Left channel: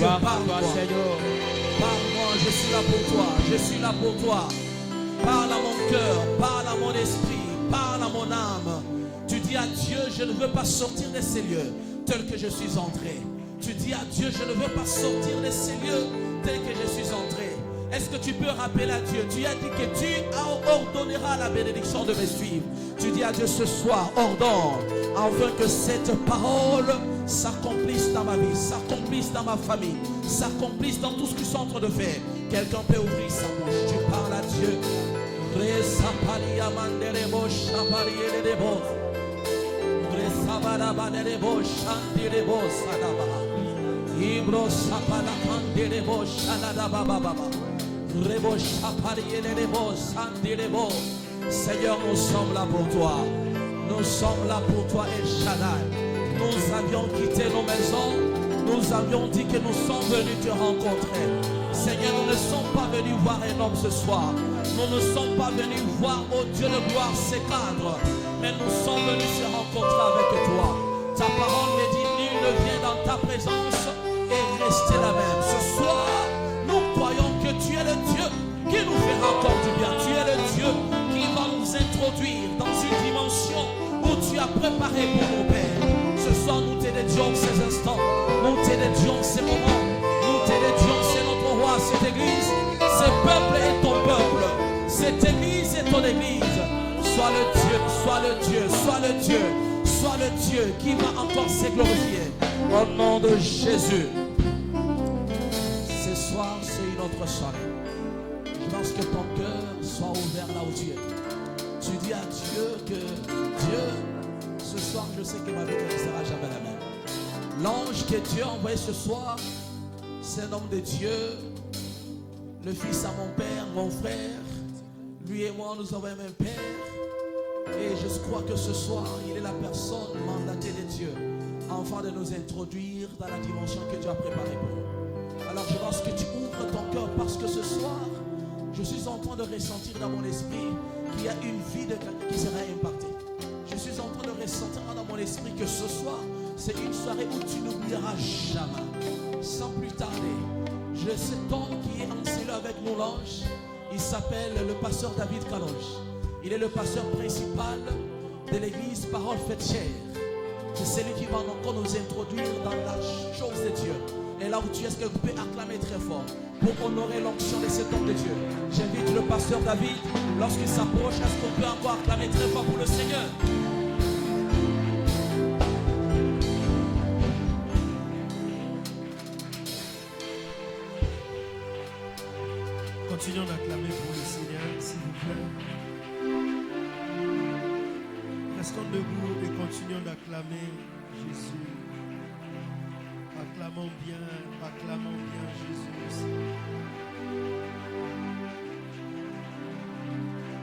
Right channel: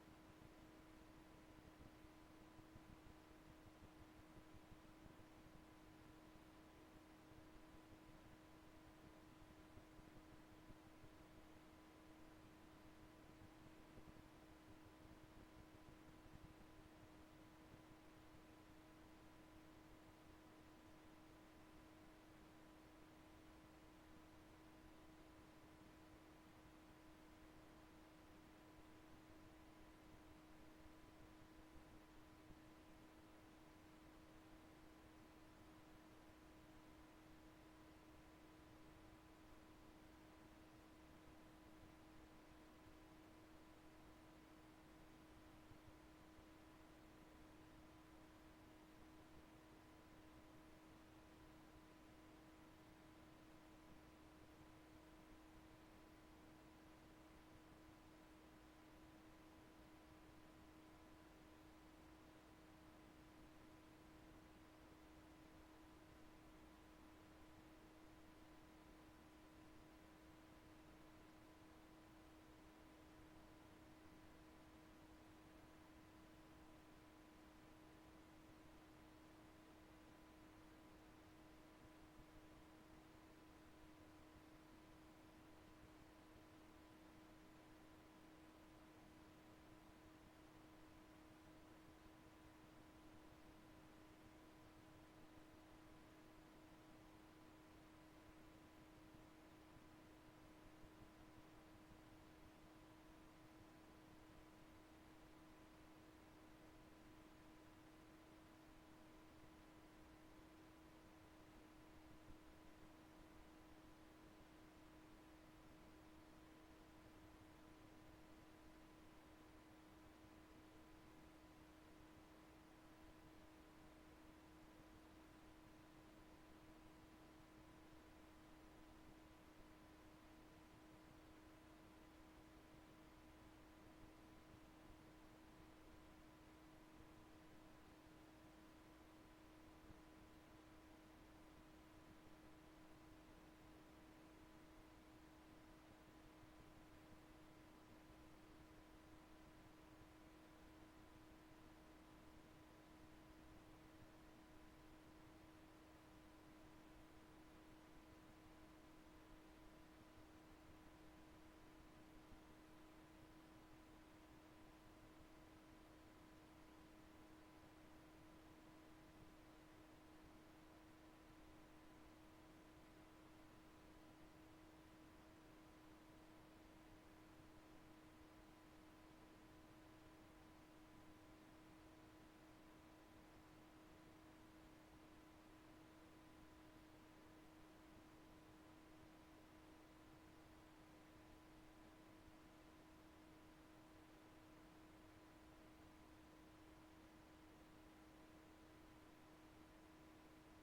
Dieu, parle-moi. Parle-moi, je suis là pour toi. Je suis là pour toi. Parle à mon cœur, parle à mon esprit, parle à mon âme. Tu dis à Dieu, je ne veux pas sortir de ces lieux tels que je suis entré. Tu dis à Dieu, je ne veux pas sortir de ces lieux tels que je suis entré. Est-ce que tu peux rappeler à Dieu? Tu as dit que tu ordonneras la bénédiction de me suivre. Tu dis à Dieu ce soir, ordonne, afin que cette parole s'accomplisse dans ma vie, s'accomplisse dans ma famille, s'accomplisse dans tout ce qu'ils sont en train de faire. Quelqu'un peut ouvrir sa bouche. Tu parles à Dieu. Seigneur, nous sommes là pour toi. Nous sommes là pour toi, El Shaddai. Nous avions quitté nos maisons. Nous avions dit que nous sommes venus te rencontrer. Seigneur, nous ne sommes pas venus voir un homme ce soir. Nous ne sommes pas venus voir, oh Dieu de gloire, ses cadres. Mais nous sommes venus se rencontrer avec toi. Ta parole me dit, nul ne vient dans ta présence et rester la même. Ce soir, nous croyons que tu es le Dieu qui nous fera encore du bien. Tu es le Dieu qui va nous introduire dans une dimension où tu as préparé pour nos pères. Ce soir, nous te dédions ces instants. Nous te dédions ces moments. Nous te dédions, c'est notre roi, cette église. Ce peuple est ton peuple. Cette église est ton église. Sois le Dieu, sois le Dieu, sois le Dieu, sois le Dieu qui va encore se glorifier. Au nom de Jésus. Ce soir, c'est une autre soirée. Je pense que ton cœur soit ouvert là où tu es. Tu dis à Dieu que Dieu, ce soir, je sais que ma vie ne sera jamais la même. L'ange que Dieu a envoyé ce soir, c'est un homme de Dieu, le fils à mon père, mon frère. Lui et moi, nous avons un même père. Et je crois que ce soir, il est la personne mandatée de Dieu, afin de nous introduire dans la dimension que Dieu a préparée pour nous. Alors je pense que tu ouvres ton cœur, parce que ce soir, je suis en train de ressentir dans mon esprit qu'il y a une vie de quelqu'un qui sera impactée. Je suis en train de ressentir dans mon esprit que ce soir, c'est une soirée où tu n'oublieras jamais. Sans plus tarder, j'ai cet homme qui est enseigné avec mon ange. Il s'appelle le pasteur David Kalonge. Il est le pasteur principal de l'église Parole Faite Chair. C'est celui qui va encore nous introduire dans la chose de Dieu. Et là où tu es, est-ce que vous pouvez acclamer très fort pour honorer l'onction de cet homme de Dieu? J'invite le pasteur David, lorsqu'il s'approche, est-ce qu'on peut encore acclamer très fort pour le Seigneur? Continuons d'acclamer pour le Seigneur, s'il vous plaît. Restons debout et continuons d'acclamer Jésus. Acclamons bien Jésus.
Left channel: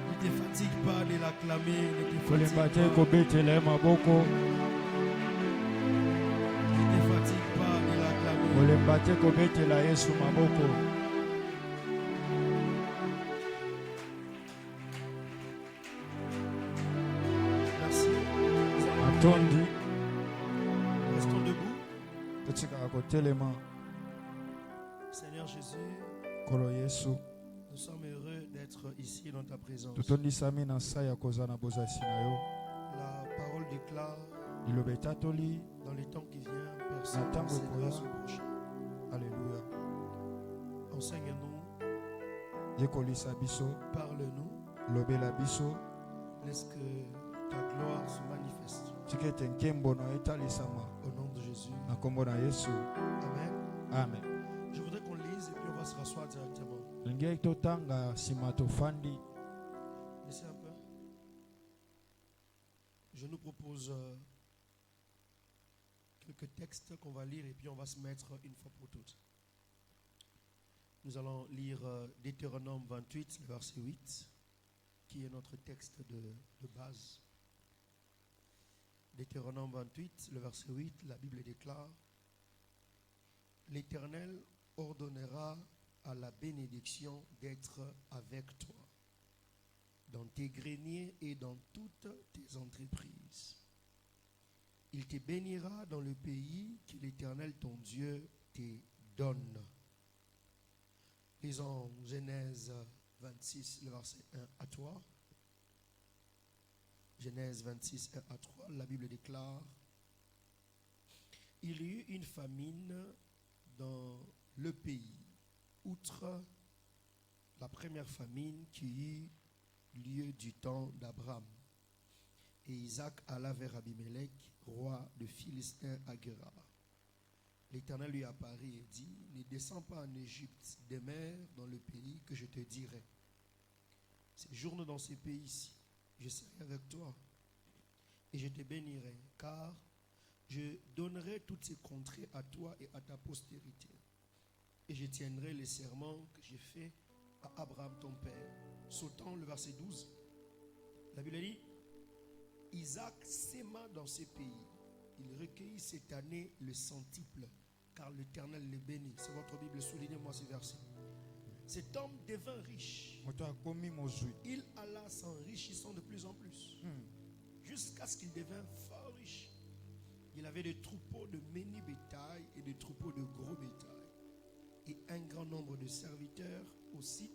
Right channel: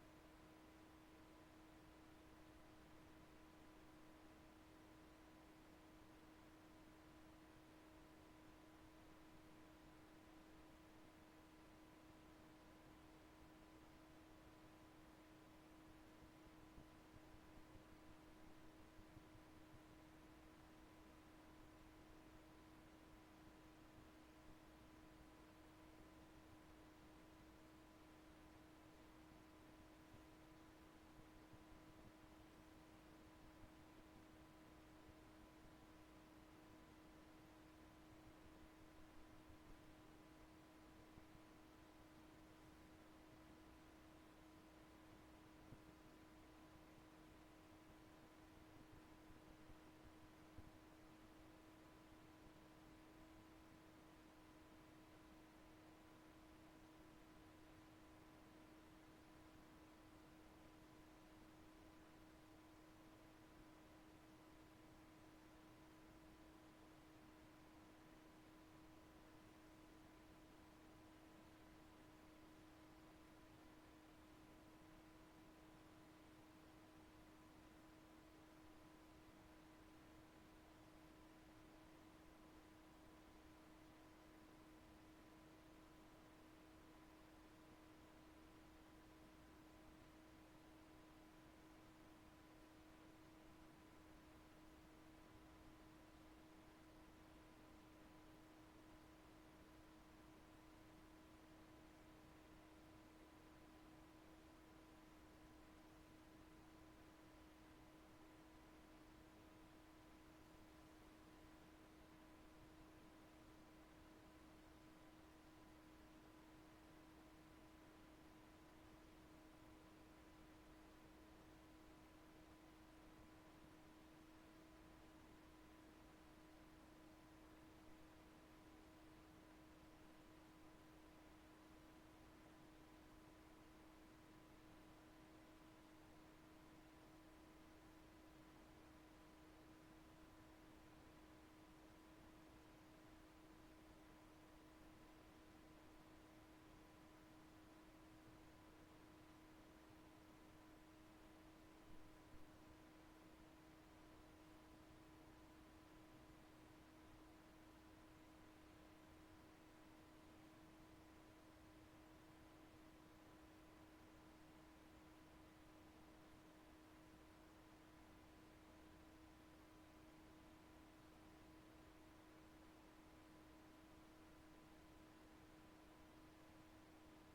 Ne te fatigue pas de l'acclamer, ne te fatigue pas. Ne te fatigue pas de l'acclamer. Restons debout. Seigneur Jésus, nous sommes heureux d'être ici dans ta présence. La parole déclare, dans les temps qui viennent, personne n'enseignera son prochain. Alléluia. Enseigne-nous. Parle-nous. Laisse que ta gloire se manifeste. Au nom de Jésus. Amen. Amen. Je voudrais qu'on lise et puis on va se rasseoir directement. Laissez un peu. Je nous propose quelques textes qu'on va lire et puis on va se mettre une fois pour toutes. Nous allons lire Deutéronome 28, verset 8, qui est notre texte de base. Deutéronome 28, le verset 8, la Bible déclare: L'Éternel ordonnera à la bénédiction d'être avec toi, dans tes greniers et dans toutes tes entreprises. Il te bénira dans le pays que l'Éternel ton Dieu te donne. Lisons Genèse 26, le verset 1 à 3. Genèse 26, 1 à 3. La Bible déclare: il y eut une famine dans le pays, outre la première famine qui eut lieu du temps d'Abraham. Et Isaac alla vers Abimelech, roi de Philistins à Guérar. L'Éternel lui apparut et dit: ne descends pas en Égypte, demeure dans le pays que je te dirai. Séjourne dans ce pays-ci, je serai avec toi et je te bénirai, car je donnerai toutes ces contrées à toi et à ta postérité. Et je tiendrai les serments que j'ai faits à Abraham ton père. Sautant le verset 12, la Bible dit: Isaac s'aima dans ces pays. Il recueillit cette année le centuple, car l'Éternel le bénit. C'est votre Bible, soulignez-moi ce verset. Cet homme devint riche. Il alla s'enrichissant de plus en plus, jusqu'à ce qu'il devint fort riche. Il avait des troupeaux de menu bétail et des troupeaux de gros bétail, et un grand nombre de serviteurs aussi.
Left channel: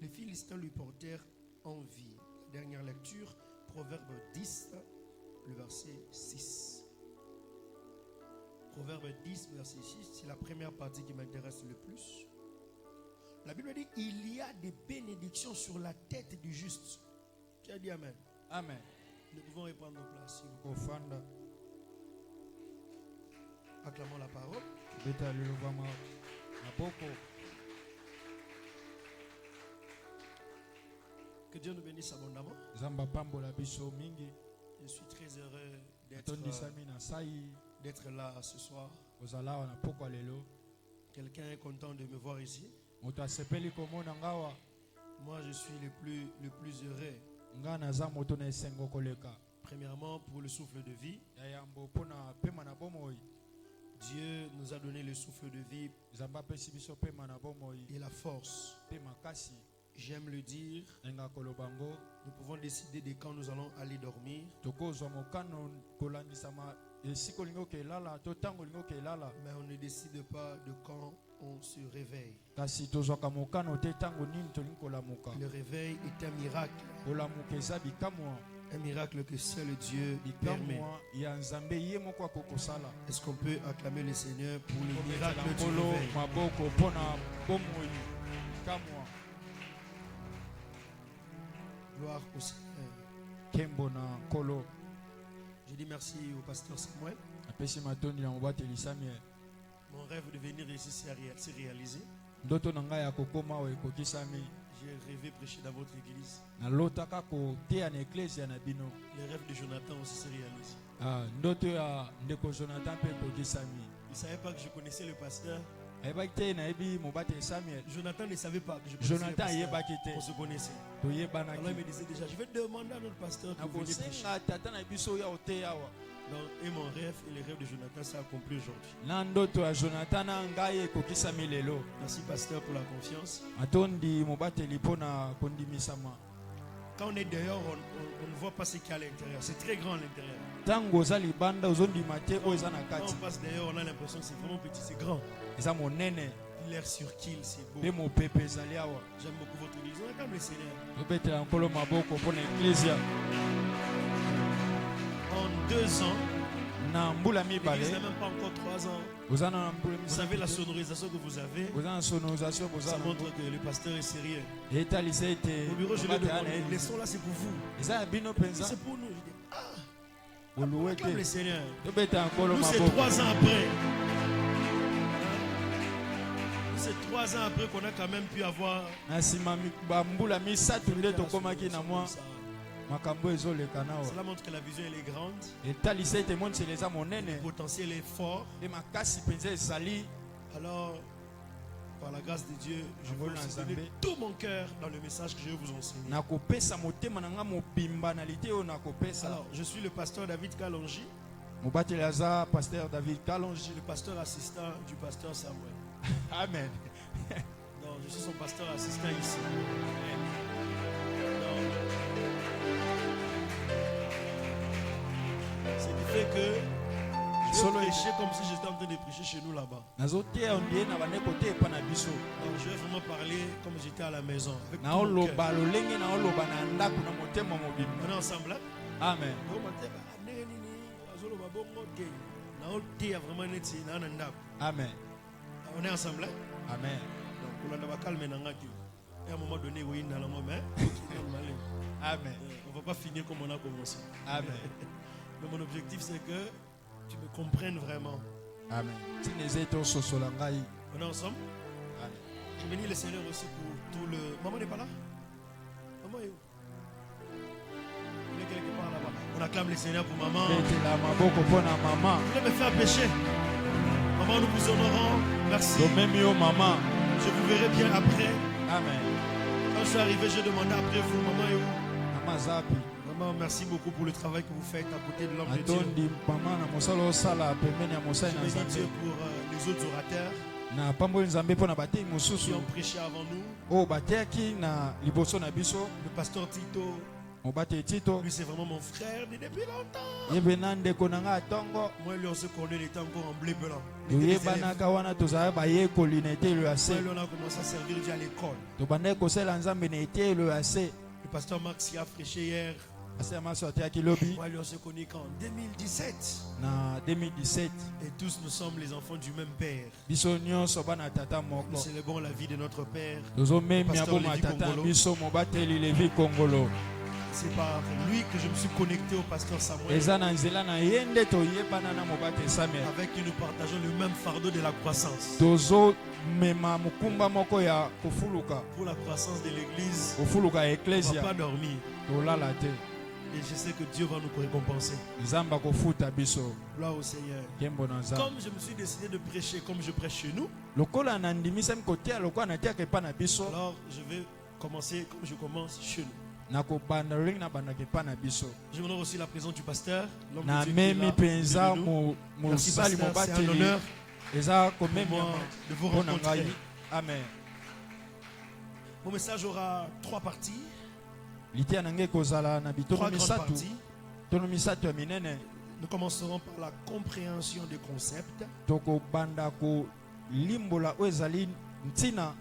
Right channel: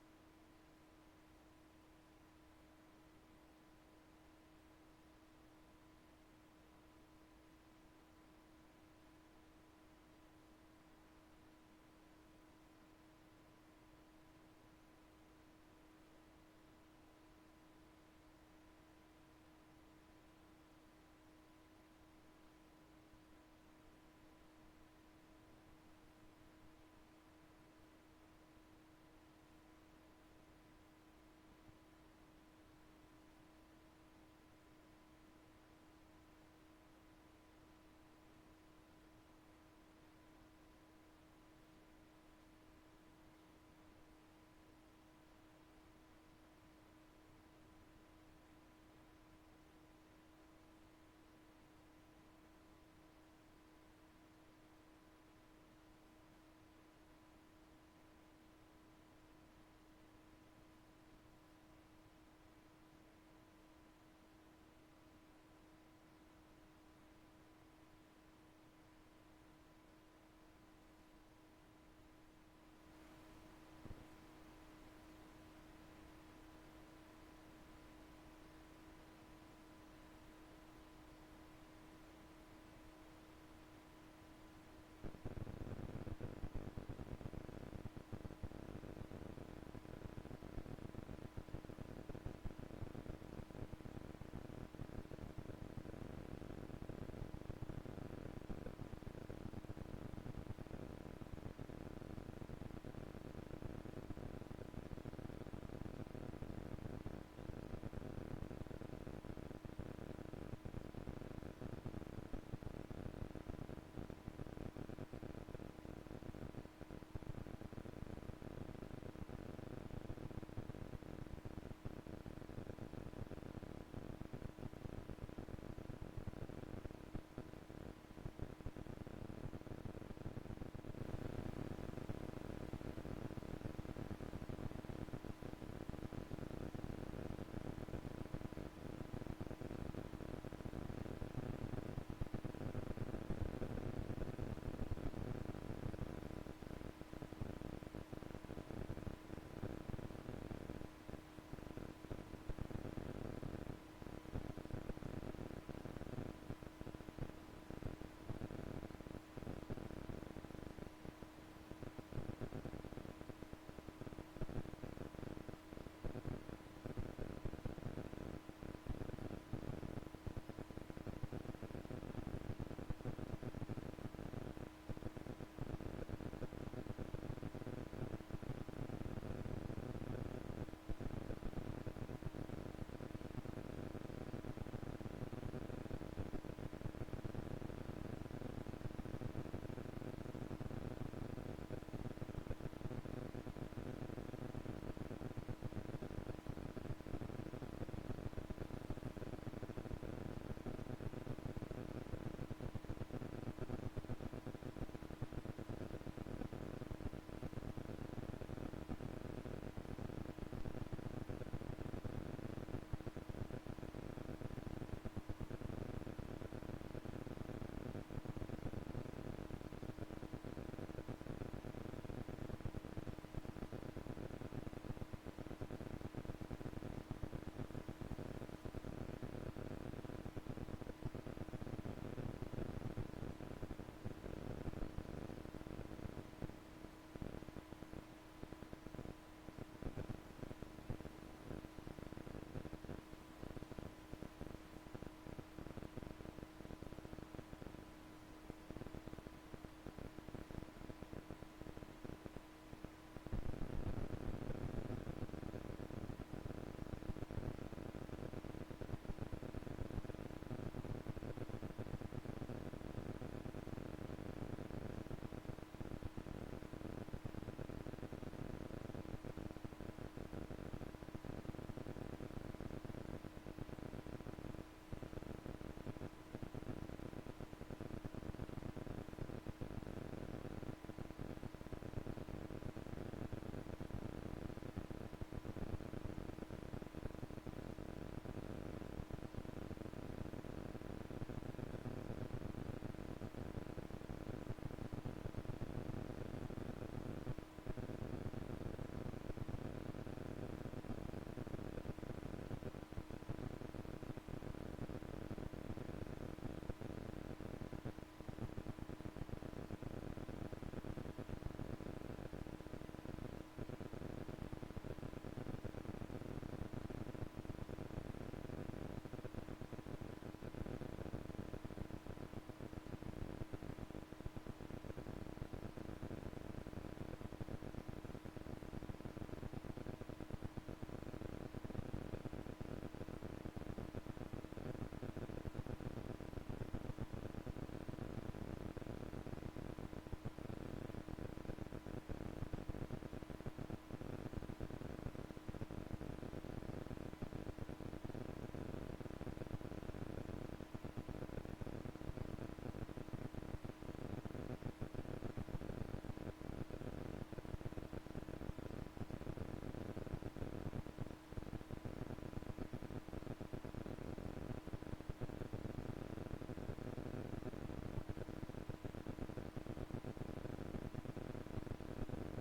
Les Philistins lui portèrent envie. Dernière lecture, Proverbe 10, le verset 6. Proverbe 10, verset 6, c'est la première partie qui m'intéresse le plus. La Bible dit: il y a des bénédictions sur la tête du juste. Qui a dit Amen? Amen. Nous pouvons reprendre nos places. Kofanda. Acclamons la parole. Beta luluvama maboko. Que Dieu nous bénisse abondamment. Zamba pambola biso mingi. Je suis très heureux Atondisami na sai. d'être là ce soir. Ozala na poko lelo. Quelqu'un est content de me voir ici. Moto asepeli komona ngawa. Moi, je suis le plus heureux. Nga naza moto na esengo koleka. Premièrement, pour le souffle de vie. Yambo pona pema na bomoi. Dieu nous a donné le souffle de vie Zamba pesi biso pema na bomoi. et la force. Pema kasi. J'aime le dire. Nga kolobango. Nous pouvons décider de quand nous allons aller dormir. Tokozwa mokano kolandisama esiko lingo kelala to tango lingo kelala. Mais on ne décide pas de quand on se réveille. Kasi tozwaka mokano te tango nini tolingi kolamuka. Le réveil est un miracle. Kolamuka eza bikamwa. Un miracle que seul Dieu permet. Est-ce qu'on peut acclamer le Seigneur pour le miracle du réveil? Gloire au Seigneur. Je dis merci au pasteur Samuel. Mon rêve de venir ici s'est réalisé. J'ai rêvé prêcher dans votre église. Le rêve de Jonathan aussi s'est réalisé. Je ne savais pas que je connaissais le pasteur. Jonathan ne savait pas que je connaissais le pasteur. On se connaissait. Alors il me disait déjà: je vais demander à notre pasteur de venir prêcher. Donc, et mon rêve et le rêve de Jonathan s'est accompli aujourd'hui. Merci pasteur pour la confiance. Quand on est dehors, on ne voit pas ce qu'il y a à l'intérieur. C'est très grand à l'intérieur. Quand on passe dehors, on a l'impression que c'est vraiment petit, c'est grand. L'air sur qu'il, c'est beau. J'aime beaucoup votre église. On acclame le Seigneur. En 2 ans, l'église n'a même pas encore 3 ans. Vous savez la sonorisation que vous avez. Ça montre que le pasteur est sérieux. Au bureau, je l'ai demandé. Les sons là, c'est pour vous. C'est pour nous. Acclame le Seigneur. Nous, c'est 3 ans après. C'est 3 ans après qu'on a quand même pu avoir. Cela montre que la vision elle est grande. Le potentiel est fort. Alors, par la grâce de Dieu, je veux aussi donner tout mon cœur dans le message que je vais vous enseigner. Alors, je suis le pasteur David Kalonji. Le pasteur assistant du pasteur Samuel. Amen. Donc, je suis son pasteur assistant ici. Ce qui fait que Solo prêcher comme si j'étais en train de prêcher chez nous là-bas. nazotia ondie na bande kote epa na biso. Donc je vais vraiment parler comme j'étais à la maison. Avec tout Na mon cœur. oloba lolenge na oloba na ndako na motema mobimba. On est ensemble là? Amen. Amen. On est ensemble là? Amen. Donc on va calmer Nangaki. Et à un moment donné, oui, dans la main. Amen. On ne va pas finir comme on a commencé. Amen. Mais mon objectif c'est que tu me comprennes vraiment. Amen. Tinezeto sosolangai. On est ensemble? Amen. Je bénis le Seigneur aussi pour tout le... Maman n'est pas là? Maman est où? Elle est quelque part là-bas. On acclame le Seigneur pour maman. Betela maboko pona mama. Vous voulez me faire pécher? Maman, nous vous honorons. Merci. Même yo mama. Je vous verrai bien après. Amen. Quand je suis arrivé, j'ai demandé après vous, maman est où? Mama zapi. Maman, merci beaucoup pour le travail que vous faites à côté de l'homme de Dieu. Atondi mama na mosala osala pembeni ya mosai Je na bénis Dieu Nzambe. pour les autres orateurs Na pamboli Nzambe pona batei qui mosusu. ont prêché avant nous. O bateaki na liboso na biso. Le pasteur Tito, Mobate Tito. lui c'est vraiment mon frère depuis longtemps. Yebena ndeko na nga tongo. Moi lui on se connaît, il était encore en bleu blanc. Il était des élèves. Toyebanaka wana tozala bayekoli na etelo ya Moi se. lui on a commencé à servir Dieu à l'école. Tobandaki kosala Nzambe na etelo ya se. Le pasteur Max qui a prêché hier. Ase maso atiaki lobi Moi lui on se connaît qu'en 2017. na 2017. Et tous nous sommes les enfants du même père. Biso nyonso bana tata Nous moko. célébrons la vie de notre père. Tozomemia boma tata biso mobateli Levi Kongolo. C'est par lui que je me suis connecté au pasteur Samuel. Eza na nzela na ye nde toyebana na mobate Samuel. Avec qui nous partageons le même fardeau de la croissance. Tozomema mokumba moko ya kofuluka. Pour la croissance de l'église, Kofuluka ya on ne eklesia. va pas dormir. Tolala te. Et je sais que Dieu va nous récompenser. Nzamba kofuta biso. Gloire au Seigneur. Kembo na Nzambe. Comme je me suis décidé de prêcher comme je prêche chez nous, Lokola na ndimisami kotia lokola na tiaka epa na biso. alors je vais commencer comme je commence chez nous. Nakobanda ring na bandaki epa na biso. Je honore aussi la présence du pasteur. l'homme de Na Dieu qui est là, memi penza au milieu de nous. Merci mosali pasteur, c'est un mobateli. honneur Eza pour komemia moi de vous mpona rencontrer. ngai. Amen. Mon message aura 3 parties, Litia na ngai kozala na 3 bitono grandes misato. parties. Tono misato ya minene. Nous commencerons par la compréhension des concepts. Tokobanda kolimbola oyo ezali ntina.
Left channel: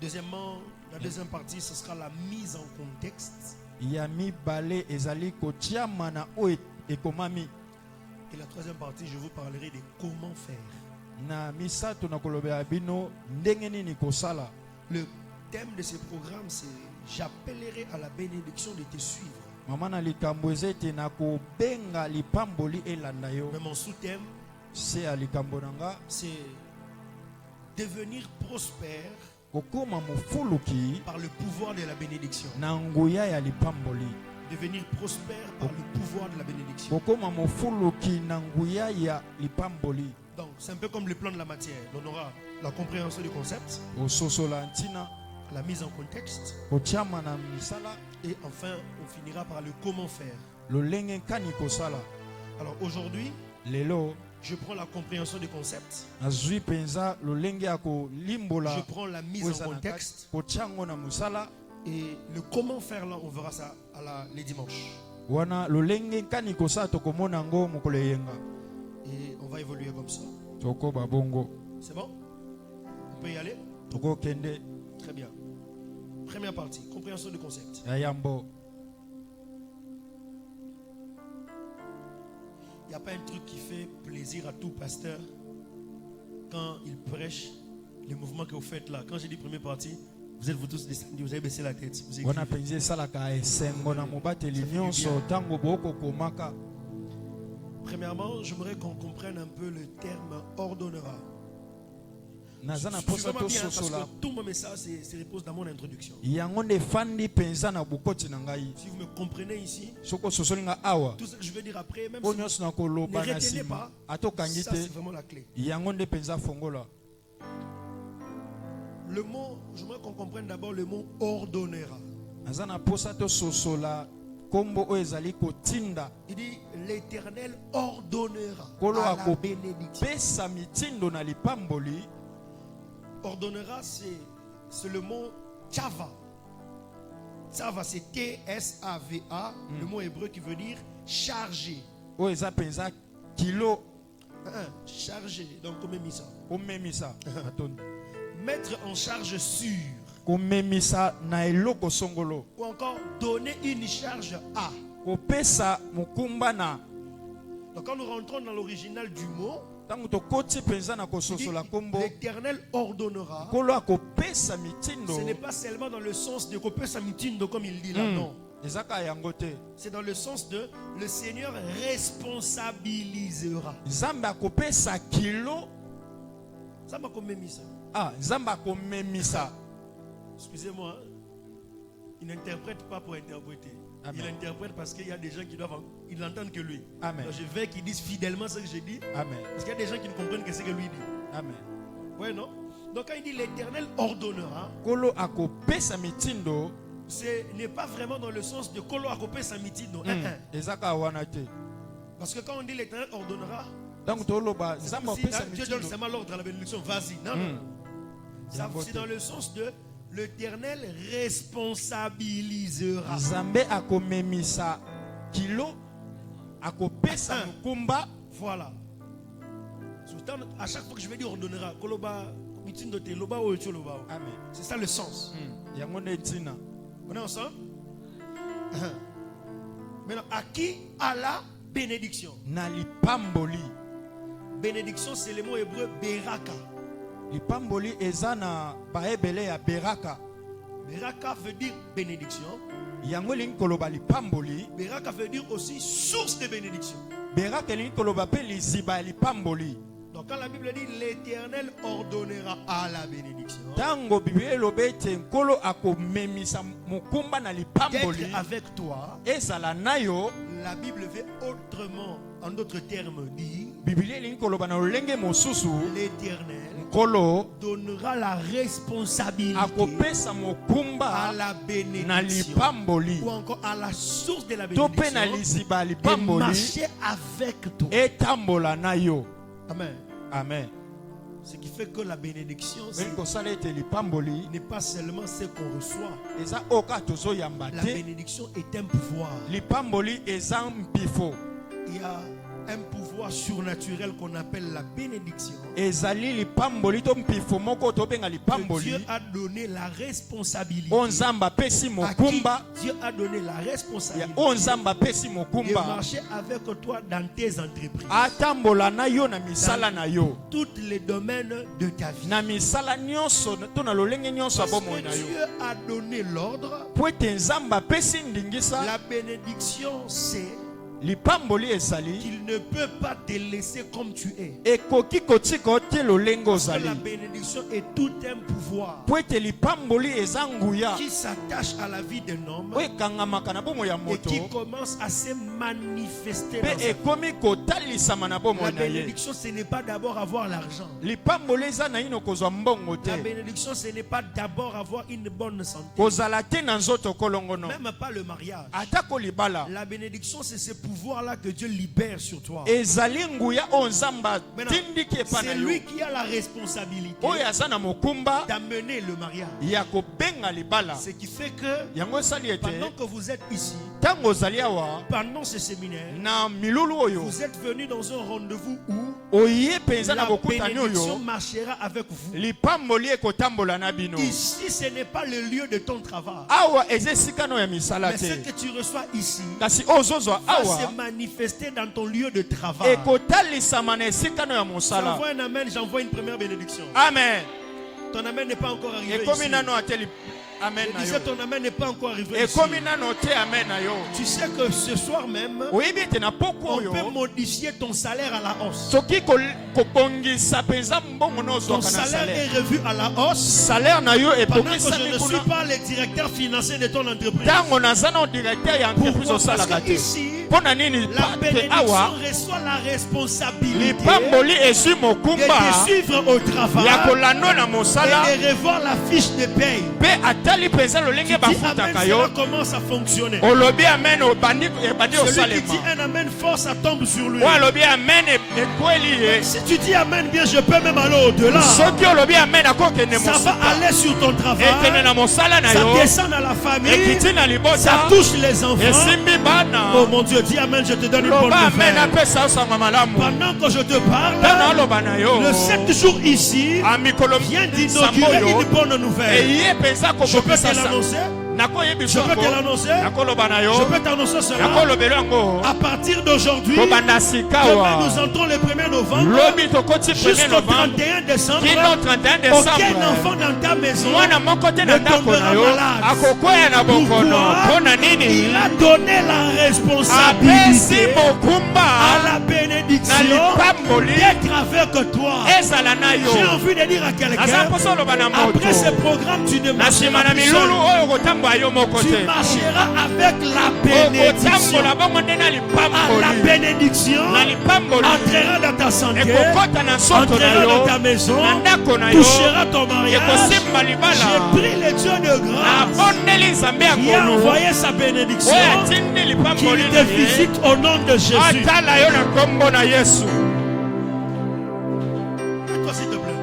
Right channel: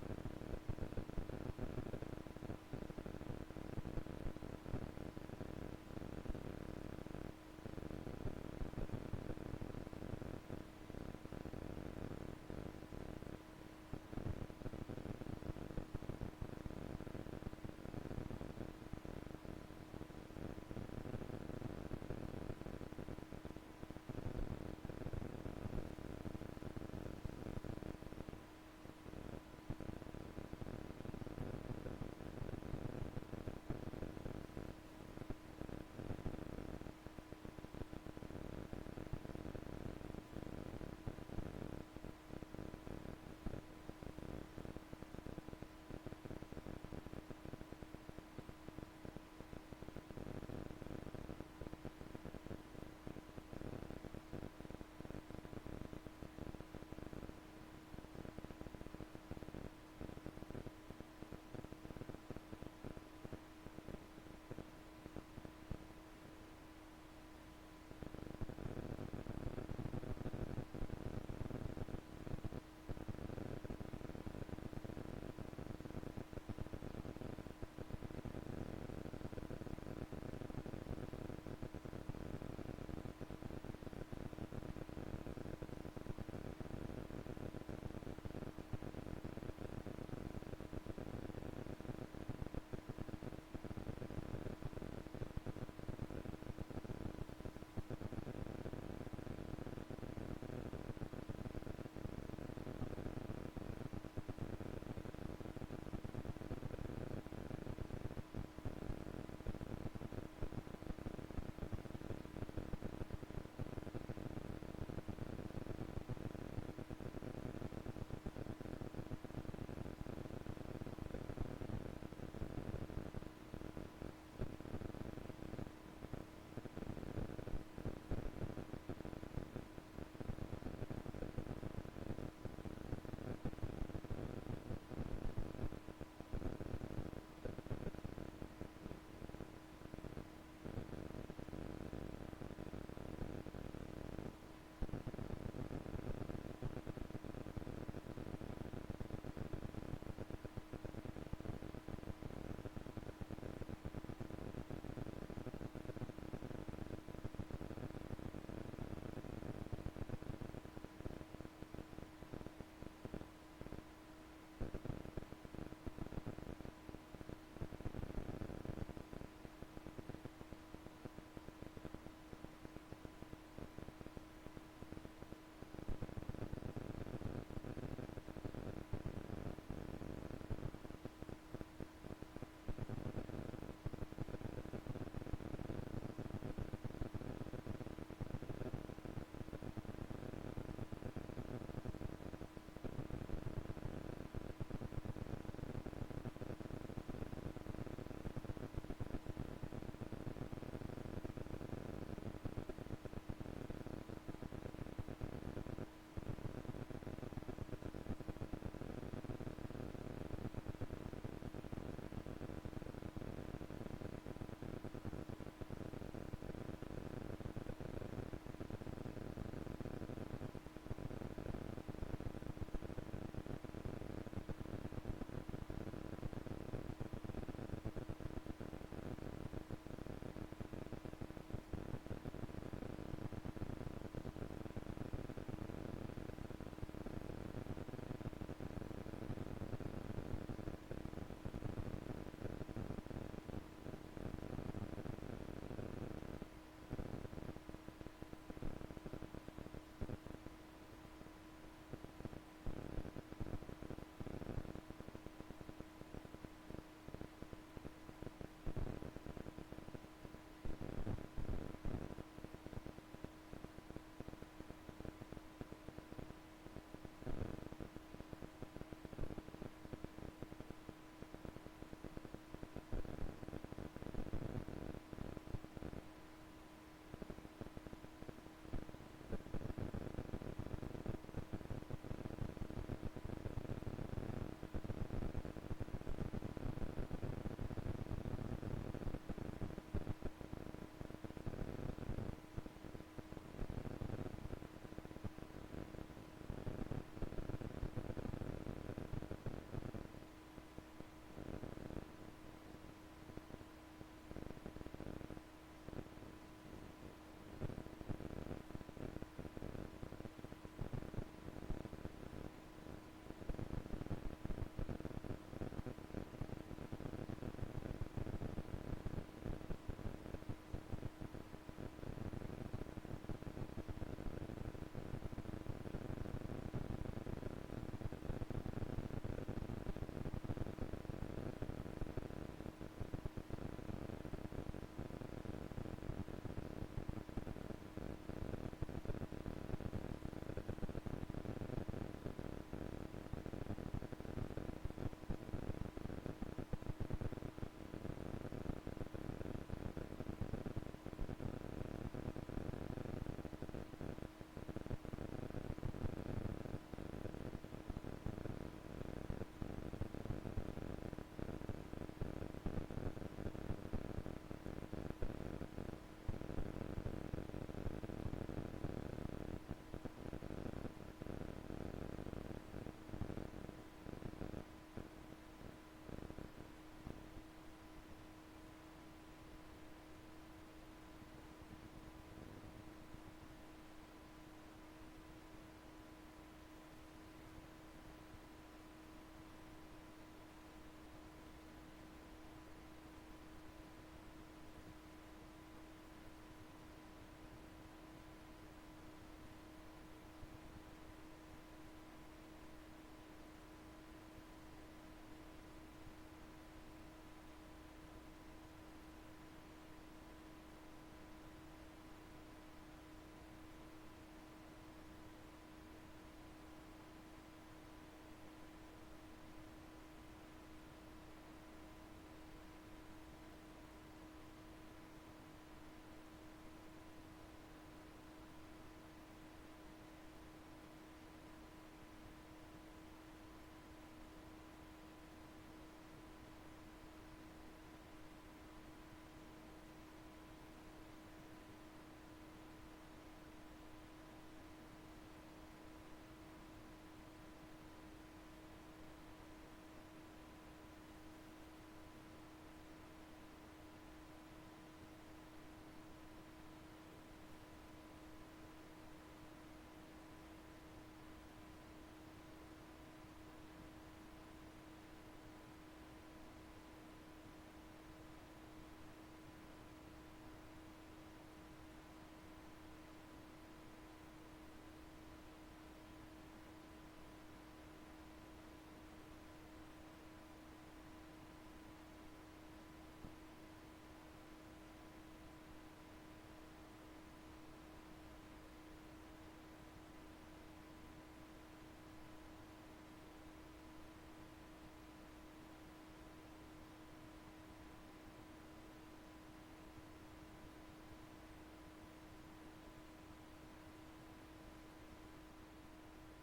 Deuxièmement, la deuxième partie, ce sera la mise en contexte. Ya mibale ezali kotiama na oyo ekomami. Et la troisième partie, je vous parlerai de comment faire. Na misato na kolobela bino ndenge nini kosala. Le thème de ce programme, c'est j'appellerai à la bénédiction de te suivre. Mama na likambo ezete na kobenga lipamboli elanda yo. Mais mon sous-thème, Se ya likambo na nga c'est devenir prospère kokoma mofuluki par le pouvoir de la bénédiction. na nguya ya lipamboli. Devenir prospère par le pouvoir de la bénédiction. Kokoma mofuluki na nguya ya lipamboli. Donc, c'est un peu comme le plan de la matière. On aura la compréhension du concept, Ososola ntina la mise en contexte, kotiama na misala et enfin, on finira par le comment faire. lolenge kani kosala. Alors aujourd'hui, Lelo je prends la compréhension du concept, nazwi penza lolenge ya kolimbola je prends la mise en contexte, kotiango na musala et le comment faire là, on verra ça les dimanches. wana lolenge kani kosala tokomona ngo mokolo eyenga. Et on va évoluer comme ça. Tokoba bongo C'est bon? On peut y aller? tokokende Très bien. Première partie, compréhension du concept. ya yambo. Il n'y a pas un truc qui fait plaisir à tout pasteur quand il prêche le mouvement que vous faites là. Quand j'ai dit première partie, vous êtes vous tous descendus, vous avez baissé la tête. Vous wana écrivez. penza esalaka esengo na mobateli nyonso ntango bokokomaka. Premièrement, j'aimerais qu'on comprenne un peu le terme ordonnera. Naza na Je suis posa vraiment bien parce tososola que tout mon message se repose dans mon introduction. yango nde efandi penza na bokoti na ngai. Si vous me comprenez ici, Soko ososoli nga awa tout ce que je vais dire après, même oyo si nyonso na koloba Ne na retenez nsima pas. atokangi ça te c'est vraiment la clé. yango nde penza fongola. Le mot, j'aimerais qu'on comprenne d'abord le mot ordonnera. Naza na posa tososola kombo oyo ezali kotinda Il dit l'Éternel ordonnera Kolo à la ako- bénédiction. pesa mitindo na lipamboli. Ordonnera, c'est le mot Tchava. Tchava, c'est T-S-A-V-A, le mot hébreu qui veut dire chargé. Oyo eza penza kilo chargé. Donc, comme ça. omemisa atondi Mettre en charge sûre. komemisa na eloko songolo Ou encore donner une charge à. kopesa mokumba na. Donc, quand nous rentrons dans l'original du mot, Tango tokoti penza na kososola kombo l'Éternel ordonnera. kolo akopesa mitindo Ce n'est pas seulement dans le sens de couper sa mitindo comme il dit là, non. ezaka yango te. C'est dans le sens de le Seigneur responsabilisera. Nzambe akopesa kilo. Ça m'a comme mis ça. Nzambe akomemisa. Excusez-moi, hein. Il n'interprète pas pour interpréter. Amen. Il interprète parce qu'il y a des gens qui doivent, ils n'entendent que lui. Amen. Donc je veux qu'ils disent fidèlement ce que j'ai dit. Amen. Parce qu'il y a des gens qui ne comprennent que ce que lui dit. Amen. Oui, non? Donc quand il dit l'Éternel ordonnera, Kolo akopesa mitindo. ce n'est pas vraiment dans le sens de Kolo Akopé Samitindo. Ezaka wana te. Parce que quand on dit l'Éternel ordonnera, Tango toloba nzambe si akopesa Dieu donne mitindo. seulement l'ordre à la bénédiction, vas-y. Non, non. Ça, c'est dans le sens de l'Éternel responsabilisera. Nzambe akomemisa kilo akopesa mokumba. Voilà. À chaque fois que je vais dire ordonnera, Koloba, Mitindo te loba ou etu loba. Amen. C'est ça le sens. Yango netina. On est ensemble? Maintenant, à qui? À la bénédiction. Na lipamboli. Bénédiction, c'est le mot hébreu beraka. Lipamboli eza na baebele ya beraka. Beraka veut dire bénédiction. Yango lingi koloba lipamboli. Beraka veut dire aussi source de bénédiction. Beraka lingi koloba pe liziba ya lipamboli. Donc quand la Bible dit l'Éternel ordonnera à la bénédiction, Tango Bible elobi ete nkolo akomemisa mokumba na lipamboli. d'être avec toi, Ezala na yo. la Bible veut autrement, en d'autres termes, dire Biblia elingi koloba na lolenge mosusu. l'Éternel Nkolo donnera la responsabilité akopesa à mokumba la na bénédiction lipamboli. ou encore à la source de la To pe na bénédiction liziba ya de lipamboli marcher avec toi. etambola na yo. Amen. Amen. Ce qui fait que la bénédiction Beli kosala ete lipamboli n'est pas seulement ce qu'on reçoit. eza oka tozoyamba La te. bénédiction est un pouvoir. Lipamboli eza mpifo. Il y a un pouvoir surnaturel qu'on appelle la bénédiction. Ezali lipamboli to mpifo moko tobenga Que lipamboli. Dieu a donné la responsabilité. O nzambe apesi À qui mokumba. Dieu a donné la Ya responsabilité o nzambe apesi de mokumba. marcher avec toi dans tes entreprises. Atambola na yo na misala na yo. Tous les domaines de ta vie. Na misala nyonso to na lolenge nyonso Parce abomoi que na yo. Dieu a donné l'ordre. Po ete nzambe apesi ndingisa. La bénédiction, c'est Lipamboli ezali. qu'il ne peut pas te laisser comme tu es. Ekoki kotika ote lolenge Parce que ozali. la bénédiction est tout un pouvoir Po ete lipamboli eza nguya. qui s'attache à la vie d'un homme O ekangamaka na bomoi ya et moto. qui commence à se manifester Pe dans sa vie. ekomi kotalisama na La bomoi na ye. bénédiction, ce n'est pas d'abord avoir l'argent. Lipamboli eza na ino kozwa mbongo La te. bénédiction, ce n'est pas d'abord avoir une bonne santé. Kozala te na nzoto kolongono. Même pas le mariage. Atako libala. La bénédiction, c'est ce pouvoir-là que Dieu libère sur toi. Ezali nguya o nzamba Maintenant, tindiki epa na c'est yo. lui qui a la responsabilité Oyo aza na mokumba d'amener le mariage. ya kobenga libala. Ce qui fait que Yango esali ete pendant que vous êtes ici, tango ozali awa pendant ce séminaire, na milulu oyo vous êtes venus dans un rendez-vous où oye penza na la bokutani bénédiction oyo marchera avec vous. lipamboli ekotambola na bino. Ici, ce n'est pas le lieu de ton travail. Awa eza esika no ya misala Mais ce te. que tu reçois ici Kasi ozozwa va awa se manifester dans ton lieu de travail. ekotalisama na esika no ya mosala. J'envoie un amen, j'envoie une première bénédiction. Amen. Ton amen n'est pas encore arrivé Ekomi ici. nano ateli amen Je na disais, yo. ton amen n'est pas encore arrivé ici. Ekomi nano te amen na yo. Tu sais que ce soir même, Oyebi ete na poko on oyo peut modifier ton salaire à la hausse. soki kobongisa penza mbongo no Ton ozwaka na salaire est salaire. revu à la hausse. Salaire na yo Pendant que je ebongisami ne suis kuna pas le directeur financier de ton entreprise. ntango naza na directeur ya entreprise Pourquoi? Parce osalaka que te. ici, Mpo na nini la te bénédiction awa reçoit la responsabilité lipamboli ezwi de mokumba te suivre au travail ya kolanda na mosala et de revoir la fiche de paye. mpe atali mpenza lolenge Dis bafutaka amen, yo. cela commence à fonctionner. Olobi amen ebandi Celui qui osalema. dit un amen fort, ça tombe sur lui. oyo alobi amen ekweli ye. Si tu dis amen bien, je peux même aller au-delà. soki olobi amen akokende Ça va mosuka aller sur ton ekende travail. na mosala na Ça yo descend dans la famille. ekiti na Ça libota touche les enfants. esimbi bana. Oh mon Dieu, dis Amen, je te donne une bonne nouvelle. Pendant que je te parle, le 7 jours ici vient d'inaugurer une bonne nouvelle. Je peux te l'annoncer. Je peux te l'annoncer. Je peux t'annoncer cela. À partir d'aujourd'hui, demain nous entrons le 1er novembre jusqu'au 31 décembre. Aucun enfant dans ta maison ne tombera malade. Pourquoi? Il a donné la responsabilité à la bénédiction d'être avec toi. J'ai envie de dire à quelqu'un, après ce programme, tu ne marcheras plus seul. Tu marcheras avec la bénédiction. La bénédiction entrera dans ta santé, entrera dans ta maison, touchera ton mariage. J'ai pris le Dieu de grâce qui a envoyé sa bénédiction, qu'il te visite au nom de Jésus. Toi s'il te plaît.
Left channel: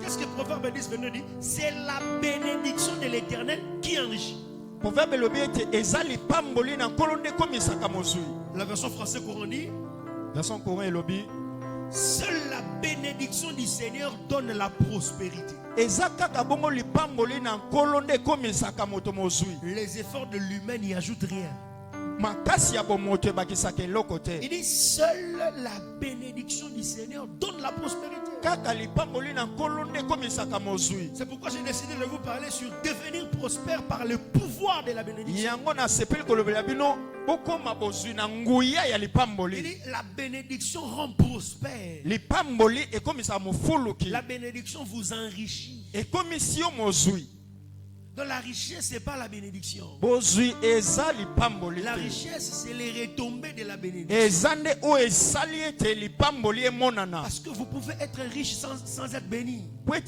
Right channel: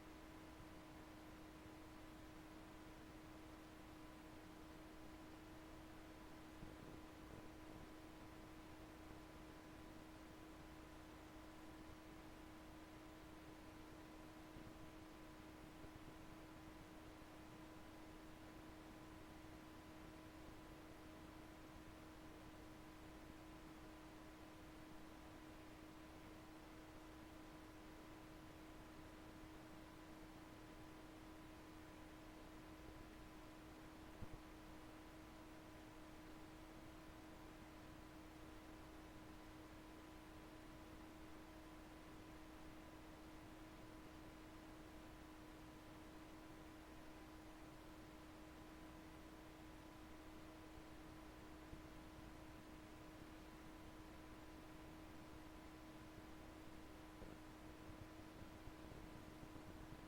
Qu'est-ce que Proverbe 10, 22 dit? C'est la bénédiction de l'Éternel qui enrichit. La version française courant dit, seule la bénédiction du Seigneur donne la prospérité. Les efforts de l'humain n'y ajoutent rien. Il dit seule la bénédiction du Seigneur donne la prospérité. C'est pourquoi j'ai décidé de vous parler sur devenir prospère par le pouvoir de la bénédiction. Il dit la bénédiction rend prospère. La bénédiction vous enrichit. Donc la richesse, ce n'est pas la bénédiction. La richesse, c'est les retombées de la bénédiction. Parce que vous pouvez être riche sans être béni. Vous pouvez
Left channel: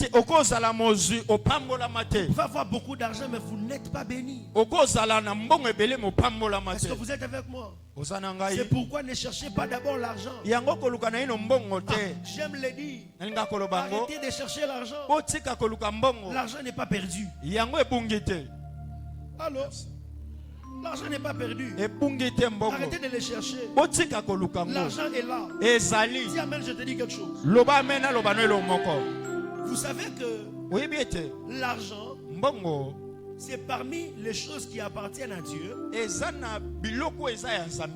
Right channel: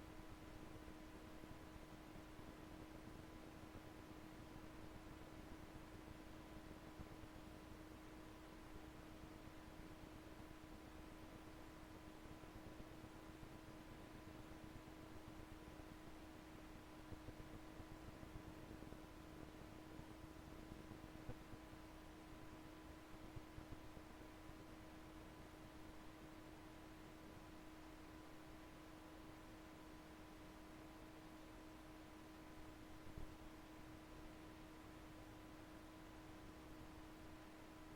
avoir beaucoup d'argent, mais vous n'êtes pas béni. Est-ce que vous êtes avec moi? C'est pourquoi ne cherchez pas d'abord l'argent. J'aime le dire. Arrêtez de chercher l'argent. L'argent n'est pas perdu. Allô? L'argent n'est pas perdu. Arrêtez de le chercher. L'argent est là. Dis Amen, je te dis quelque chose. Vous savez que l'argent, c'est parmi les choses qui appartiennent à Dieu,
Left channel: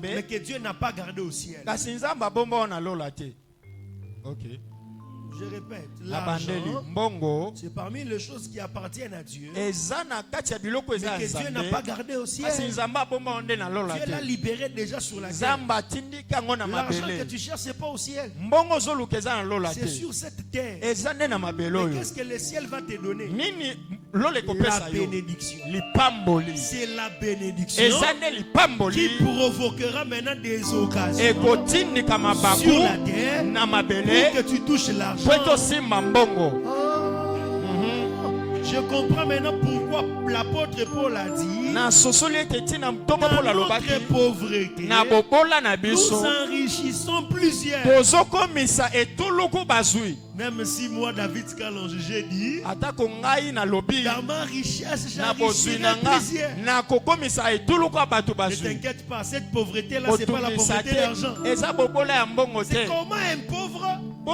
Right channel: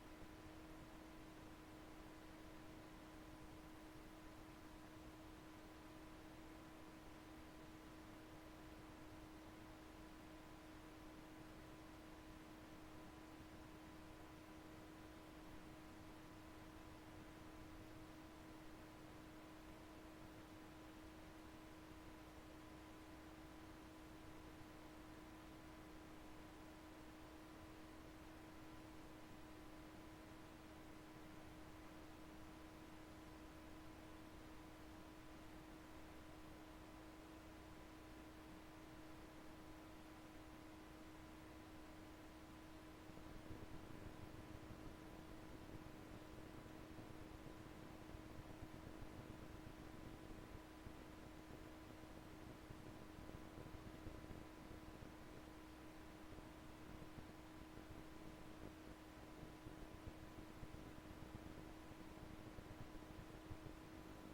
mais que Dieu n'a pas gardé au ciel. Je répète, l'argent, c'est parmi les choses qui appartiennent à Dieu, mais que Dieu n'a pas gardé au ciel. Dieu l'a libéré déjà sur la terre. L'argent que tu cherches, ce n'est pas au ciel. C'est sur cette terre. Mais qu'est-ce que le ciel va te donner? La bénédiction. C'est la bénédiction qui provoquera maintenant des occasions sur la terre pour que tu touches l'argent. Je comprends maintenant pourquoi l'apôtre Paul a dit dans notre pauvreté, nous enrichissons plusieurs. Même si moi, David Kalonge, j'ai dit dans ma richesse, j'enrichirai plusieurs. Ne t'inquiète pas, cette pauvreté-là, ce n'est pas la pauvreté d'argent. C'est comment un pauvre peut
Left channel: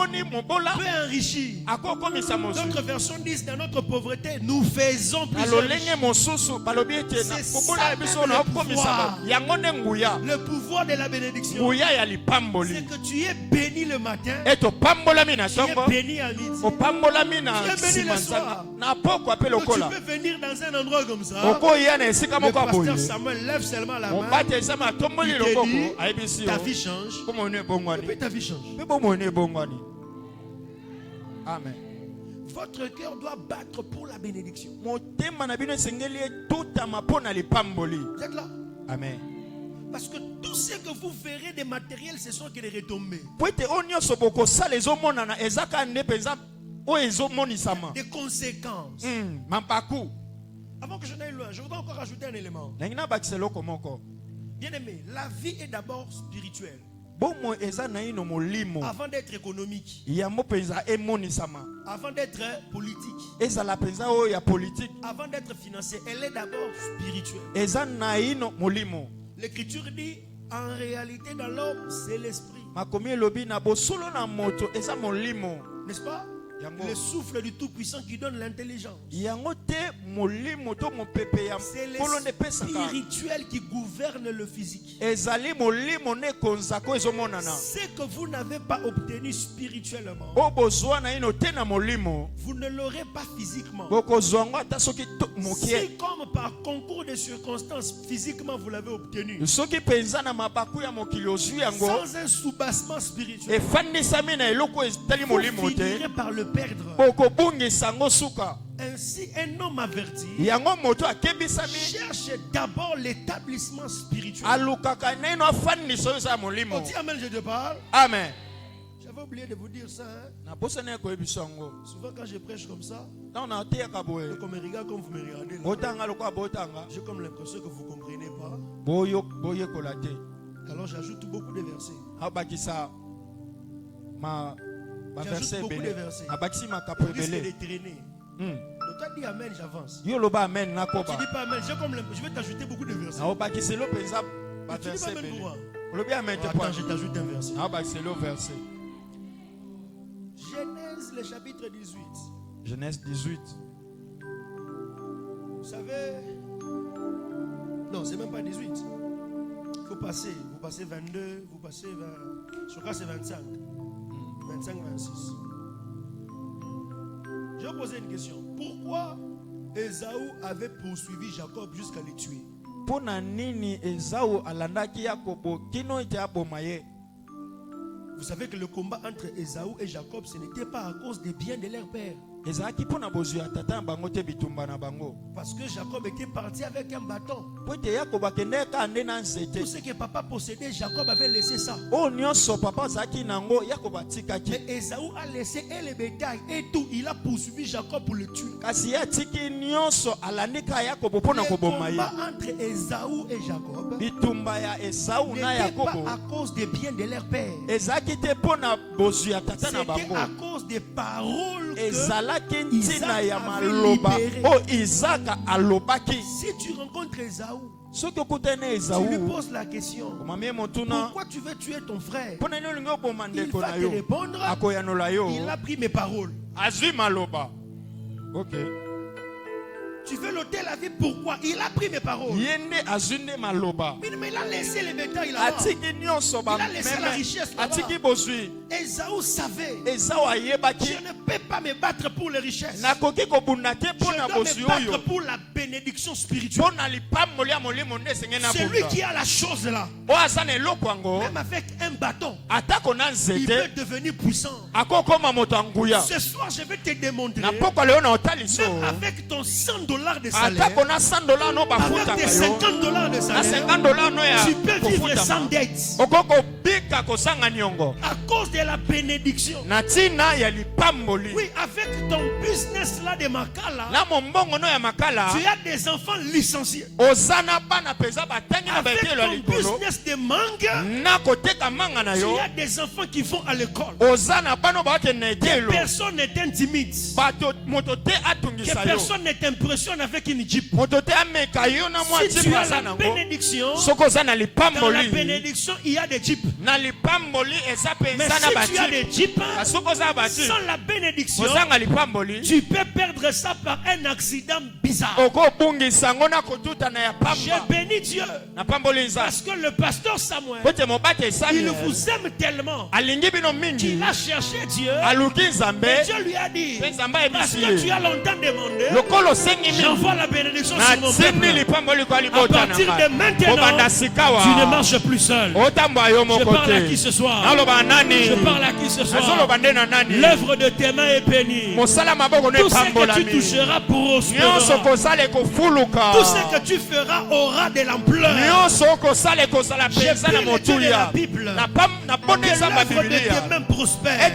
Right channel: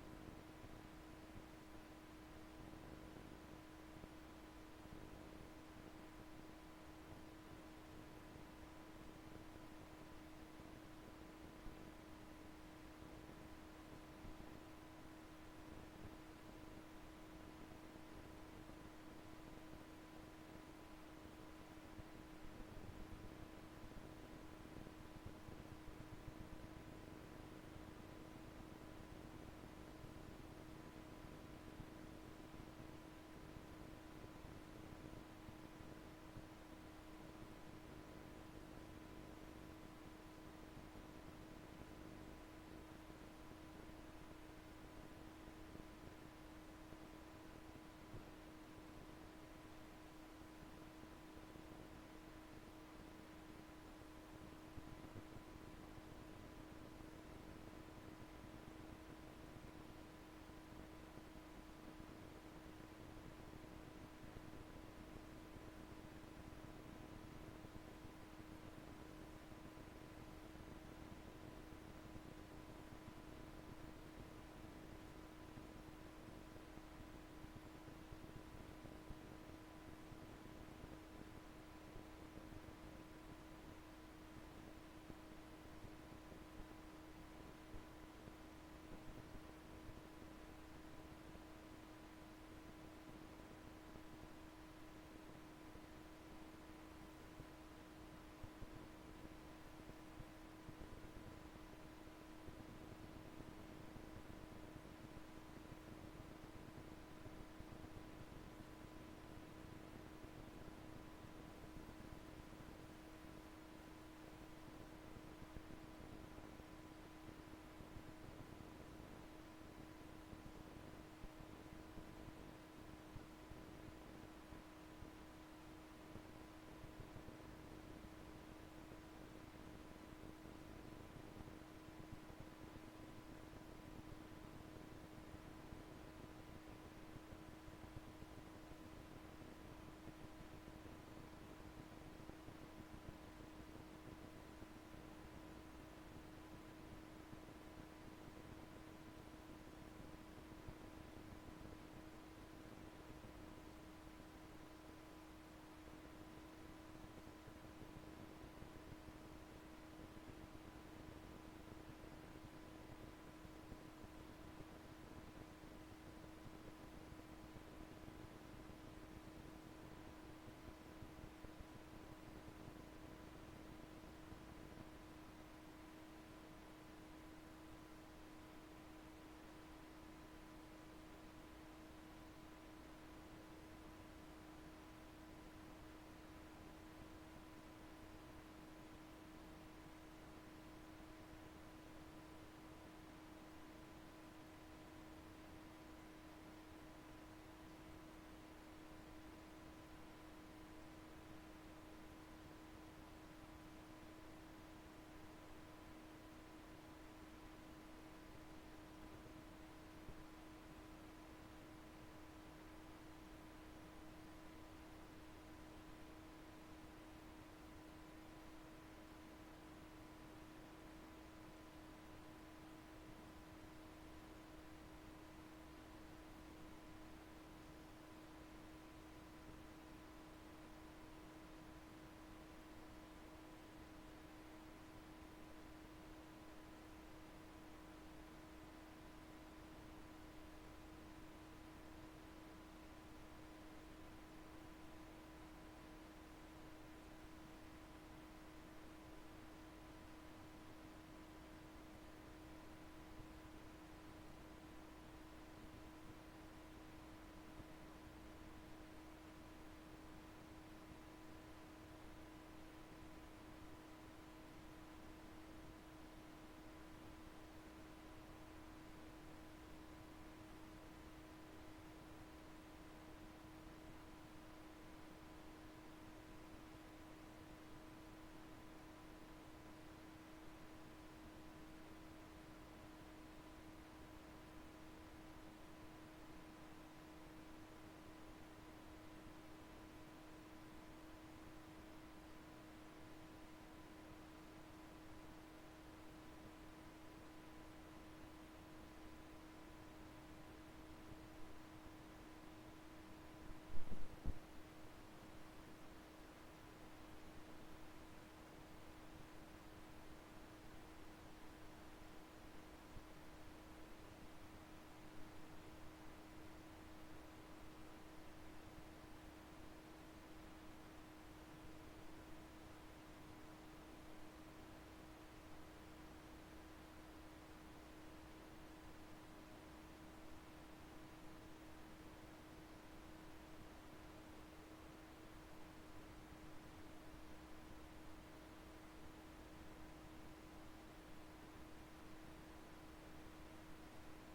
enrichir. D'autres versions disent dans notre pauvreté, nous faisons plusieurs. C'est ça le pouvoir de la bénédiction. C'est que tu es béni le matin, tu es béni à midi, tu es béni le soir. Donc tu peux venir dans un endroit comme ça. Le pasteur Samuel lève seulement la main. Il te dit, ta vie change. Et puis ta vie change. Amen. Votre cœur doit battre pour la bénédiction. Vous êtes là? Amen. Parce que tout ce que vous verrez des matériels, ce sont que des retombées. Des conséquences. Avant que je n'aille loin, je voudrais encore ajouter un élément. Bien aimé, la vie est d'abord spirituelle. bomo eza na ino molimo avant d'être économique, yango penza emonisama avant d'être politique, eza la penza o ya politique avant d'être financière, elle est d'abord spirituelle. eza na ino molimo. L'écriture dit, en réalité dans l'homme, c'est l'esprit. Makomi elobi na bosolo na moto eza molimo, N'est-ce pas? yango Le souffle du Tout-Puissant qui donne l'intelligence. yango te molimo to mopepe ya C'est polo ne pesaka le spirituel qui gouverne le physique. ezali molimo ne konzako ezomonana Ce que vous n'avez pas obtenu spirituellement, o bozwa na ino te na molimo vous ne l'aurez pas physiquement. bokozwa ngo ata soki mokie Si comme par concours de circonstances, physiquement vous l'avez obtenu, soki penza na mabaku ya mokili ozwi yango sans un soubassement spirituel, efandisami na eloko etali vous molimo te finirez par le perdre. bokobungisa ngo suka. Ainsi, un homme averti Yango moto akebisami cherche d'abord l'établissement spirituel. alukaka na ino afandisa oyo eza ya molimo. On dit Amen, je te parle. Amen. J'avais oublié de vous dire ça. Hein. nabosani ya koyebisa yango Souvent quand je prêche comme ça, ntango nateyaka boye donc on me regarde comme vous me regardez. là. botanga lokola botanga J'ai comme l'impression que vous ne comprenez pas. boyekola te Alors j'ajoute beaucoup de versets. abakisa baverse J'ajoute beaucoup de ebele versets. abakisi makapo Au risque de ebele. traîner. Donc toi dis Amen, j'avance. Yo loba amen Tu nakoba dis pas Amen, j'ai comme je vais t'ajouter beaucoup de versets. naobakiselo mpenza Mais tu dis baverse pas Amen ebele pour moi. olobi amen te Attends, po je t'ajoute un verset. naobakiselo verse Genèse, le chapitre 18. Genèse 18. Vous savez, non, c'est même pas 18. Vous passez 22, vous passez 20, je crois que c'est 25. 25, 26. Je vais vous poser une question. Pourquoi Ésaü avait poursuivi Jacob jusqu'à le tuer? Pona nini Esau alandaki Yakobo kino ite aboma ye? Vous savez que le combat entre Ésaü et Jacob, ce n'était pas à cause des biens de leur père. Ezalaki pona bozwi ya tata na bango te bitumba na bango. Parce que Jacob était parti avec un bâton. Po ete Yakobo akendeki ande na nzete. Tout ce que papa possédait, Jacob avait laissé ça. Oyo nyonso papa azalaki nango Yakobo atikaki. Mais Ésaü a laissé et le bétail et tout. Il a poursuivi Jacob pour le tuer. Kasi ye atiki nyonso alandi ka Yakobo pona Le koboma ye. combat entre Ésaü et Jacob Bitumba ya Esau na n'était pas Yakobo à cause des biens de leur père. ezalaki te pona bozwi ya tata na C'était bango. à cause des paroles que Ezalaki Isaac ntina ya avait maloba libéré. oyo Isaka alobaki. si tu rencontres Ésaü, Soki okutani na tu lui Esau poses la question, omamie motuna pourquoi tu veux tuer ton frère? mpona nini olingi oboma Il ndeko va na te yo répondre, akoyanola yo il a pris mes paroles. azwi maloba. Ok. Tu veux l'ôter la vie, pourquoi? Il a pris mes paroles. Ye nde azwi nde maloba Mais il a laissé les bétails là-bas. atiki nyonso Il a laissé la bameme richesse là-bas. atiki bozwi. Ésaü savait, Esau ayebaki je ne peux pas me battre pour les richesses. nakoki kobunda te Je mpona dois bozwi me battre oyo pour la bénédiction spirituelle. mpona lipamboli ya molimo nde esengeli na Celui bunda qui a la chose là, oyo aza na eloko yango même avec un bâton, atako na il nzete peut devenir puissant. akokoma moto ya nguya. Ce soir, je vais te démontrer, Na pokwa leo na otaliso même avec ton $100 de salaire, atako na $100 no avec bafutaka tes yo $50 de na salaire, $50 no ya tu peux vivre sans kofutama dette. okoko bika kosanga niongo À cause de la bénédiction. na ntina ya lipamboli Oui, avec ton business là de Makala, na mombongo no ya makala tu as des enfants licenciés. oza na bana mpenza batangi na Avec baetelo ya ton likolo business de mangue, na koteka manga na tu yo as des enfants qui vont à l'école. oza na bana bakende na etelo Personne n'est intimide. bato moto te Que atungisa yo personne ne t'impressionne avec une jeep. moto te ameka yo na mwa Si tu jipe as aza la nango bénédiction, soki oza na dans la lipamboli bénédiction, il y a des jeeps. na lipamboli eza Mais mpenza na si tu as bajipe des jeeps, soki oza na bajipe sans la bénédiction, ozanga lipamboli tu peux perdre ça par un accident bizarre. okobungisa yango na kotutana ya J'ai pamba béni Dieu na pamboli nzambe parce que le pasteur Samuel, po te mobate il Samuel vous aime tellement alingi bino qu'il mingi a cherché Dieu. aluki nzambe Et Dieu lui a dit, mpe nzambe parce ayebisi que tu ye as longtemps demandé, lokolo osengi mingi j'envoie la bénédiction sur mon natindi peuple. lipamboli kwa À libota na partir de ngai maintenant, kobanda sikawa tu ne marches plus seul. otambola yo Je moko parle à te qui ce soir? naloba nani Je parle à qui ce soir? azoloba nde na nani L'œuvre de tes mains est bénie. mosala Tout ce que tu toucheras prospérera. Tout ce que tu feras aura de l'ampleur. J'ai pris l'étude de la Bible. Que l'œuvre de tes mains prospère. Rien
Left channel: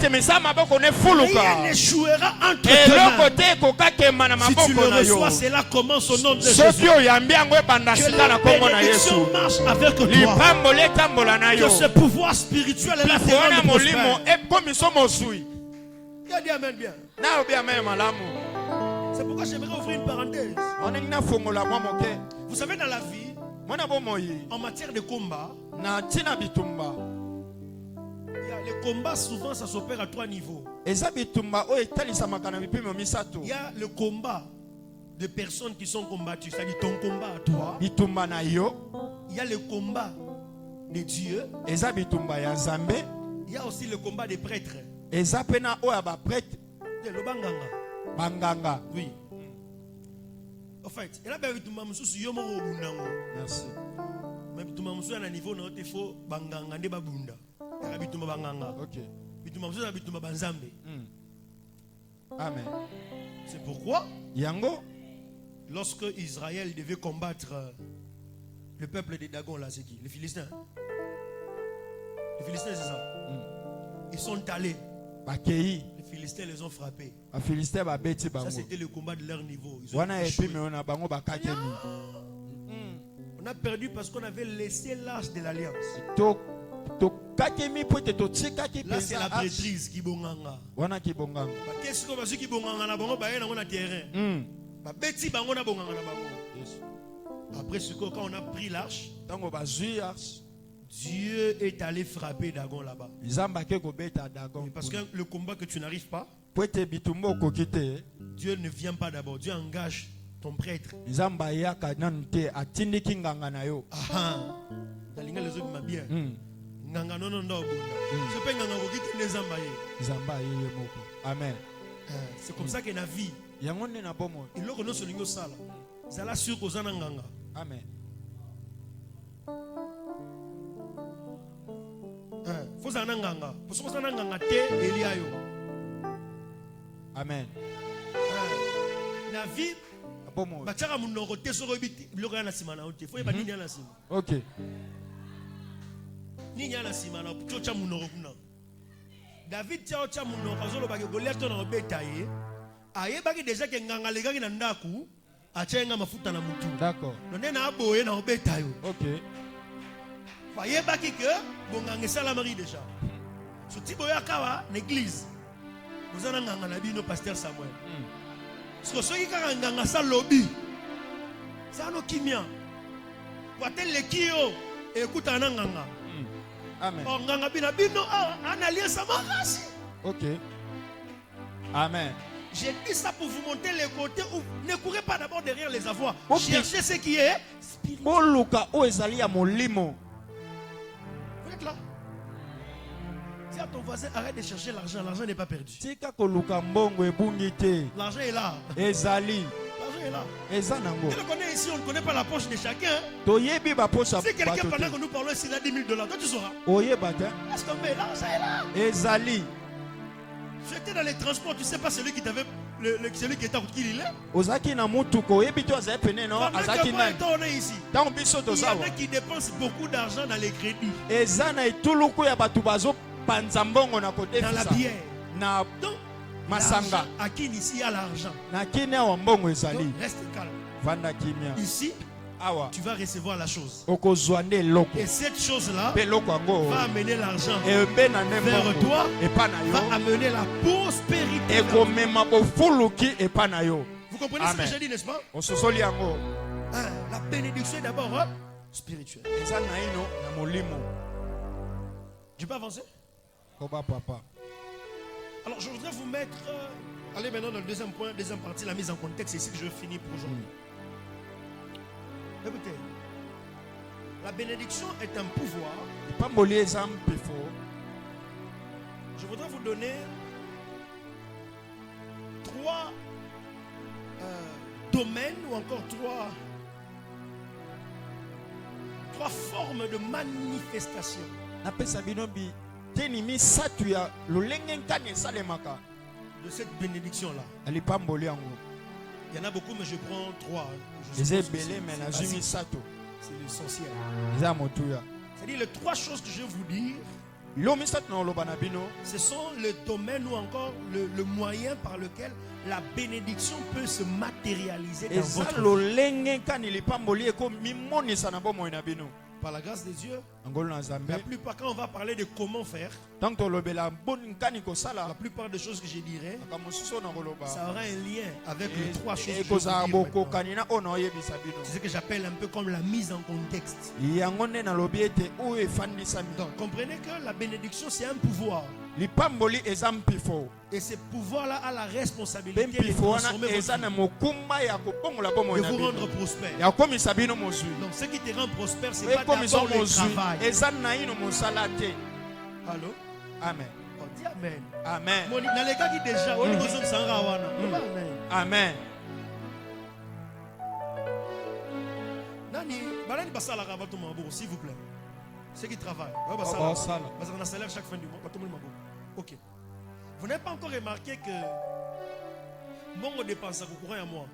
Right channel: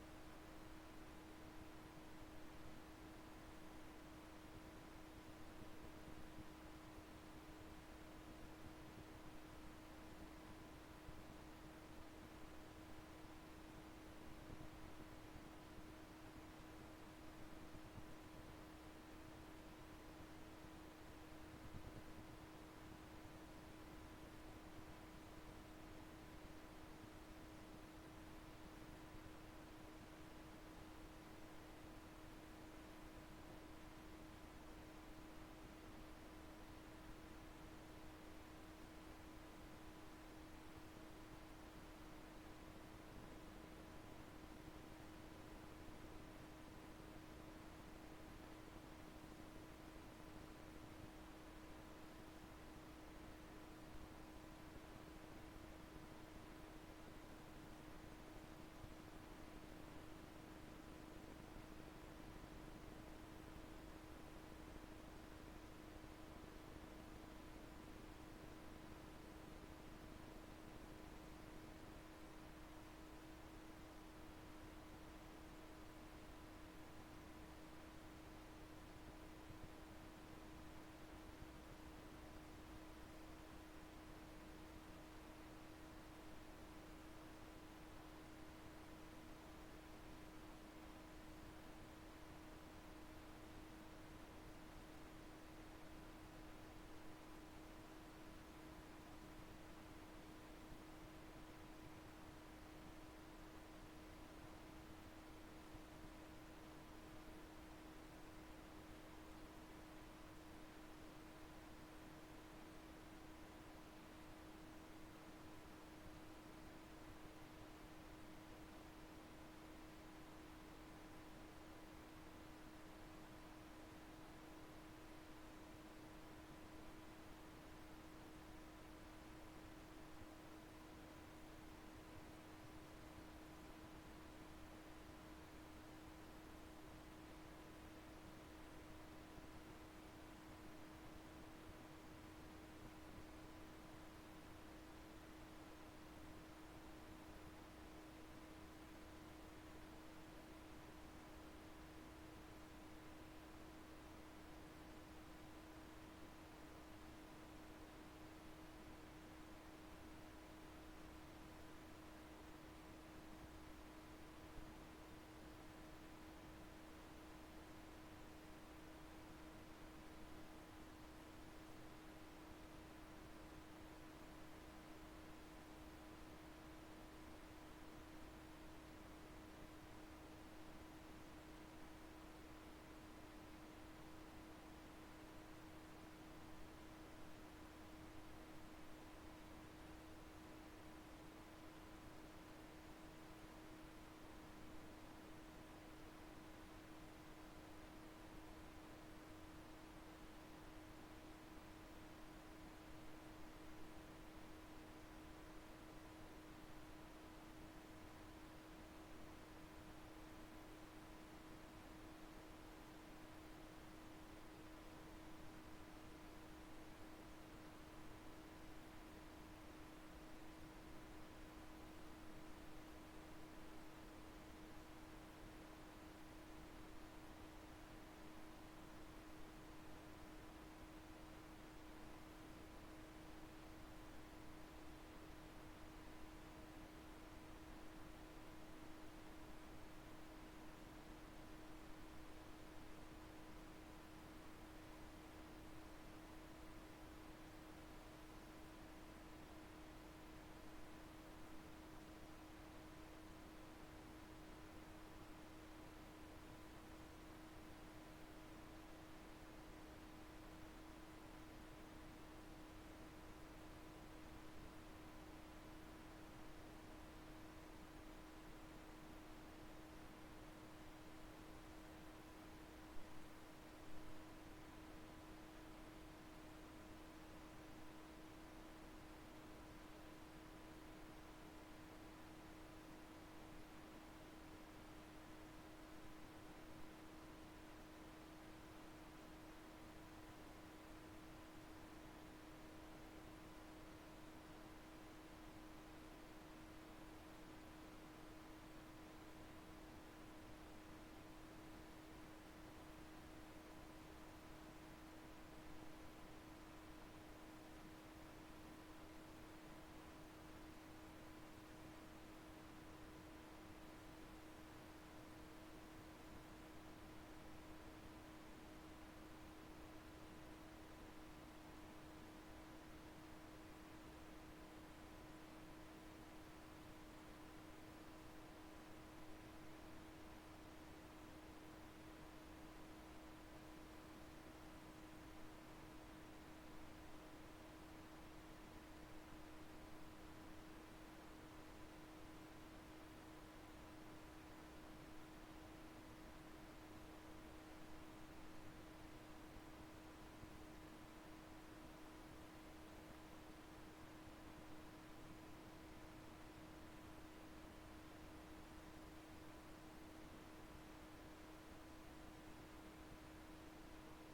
n'échouera entre tes mains. Si tu le reçois, cela commence au nom de Jésus. Que la bénédiction marche avec toi. Que ce pouvoir spirituel est là. Qui a dit amen bien? C'est pourquoi j'aimerais ouvrir une parenthèse. Vous savez, dans la vie, en matière de combat, les combats souvent ça s'opère à 3 niveaux. Il y a le combat de personnes qui sont combattues, c'est-à-dire ton combat à toi. Il y a le combat de Dieu. Il y a aussi le combat des prêtres. Le banganga. Oui. En fait, il y a des merci. Mais tu m'as dit à niveau il faut banganga de babunda. Ok. Amen. C'est pourquoi lorsque Israël devait combattre le peuple des Dagon, là, c'est qui? Les Philistins. Les Philistins, c'est ça. Ils sont allés. Les Philistins les ont frappés. Ça, c'était le combat de leur niveau. On a perdu parce qu'on avait laissé l'âge de l'alliance. Là, c'est la prêtrise qui bonganga. Qu'est-ce qu'on va dire qui bonganga na bango baye na ngona terrain. Ba beti bango na bonganga na bango. Après ce quand on a pris l'arche, Dieu est allé frapper Dagon là-bas. Parce que le combat que tu n'arrives pas, Dieu ne vient pas d'abord. Dieu engage ton prêtre. Amen. C'est comme ça que la vie. Il Amen. Amen. La vie. Ok. David déjà que nganga legaki na ndaku achenga mafuta na mutu. D'accord. Nona aboye na obeta yo. OK. Fayebaki que bonganga sala mari déjà. Soti boyaka wa l'église. Vous en nganga na bino pasteur Samuel. Parce que ceux qui kanga nganga sa lobby. Ça no kimia. Watel le kio écoute na nganga. Amen. Nganga bina bino en alliance sama race. OK. Amen. J'ai dit ça pour vous montrer les côtés où ne courez pas d'abord derrière les avoirs. Okay. Cherchez ce qui est spirituel. Vous êtes là. Dis à ton voisin, arrête de chercher l'argent. L'argent n'est pas perdu. L'argent est là. L'argent est là. Tu le connais ici, on ne connaît pas la poche de chacun. Si quelqu'un pendant que nous parlons ici, il a $10,000, toi tu sauras. Laisse tomber, l'argent est là. J'étais dans les transports, tu sais pas celui qui t'avait celui qui était en qui il est. Pendant on est ici. Il y en a qui dépensent beaucoup d'argent dans les crédits. Dans la bière. Donc, masanga. À qui ici il y a l'argent. Donc, reste calme. Ici, tu vas recevoir la chose. Et cette chose-là va amener l'argent vers toi, va amener la prospérité. Vous comprenez ce que j'ai dit, n'est-ce pas? La bénédiction est d'abord spirituelle. Tu peux avancer? Alors je voudrais vous mettre, allez maintenant dans le deuxième point, deuxième partie, la mise en contexte, c'est ici que je finis pour aujourd'hui. Écoutez, la bénédiction est un pouvoir. Je voudrais vous donner 3 domaines ou encore 3 formes de manifestation. de cette bénédiction-là. alipamboli yango Il y en a beaucoup, mais je prends 3. eza ebele me nazwi misato C'est l'essentiel. eza motuya C'est-à-dire les 3 choses que je vais vous dire, bilo misato na oloba na bino ce sont le domaine ou encore le moyen par lequel la bénédiction peut se matérialiser dans eza votre vie. lolenge kani lipamboli ekomimonisa na bomoi na bino Par la grâce de Dieu, angolo na nzambe la plupart, quand on va parler de comment faire, ntango tolobela boni kani la kosala plupart des choses que je dirai, makambo mosusu oyo na koloba ça aura un lien avec les 3 choses que je vais vous ekozala dire maintenant. bokokani na oyo na oyebisa bino C'est ce que j'appelle un peu comme la mise en contexte. yango nde nalobi ete oyo efandisami Donc, comprenez que la bénédiction, c'est un pouvoir. lipamboli eza mpifo Et ce pouvoir-là a la mpe responsabilité de mpifo wana transformer votre eza na vie, mokumba ya kobongola bomoi de na vous bino rendre prospère. ya kokomisa bino mozwi Donc, ce qui te rend prospère, c'est pas ekomisa d'abord le mozwi travail. eza naino mosala te Allô? amen Oh, dis Amen. amen Dans les cas qui déjà, on dit que ça en rawana. Amen. amen Nani, balani basala rabato mabo, s'il vous plaît. Ceux qui travaillent, basala. parce qu'on a salaire chaque fin du mois. Ok. Vous n'avez pas encore remarqué que mon dépense à courant à moi.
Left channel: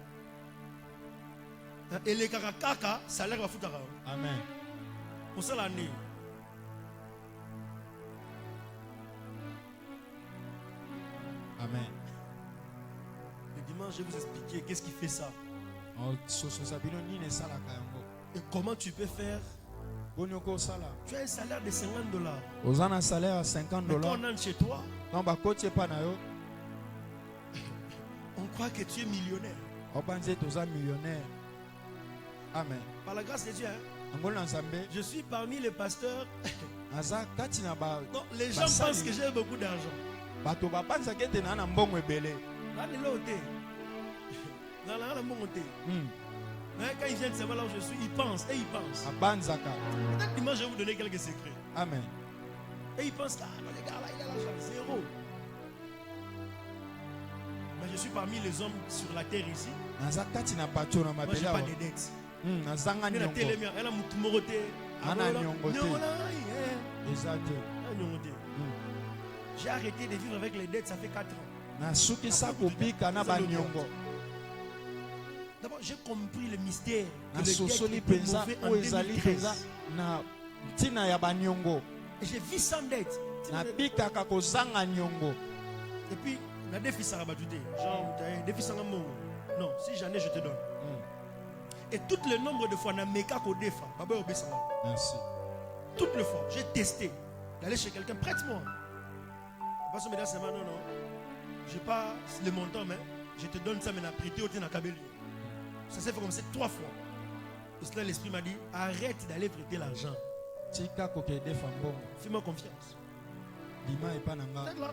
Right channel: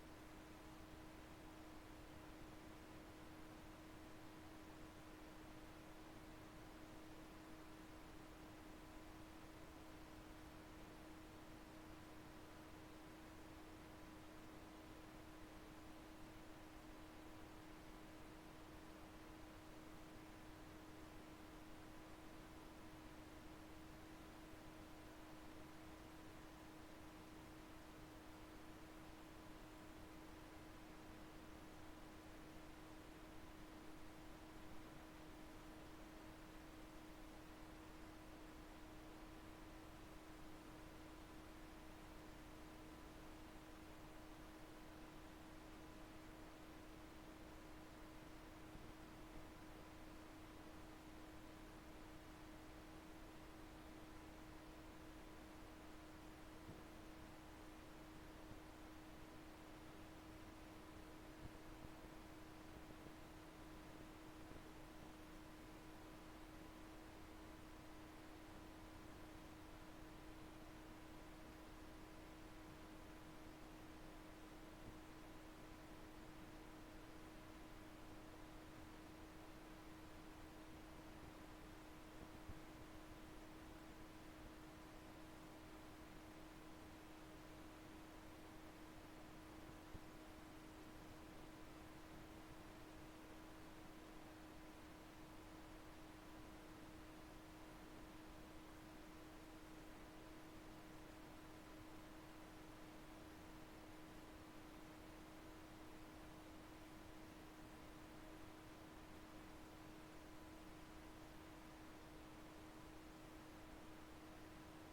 Et les kaka, salaire va foutre. amen Pour ça l'année. amen Le dimanche, je vais vous expliquer qu'est-ce qui fait ça. sososa bino nini esalaka yango Et comment tu peux faire. boni okosala Tu as un salaire de $50. oza na salaire ya 50 Mais quand dollars on entre chez toi, ntango bakoti epa na yo on croit que tu es millionnaire. obanzi ete oza millionnaire amen Par la grâce de Dieu, hein, angolo na nzambe je suis parmi les pasteurs. naza kati na Non, les gens Basali. pensent que j'ai beaucoup d'argent. bato babanzaka ete naa na mbongo ebele Là, il est ôté. Là, là, mon ôté. Mais quand ils viennent savoir là où je suis, ils pensent et ils pensent. abanzaka Peut-être dimanche, je vais vous donner quelques secrets. amen Et ils pensent, ah, le gars là, il a l'argent, zéro. Mais je suis parmi les hommes sur la terre ici. naza kati na bato na Moi, je mabele n'ai pas awa de dettes. nazanga Mais la niongo télé, elle a mon moroté. Ana nyongo te. eza te J'ai arrêté de vivre avec les dettes, ça fait 4 ans. nasukisa kobika na baniongo D'abord, j'ai compris le mystère. Que le nasosoli dettes étaient mpenza mauvais en oyo ezali 2013. mpenza na ntina ya baniongo Et j'ai vu sans dette. nabikaka kozanga niongo Et puis, na défi Sarabadouté. Genre, défi Sangamon. Non, si j'en ai, je te donne. Et tout le nombre de fois, na meka ko defa. Baba obesanga. merci Toutes les fois, j'ai testé d'aller chez quelqu'un, prête-moi. Parce que mesdames, non, non. Je n'ai pas le montant, mais je te donne ça, mais na prêté au Ténakabeli. Ça s'est fait comme ça 3 fois. Et cela, l'esprit m'a dit, arrête d'aller prêter l'argent. tika kokedefa mbongo Fais-moi confiance. bima epa na nga Peut-être là,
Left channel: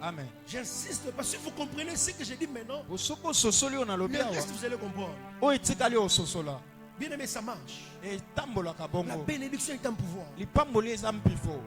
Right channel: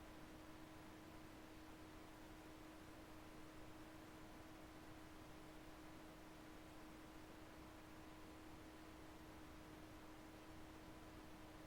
amen j'insiste parce que vous comprenez ce que j'ai dit maintenant. osoki ososoli oyo nalobi Le awa reste, vous allez comprendre. oyo etikali ososola Bien aimé, ça marche. etambolaka La bongo bénédiction est un pouvoir. lipamboli eza mpifo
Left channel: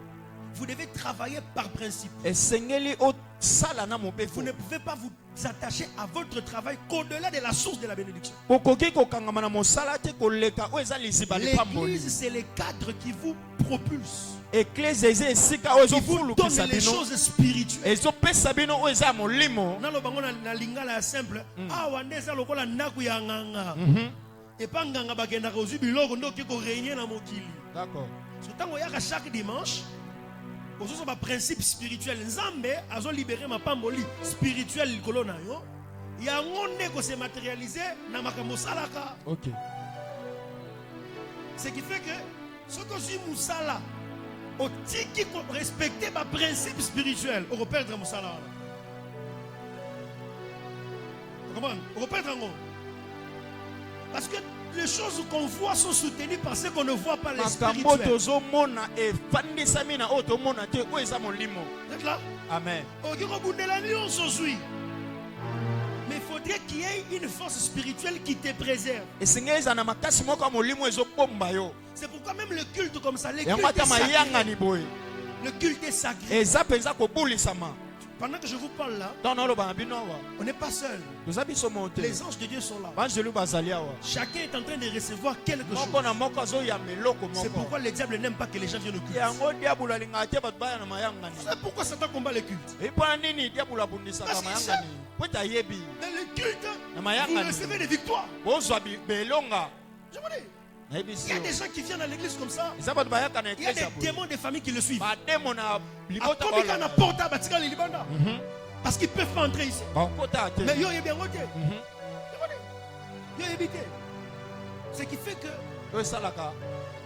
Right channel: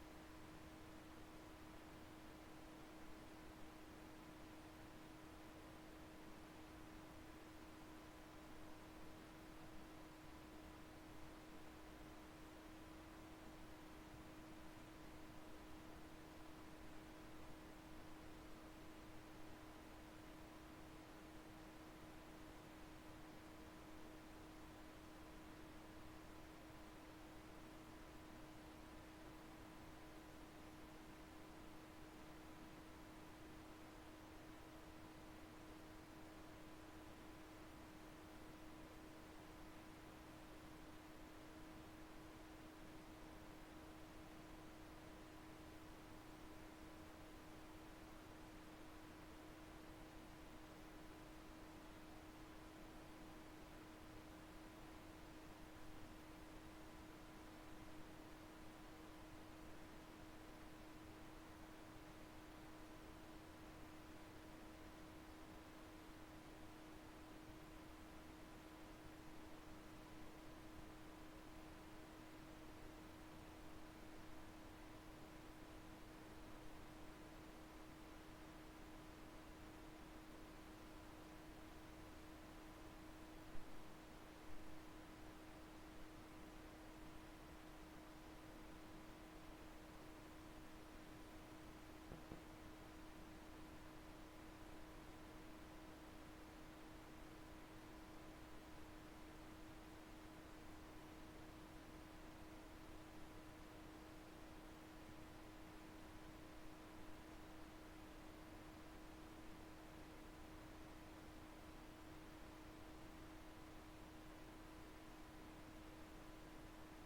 Vous devez travailler par principe. esengeli osala na Vous mobeko ne pouvez pas vous attacher à votre travail qu'au-delà de la source de la bénédiction. okoki kokangama na mosala te koleka oyo eza liziba lipamboli L'église, c'est le cadre qui vous propulse, eklese eza esika oyo qui vous ezofulukisa donne les bino choses spirituelles. ezopesa bino oyo eza ya molimo Nalobango na lingala ya simple. Awa nde eza lokola ndaku ya nganga. Epa nganga bakendaka ozwi biloko nde okoki korégner na mokili. d'accord So ntango oyaka chaque dimanche, ozoso ba principe spirituel. Nzambe azolibere mapamboli spirituel likolo na yo. Yango nde kose matérialiser na makambo osalaka. ok Ce qui fait que ce que je musala, au tiki respecter ma principe spirituel, on repère dans musala. Comment? On repère dans parce que les choses qu'on voit sont soutenues par ce qu'on ne voit pas les makambo spirituels. tozomona efandisami na oyo tomona te oyo eza molimo Vous êtes là? amen Ok, mais il faudrait qu'il y ait une force spirituelle qui te préserve. esengeli eza na makasi moko ya molimo ezobomba yo C'est pourquoi même le culte comme ça, le yango culte ata est sacré. mayangani boye Le culte est sacré. eza mpenza kobulisama Pendant que je vous parle là, Tant na loba na bino awa. on n'est pas seul. Toza biso monte. Les anges de Dieu sont là. Banjelu bazali awa. Chacun est en train de recevoir quelque chose. Moko na moko azo ya meloko C'est moko. pourquoi le diable n'aime pas que les gens viennent au culte. Yango diabula linga te bat baya na mayanga ni. C'est pourquoi Satan combat le culte. E pa nini diabula bundisa ka mayanga ni. Kweta yebi. Dans le culte, Na vous mayanga ni. recevez des victoires. Bozwa belonga. Je vous dis, Na ebisi. il y a des gens qui viennent à l'église comme ça. Eza bat bayaka na Il y a eklesa des bo. démons de famille qui le suivent. Ba demo na libota Comme il y a un porte à Batika les Libanda. Mhm. Parce qu'ils ne peuvent pas entrer ici. Ba kota te. Mais yo, il y a bien voté. Mhm. Yo, évité. Ce qui fait que Oyo salaka.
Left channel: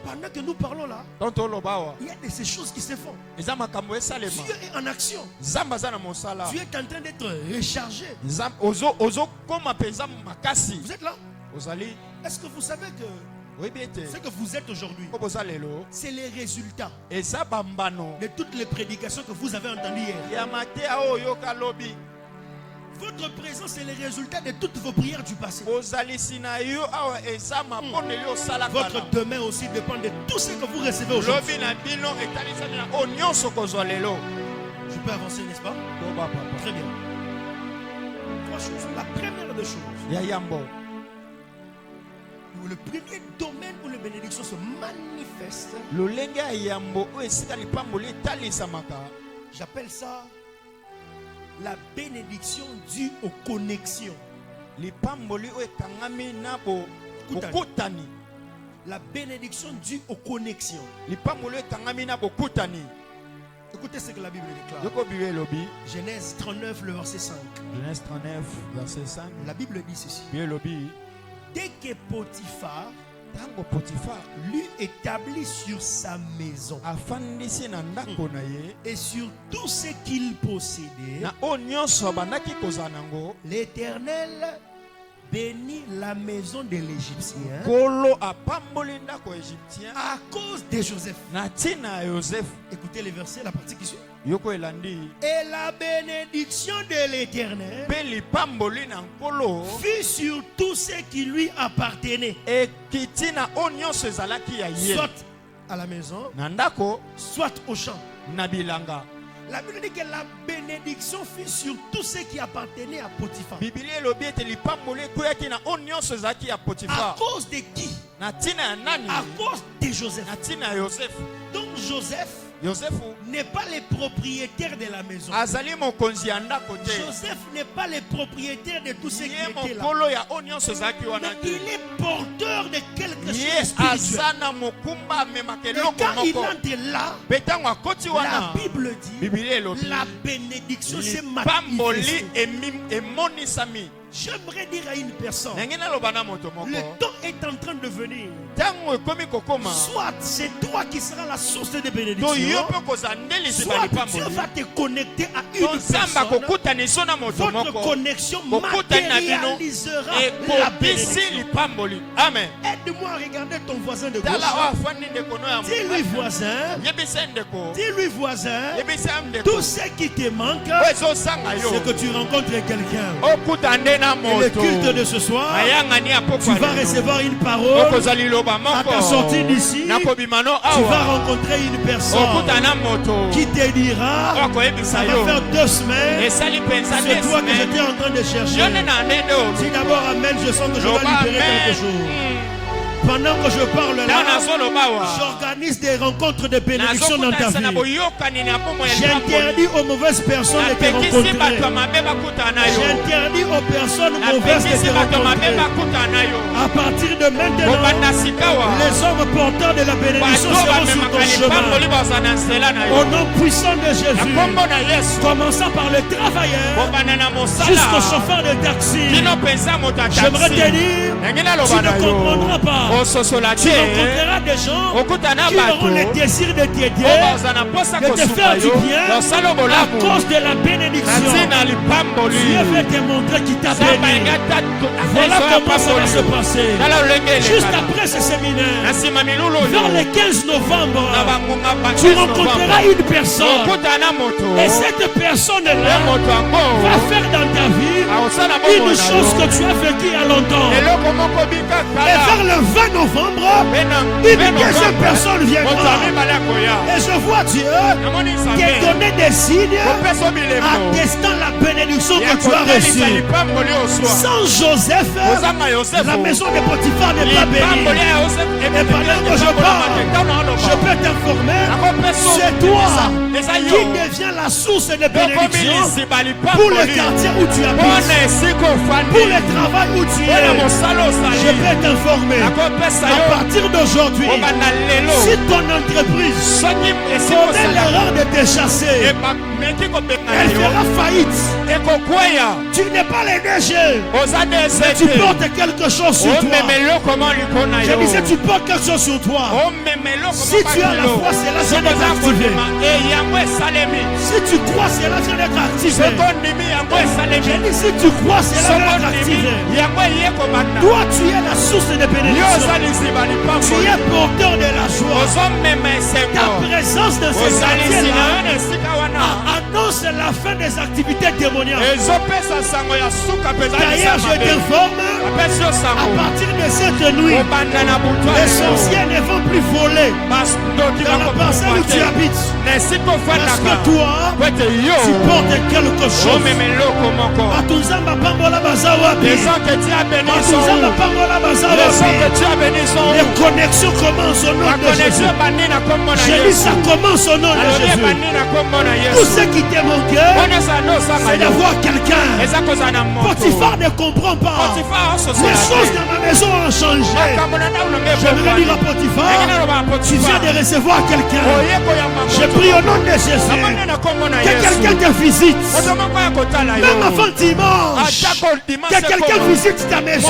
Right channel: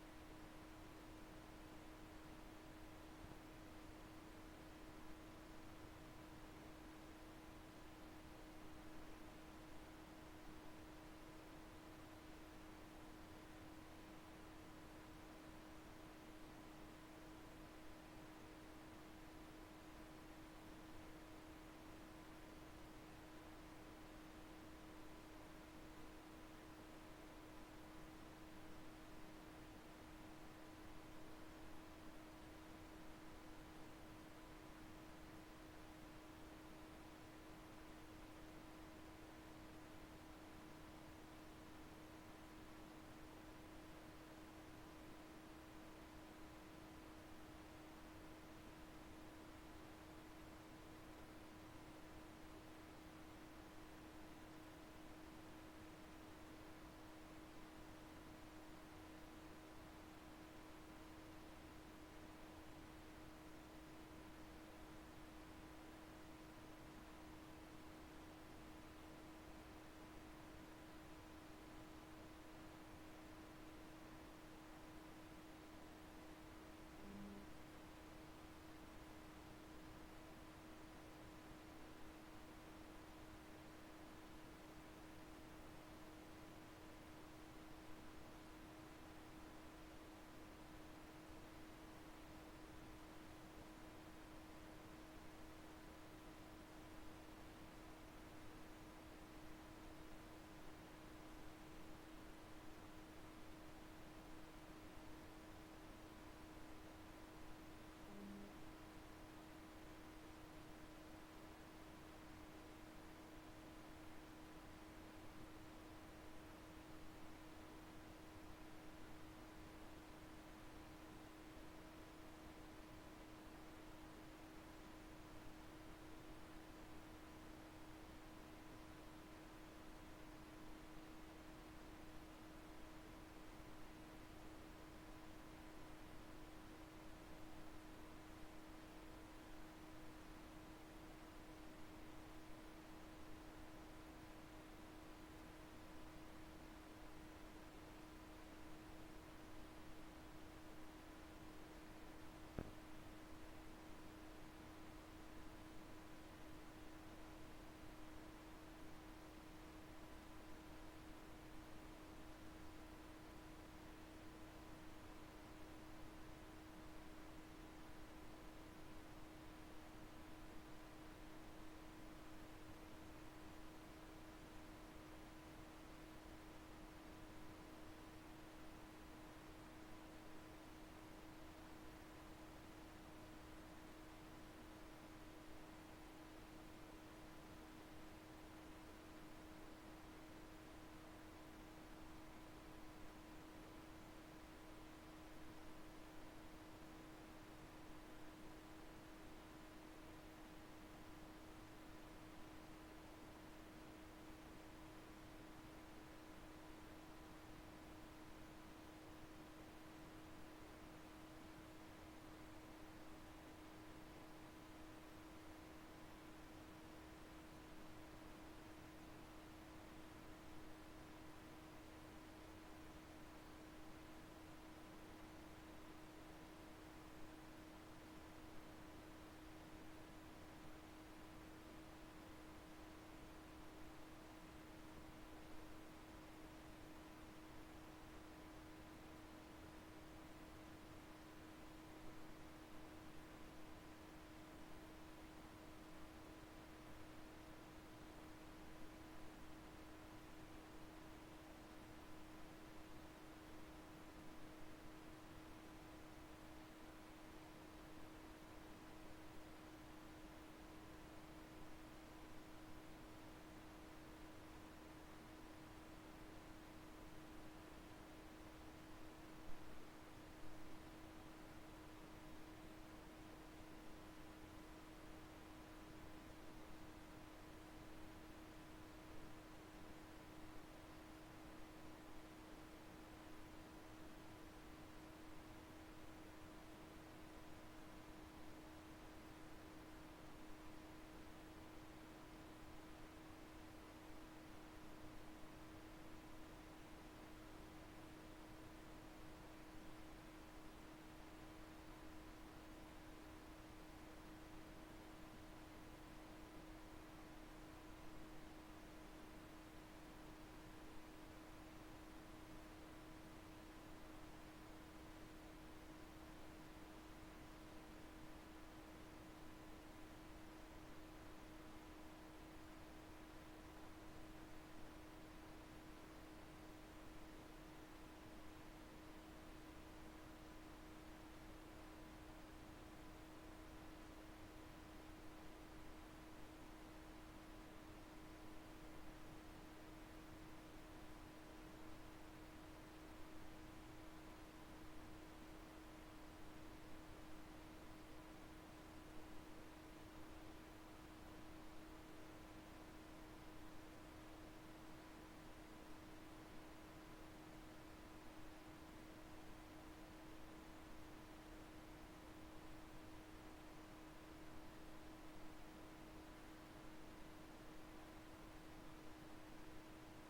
pendant que nous parlons là, Tonto loba awa. il y a de ces choses qui se font. Eza makambo esalema. Dieu est en action. Zamba za na mosala. Dieu est en train d'être rechargé. Ozo koma penza makasi. Vous êtes là? Ozali. Est-ce que vous savez que Oyebi ete. ce que vous êtes aujourd'hui, Ko boza lelo. c'est les résultats Eza bambano. de toutes les prédications que vous avez entendues hier? Ya matea oyo kalobi. Votre présence est le résultat de toutes vos prières du passé. Ozalisi na yo awa eza mapondeli osala Votre kala. demain aussi dépend de tout ce que vous recevez aujourd'hui. Lobi na bino etalisami na o nyonso kozwa lelo. Je peux avancer, n'est-ce pas? Boba papa. Très bien. Trois choses. La première des choses, Ya yambo. le premier domaine où les bénédictions se manifestent, Lolenge ya yambo o esika lipamboli etalisamaka. j'appelle ça la bénédiction due aux connexions. Lipamboli o ekangami na Kutani. bokutani. La bénédiction due aux connexions. Lipamboli o ekangami na bokutani. Écoutez ce que la Bible déclare. Yoko bibe lobi. Genèse 39, le verset 5. Genèse 39 verset 5. La Bible dit ceci. Bibe lobi. Dès que Potiphar Tango Potiphar lui établit sur sa maison afandisi na ndako na ye et sur tout ce qu'il possédait, na o nyonso bandaki kozala nango. l'Éternel bénit la maison de l'Égyptien Kolo apamboli ndako égyptien à cause de Joseph. na ntina ya Joseph. Écoutez les versets, la partie qui suit. Yoko elandi. Et la bénédiction de l'Éternel Pe lipamboli na nkolo fut sur tout ce qui lui appartenait, ekiti na o nyonso ezalaki ya ye soit à la maison, na ndako soit au champ. na bilanga. La Bible dit que la bénédiction fut sur tout ce qui appartenait à Potiphar. Biblia elobi ete lipamboli ekweyaki na o nyonso ezalaki ya À Potifar cause de qui? na ntina ya nani? À cause de Joseph. Na ntina ya Joseph. Donc Joseph Yosefu n'est pas le propriétaire de la maison. azali mokonzi ya ndako te. Joseph n'est pas le propriétaire de tout ce qui Ye était là. mokolo ya o nyonso ezalaki wana Mais te. il est porteur de quelque chose Ye de spirituel. aza na mokumba amemaka Et eloko quand il moko. entre là, Mpe ntango akoti la wana Bible dit Biblia elobi la bénédiction s'est lipamboli manifestée. emonisami. J'aimerais dire à une personne, Ndenge naloba na moto moko le temps est en train de venir. ntango ekomi kokoma Soit c'est toi qui seras la source de to yo bénédiction, mpe kozala ndelisi soit ba Dieu lipamboli va te connecter à to une nzambe personne. akokutaniso na moto Votre moko connexion kokutani na bino matérialisera la ekobisi bénédiction. lipamboli. Amen. Aide-moi à regarder ton voisin de tala oyo gauche. afandi ndeko no ya Dis-lui voisin, yebisa ndeko dis-lui voisin, yebisa ndeko tout ce qui te manque, oyo ezosanga yo c'est que tu rencontres quelqu'un. okuta nde na Et le moto culte de ce soir, ayangani ya tu pokwa vas lelo. recevoir une parole. okozwa liloba À moko ta sortie d'ici, nakobima no tu vas awa rencontrer une personne okuta na moto qui te dira, okoyebisa ça va yo faire 2 semaines, esali mpenza c'est toi que desime j'étais en train de yo chercher. nde na ndende oyo Dis d'abord Amen, je sens que je dois loba libérer quelque chose. amen. Pendant que je parle ntango là, nazoloba awa j'organise des rencontres de bénédiction dans ta nazokutanisa na vie. boyokani na bomoi ya lipamboli. J'interdis aux mauvaises personnes de te napekisi bato ya rencontrer. mabe bakutana na yo J'interdis aux personnes mauvaises de napekisi te bato ya mabe rencontrer. bakutana na yo À partir de maintenant, kobanda sikawa les hommes porteurs de la bénédiction bato seront sur bamemaka ton chemin. lipamboli baza na nzela na Au yo nom puissant de na Jésus, kombo na yesu commençant par le travailleur kobanda na jusqu'au mosala chauffeur de taxi. kino mpenza moto ya J'aimerais te taxi dire, ndenge tu naloba na ne yo comprendras pas. ososola Tu te rencontreras des gens okutana qui auront le bato désir de t'aider, oyo baza na mposa de te kosuka faire du yo bien losala à bolamu cause de la na bénédiction. ntina Dieu veut te montrer qu'il t'a béni. Voilà comment ça va se passer. Juste après ce séminaire, vers le 15 novembre, tu rencontreras une personne. Et cette personne-là va faire dans ta vie une chose que tu as vécue il y a longtemps. Et vers le 20 novembre, une deuxième personne viendra. Et je vois Dieu te donner des signes attestant la bénédiction que tu as reçue. Sans Joseph, la maison de Potiphar n'est pas bénie. Et pendant que je parle, je peux t'informer, c'est toi qui deviens la source de bénédiction pour le quartier où tu habites, pour le travail où tu es. Je peux t'informer, à partir d'aujourd'hui, si ton entreprise connaît l'erreur de te chasser, elle fera faillite. Tu n'es pas le DG, mais tu portes quelque chose sur toi. Je disais, tu portes quelque chose sur toi. Si tu as la foi, cela vient d'être activé. Si tu crois, cela vient d'être activé. Je dis, si tu crois, cela vient d'être activé. Toi, tu es la source de bénédiction. Tu es porteur de la joie. Ta présence dans ce quartier-là annonce la fin des activités démoniaques. D'ailleurs, je t'informe, à partir de cette nuit, les sorciers ne vont plus voler dans la parcelle où tu habites. Parce que toi, tu portes quelque chose. Atuzamba pambola bazawapi. Atuzamba pambola bazawapi. Les connexions commencent au nom de Jésus. J'ai dit ça commence au nom de Jésus. Tout ce qui t'est manqué, c'est d'avoir quelqu'un. Potiphar ne comprend pas. Les choses dans ma maison ont changé. J'aimerais dire à Potiphar, tu viens de recevoir quelqu'un. Je prie au nom de Jésus que quelqu'un te visite. Même avant dimanche, que quelqu'un visite ta maison.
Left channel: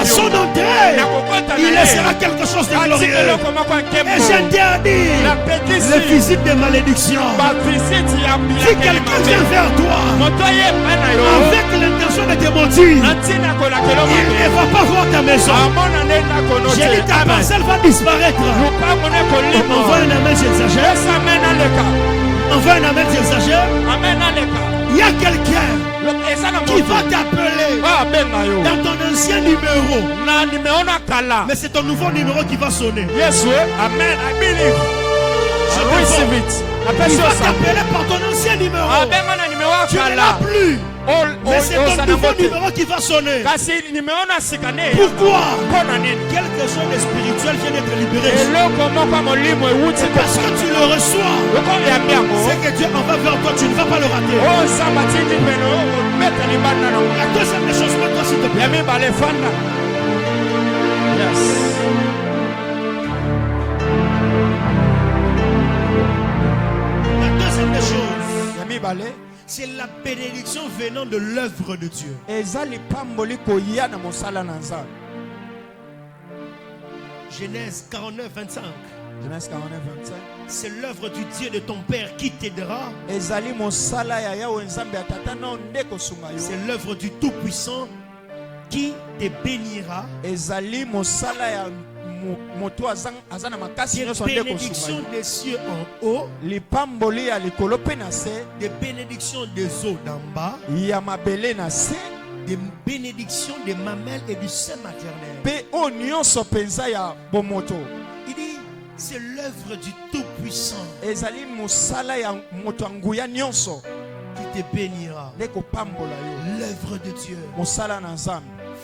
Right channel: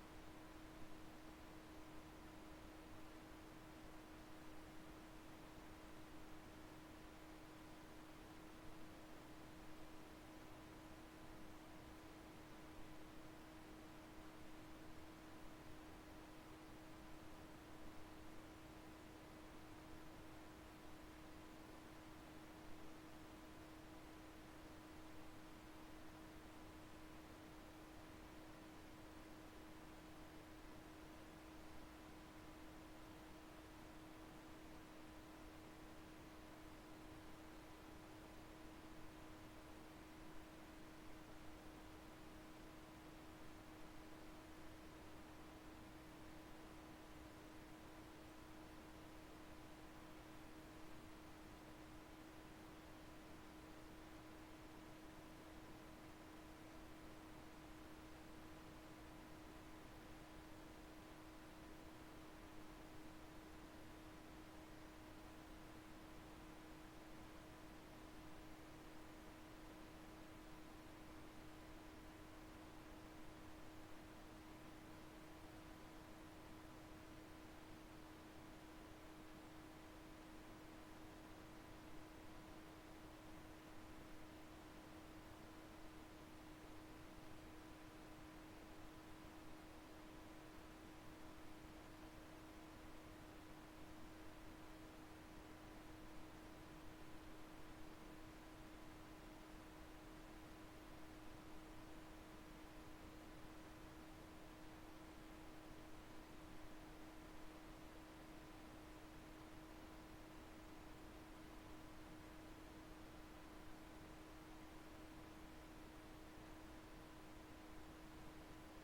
À son entrée, il laissera quelque chose de glorieux. Et j'interdis les visites de malédiction. Si quelqu'un vient vers toi avec l'intention de te maudire, il ne va pas voir ta maison. J'ai dit ta parcelle va disparaître. Envoie un amen, j'exagère. Envoie un amen, j'exagère. Il y a quelqu'un qui va t'appeler dans ton ancien numéro. Mais c'est ton nouveau numéro qui va sonner. Amen. I believe. I receive it. Il va t'appeler par ton ancien numéro. Tu ne l'as plus. Mais c'est ton nouveau numéro qui va sonner. Pourquoi? Quelque chose de spirituel vient d'être libéré. C'est parce que tu le reçois. C'est que Dieu en va vers toi, tu ne vas pas le rater. La deuxième des choses, mets-toi s'il te plaît. La deuxième des choses, c'est la bénédiction venant de l'œuvre de Dieu. Genèse 49, 25. C'est l'œuvre du Dieu de ton Père qui t'aidera. C'est l'œuvre du Tout-Puissant qui te bénira. Des bénédictions des cieux en haut, des bénédictions des eaux d'en bas, des bénédictions des mamelles et du sein maternel. Il dit, c'est l'œuvre du Tout-Puissant qui te bénira. L'œuvre de Dieu.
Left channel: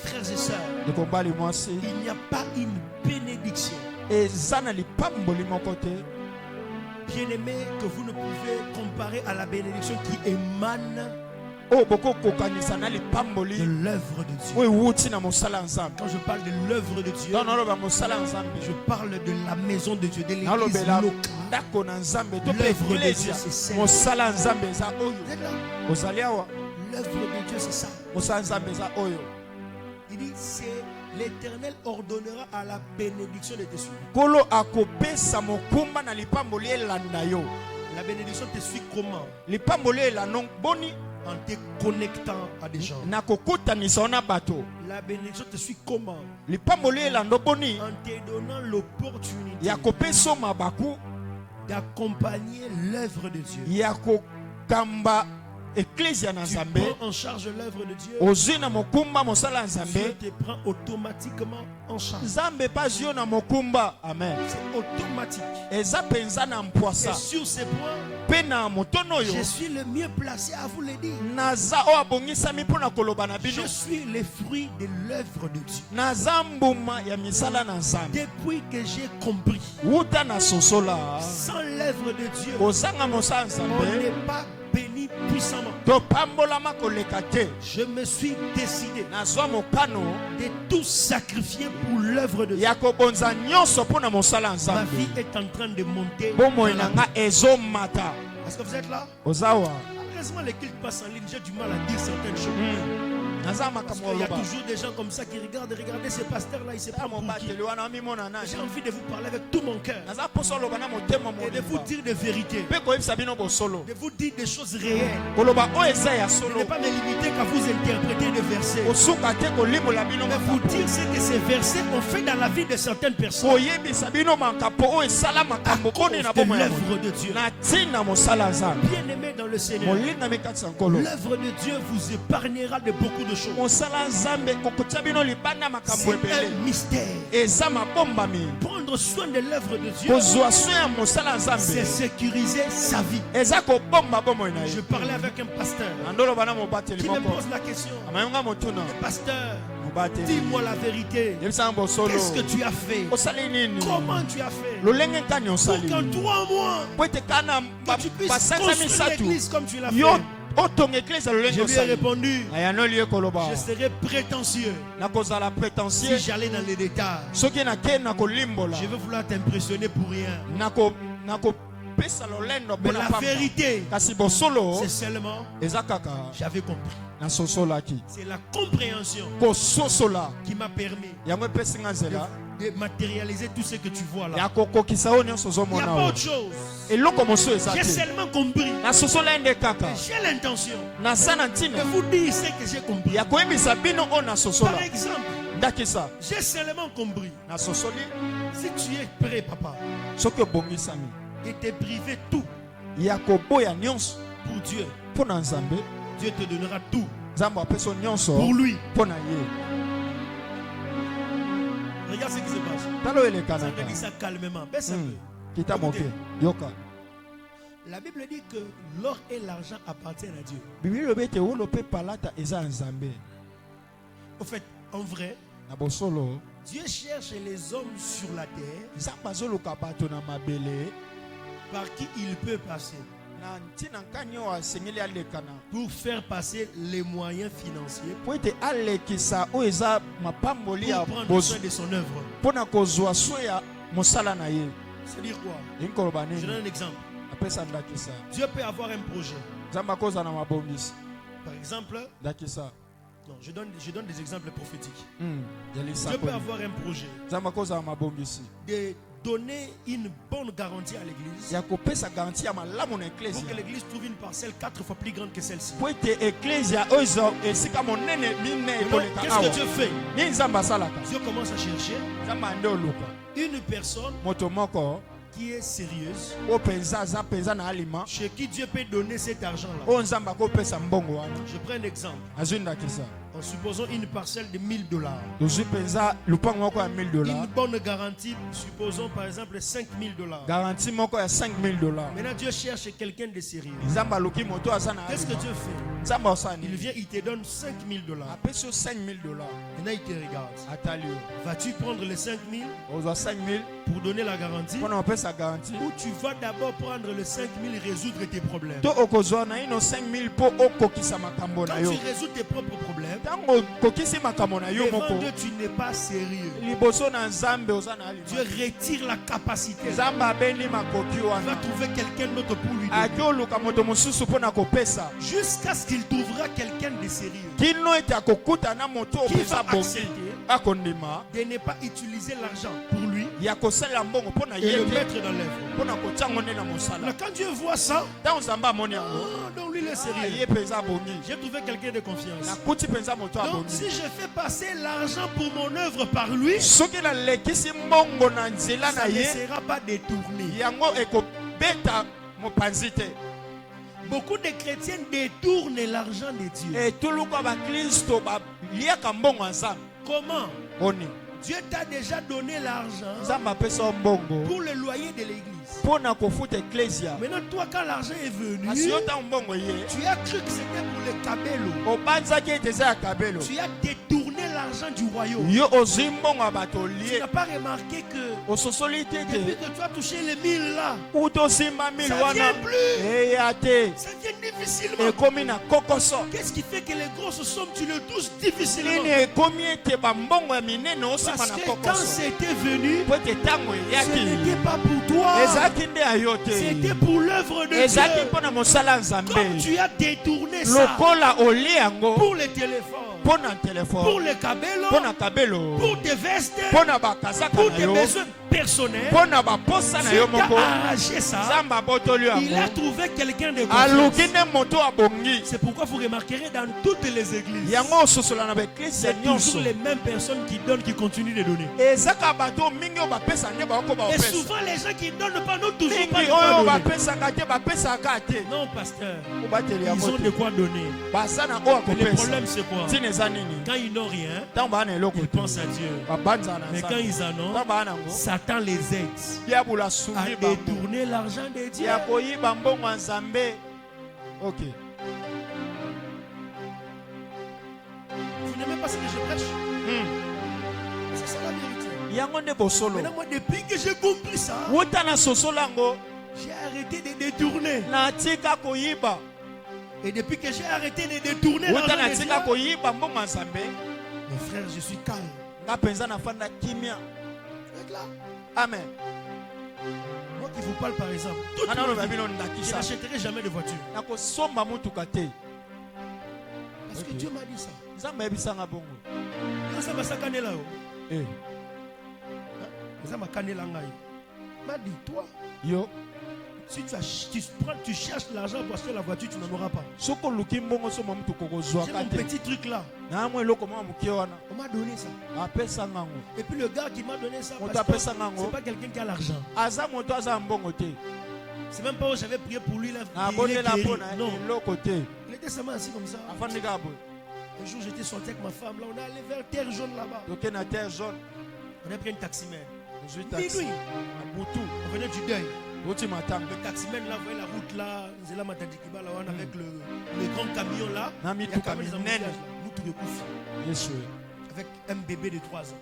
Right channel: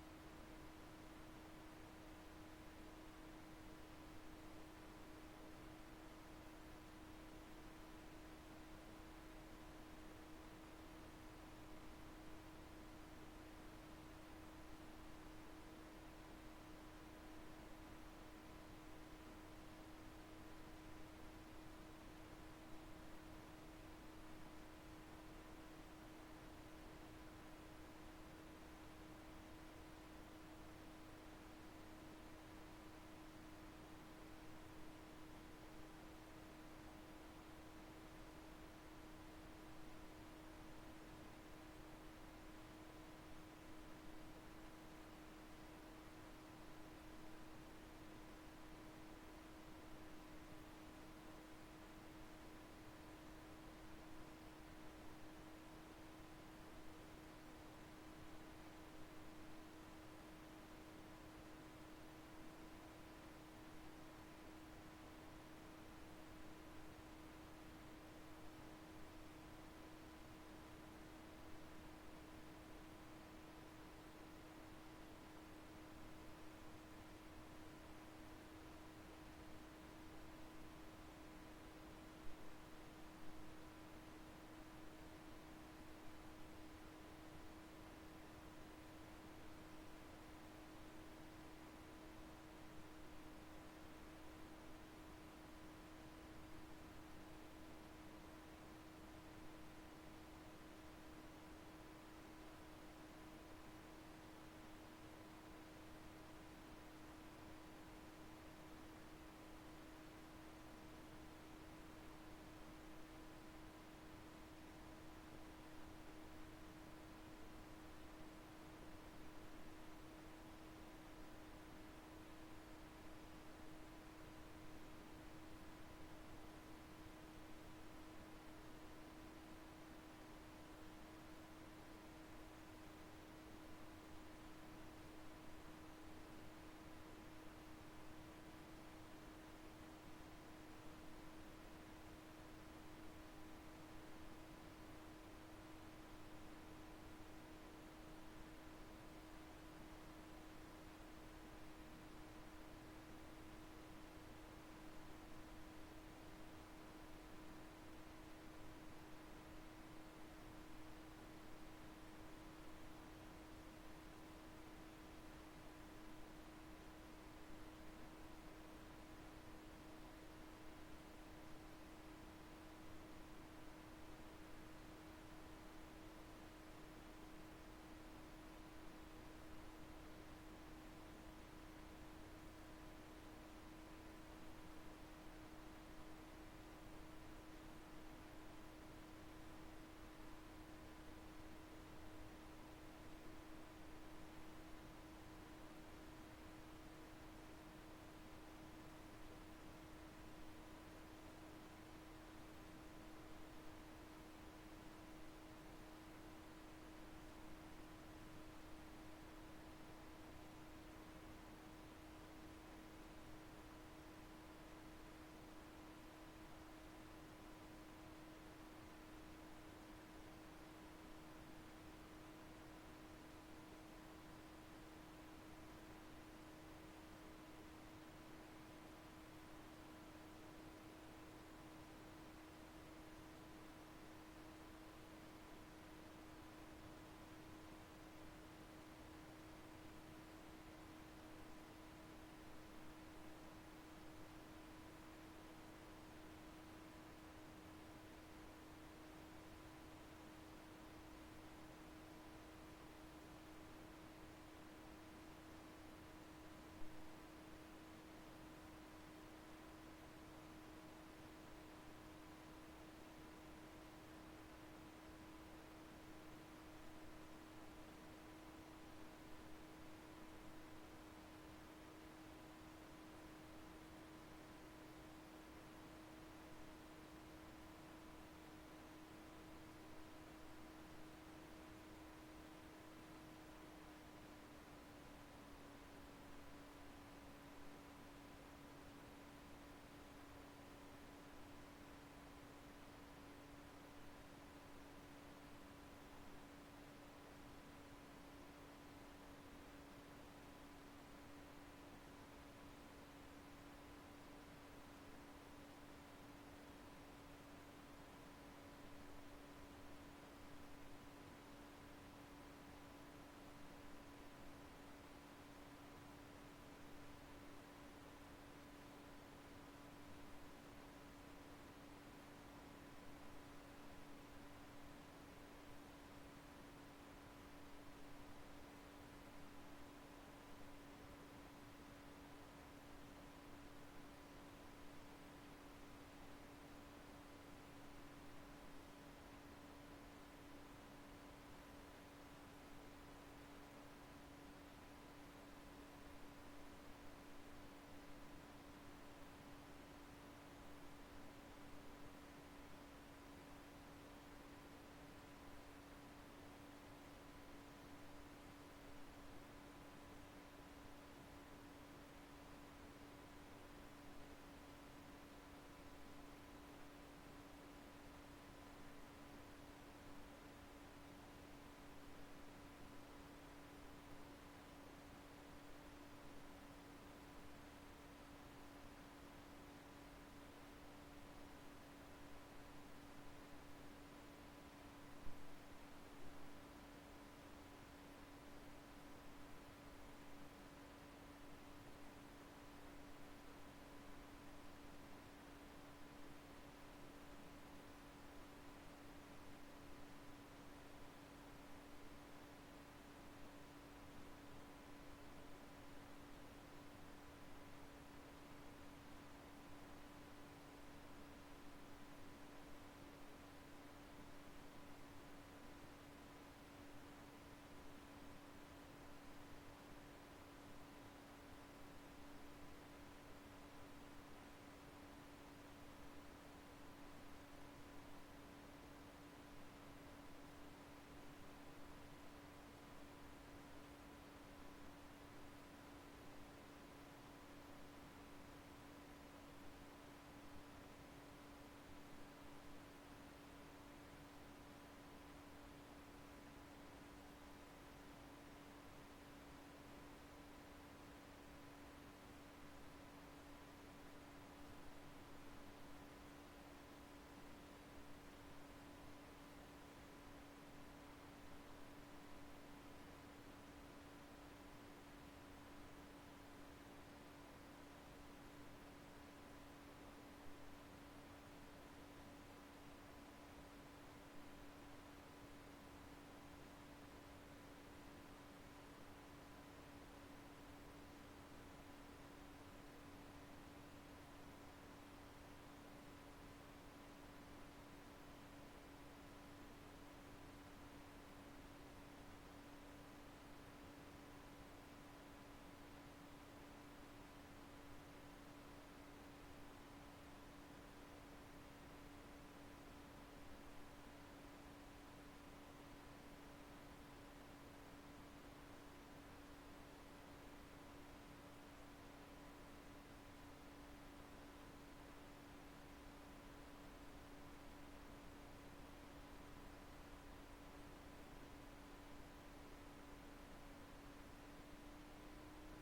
Frères et sœurs, il n'y a pas une bénédiction, bien-aimé, que vous ne pouvez comparer à la bénédiction qui émane de l'œuvre de Dieu. Quand je parle de l'œuvre de Dieu, je parle de la maison de Dieu, de l'église locale. L'œuvre de Dieu, c'est ça. L'œuvre de Dieu, c'est ça. Il dit, c'est l'Éternel ordonnera à la bénédiction de tes suivis. La bénédiction te suit comment? en te connectant à des gens. nakokutanisa na bato La bénédiction te suit comment? lipamboli elando boni En te donnant l'opportunité ya kopesa mabaku d'accompagner l'œuvre de Dieu. ya kokamba ecclesia na Tu nzambe prends en charge l'œuvre de Dieu. ozwi na mokumba mosala Dieu nzambe te prend automatiquement en charge. nzambe pa zwi yo na mokumba amen C'est automatique. eza penza na Et mpwasa sur ces points, mpe na motono oyo je suis le mieux placé à vous le dire. naza oyo abongisami mpo na koloba na bino Je suis le fruit de l'œuvre de Dieu. naza mbuma ya misala na nzambe Depuis que j'ai compris, wuta na sosola sans l'œuvre de Dieu, kozanga mosala on nzambe n'est pas béni puissamment. topambolama koleka te Je me suis décidé nazwa mokano de tout sacrifier pour l'œuvre de Dieu. ya kobonza nyonso mpo na mosala ya Ma nzambe vie est en train de monter. bomoi na nga ezomata Est-ce que vous êtes là? ozawa Heureusement, les cultes passent en ligne. J'ai du mal à dire certaines choses. naza Parce makambo qu'il y a oloba toujours des gens comme ça qui regardent. Regardez ce pasteur-là, il sait pas pour qui. mobateli wana mimona nani J'ai envie de vous parler avec tout mon cœur. naza mposa oloba na motema Et de vous mobimba dire des vérités. mpe koyebisa bino bosolo De vous dire des choses réelles. koloba oyo eza ya Je ne solo vais pas me limiter qu'à vous interpréter des versets. kosuka te kolimola bino Mais vous dire ce que ces versets ont fait dans la vie de certaines personnes. koyebisa bino makambo oyo esala makambo koni na De bomoi ya l'œuvre de Dieu. na ntina mosala ya nzambe Bien-aimé dans le Seigneur, molingami kati ya nkolo l'œuvre de Dieu vous épargnera de beaucoup de choses. mosala ya nzambe kokotia bino libanda makambo C'est ebele un mystère. eza mabombami Prendre soin de l'œuvre de Dieu, kozwa so ya mosala ya c'est nzambe sécuriser sa vie. eza kobomba bomoi na Je ye parlais avec un pasteur andoloba na mobateli qui me moko pose la question. amayonga motuna Pasteur, mobateli dis-moi la vérité. yebisanga bosolo Qu'est-ce que tu as fait? osali nini Comment tu as fait? lolenge nkani Pour osali qu'en 3 mois, po ete kana que tu puisses basanza construire misatu l'église comme tu l'as yo fait. otonga eklise lolenge Je lui ai osali répondu, ayanoli ye koloba je serais prétentieux nakozala si prétentieux j'allais dans les détails. soki nakei na kolimbola Je vais vouloir t'impressionner pour rien. nakopesa lolendo Mais mpo na la pamba vérité, kasi bosolo c'est seulement, eza kaka j'avais compris. nasosolaki C'est la compréhension kososola qui m'a permis yango epesi nga nzela de matérialiser tout ce que tu vois là. ya kokokisa oyo nyonso Il n'y a ozomona pas oyo autre chose. eloko mosusu eza J'ai te seulement compris. nasosola ye nde kaka J'ai l'intention naza na de ntina vous dire ce que j'ai compris. ya koyebisa bino oyo nasosola Par exemple, ndakisa j'ai seulement compris. nasosoli Si tu es prêt, papa, soki obongisami de te priver tout ya koboya nyonso pour Dieu, mpo na nzambe Dieu te donnera tout nzambe apesa yo nyonso pour lui. mpo na ye Regarde ce qui se passe. tala oyo Ça elekanaka te dit ça calmement. Baisse un peu. kita moke yoka La Bible dit que l'or et l'argent appartiennent à Dieu. bibili lobi ete wolo mpe palata eza ya nzambe Au fait, en vrai, na bosolo Dieu cherche les hommes sur la terre nzambe azoluka bato na mabele par qui il peut passer na ntina nkani oyo asengeli alekana pour faire passer les moyens financiers po ete alekisa oyo eza mapamboli ya pour prendre soin de son œuvre. mpo na kozwa so ya mosala na ye C'est-à-dire quoi? elingi koloba Je donne nini un exemple. apesa ndakisa Dieu peut avoir un projet. nzambe akozala na mabongisi Par exemple, ndakisa non, je donne des exemples prophétiques. ya Dieu peut lisakoli avoir un projet nzambe akozala na mabongisi de donner une bonne garantie à l'église ya kopesa garanti ya malamu na pour que eklesia l'église trouve une parcelle 4 fois plus grande que celle-ci. po ete eklesia oyo eza esika monene mine Alors, ekoleka qu'est-ce awa que Dieu fait? nini nzambe asalaka Dieu commence à chercher nzambe ande oluka une personne moto moko qui est sérieuse, oyo mpenza aza mpenza na alima chez qui Dieu peut donner cet argent-là. oyo nzambe akopesa mbongo wana Je prends un exemple. azwi ndakisa En supposant une parcelle de $1000. tozwi mpenza lupango moko ya $1000 Une bonne garantie, supposons par exemple $5000. garanti moko ya $5000 Maintenant, Dieu cherche quelqu'un de sérieux. nzambe aluki moto aza na Qu'est-ce que alima Dieu fait? nzambe asala Il nini vient, il te donne $5000. apesi yo $5000 Maintenant, il te regarde. atali yo Vas-tu prendre les 5000 ozwa 5000 pour donner la garantie? mpona opesa garanti Ou tu vas d'abord prendre les 5000 et résoudre tes problèmes? to okozwa na ino 5000 mpo okokisa makambo na Quand yo tu résous tes propres problèmes, ntango okokisi makambo na yo devant moko Dieu, tu n'es pas sérieux. liboso na nzambe oza na Dieu alima retire la capacité. nzambe abendi makoki Il va wana trouver quelqu'un d'autre pour lui donner. aki oluka moto mosusu mpo na kopesa Jusqu'à ce qu'il trouvera quelqu'un de sérieux kino ete akokutana moto oyo qui mpenza va bongi accepter de ne pas utiliser l'argent pour lui et et le mettre dans l'œuvre. Alors quand Dieu voit ça, donc lui il est sérieux. J'ai trouvé quelqu'un de confiance. Donc si je fais passer l'argent pour mon œuvre par lui, ça ne sera pas détourné. Beaucoup de chrétiens détournent l'argent de Dieu. Comment? Dieu t'a déjà donné l'argent pour le loyer de l'église. Maintenant, toi, quand l'argent est venu, tu as cru que c'était pour le cabello. Tu as détourné l'argent du royaume. Tu n'as pas remarqué que depuis que tu as touché les 1000 là, ça ne vient plus. Ça vient difficilement. Qu'est-ce qui fait que les grosses sommes, tu le touches difficilement? Parce que quand c'était venu, ce n'était pas pour toi. C'était pour l'œuvre de Dieu. Comme tu as détourné ça pour les téléphones, pour les cabellos, pour tes vestes, pour tes besoins personnels, Dieu t'a arraché ça. Il a trouvé quelqu'un de confiance. C'est pourquoi vous remarquerez dans toutes les églises, c'est toujours les mêmes personnes qui donnent, qui continuent de donner. Et souvent les gens qui donnent pas, nous toujours pas donner. Non, pasteur, ils ont de quoi donner. Mais le problème c'est quoi? Quand ils n'ont rien, ils pensent à Dieu. Mais quand ils en ont, Satan les aide à détourner l'argent de Dieu. Ok. Vous n'aimez pas ce que je prêche? C'est ça la vérité. Maintenant, moi, depuis que j'ai compris ça, j'ai arrêté de détourner. Et depuis que j'ai arrêté de détourner l'argent de Dieu, mes frères, je suis calme. Là. Amen. Moi qui vous parle par exemple, je n'achèterai jamais de voiture. Parce que Dieu m'a dit ça. M'a dit, toi, si tu cherches l'argent pour acheter la voiture, tu n'en auras pas. J'ai mon petit truc là. On m'a donné ça. Et puis le gars qui m'a donné ça, c'est pas quelqu'un qui a l'argent. C'est même pas où j'avais prié pour lui. Là, non. Il était seulement assis comme ça. Un jour j'étais sorti avec ma femme. Là, on est allé vers Terre Jaune là-bas. On a pris un taximène. Minuit. On venait du deuil. Le taximène là, vous voyez la route là, avec le grand camion là. Il y a quand même des embouteillages. Avec un bébé de 3 ans.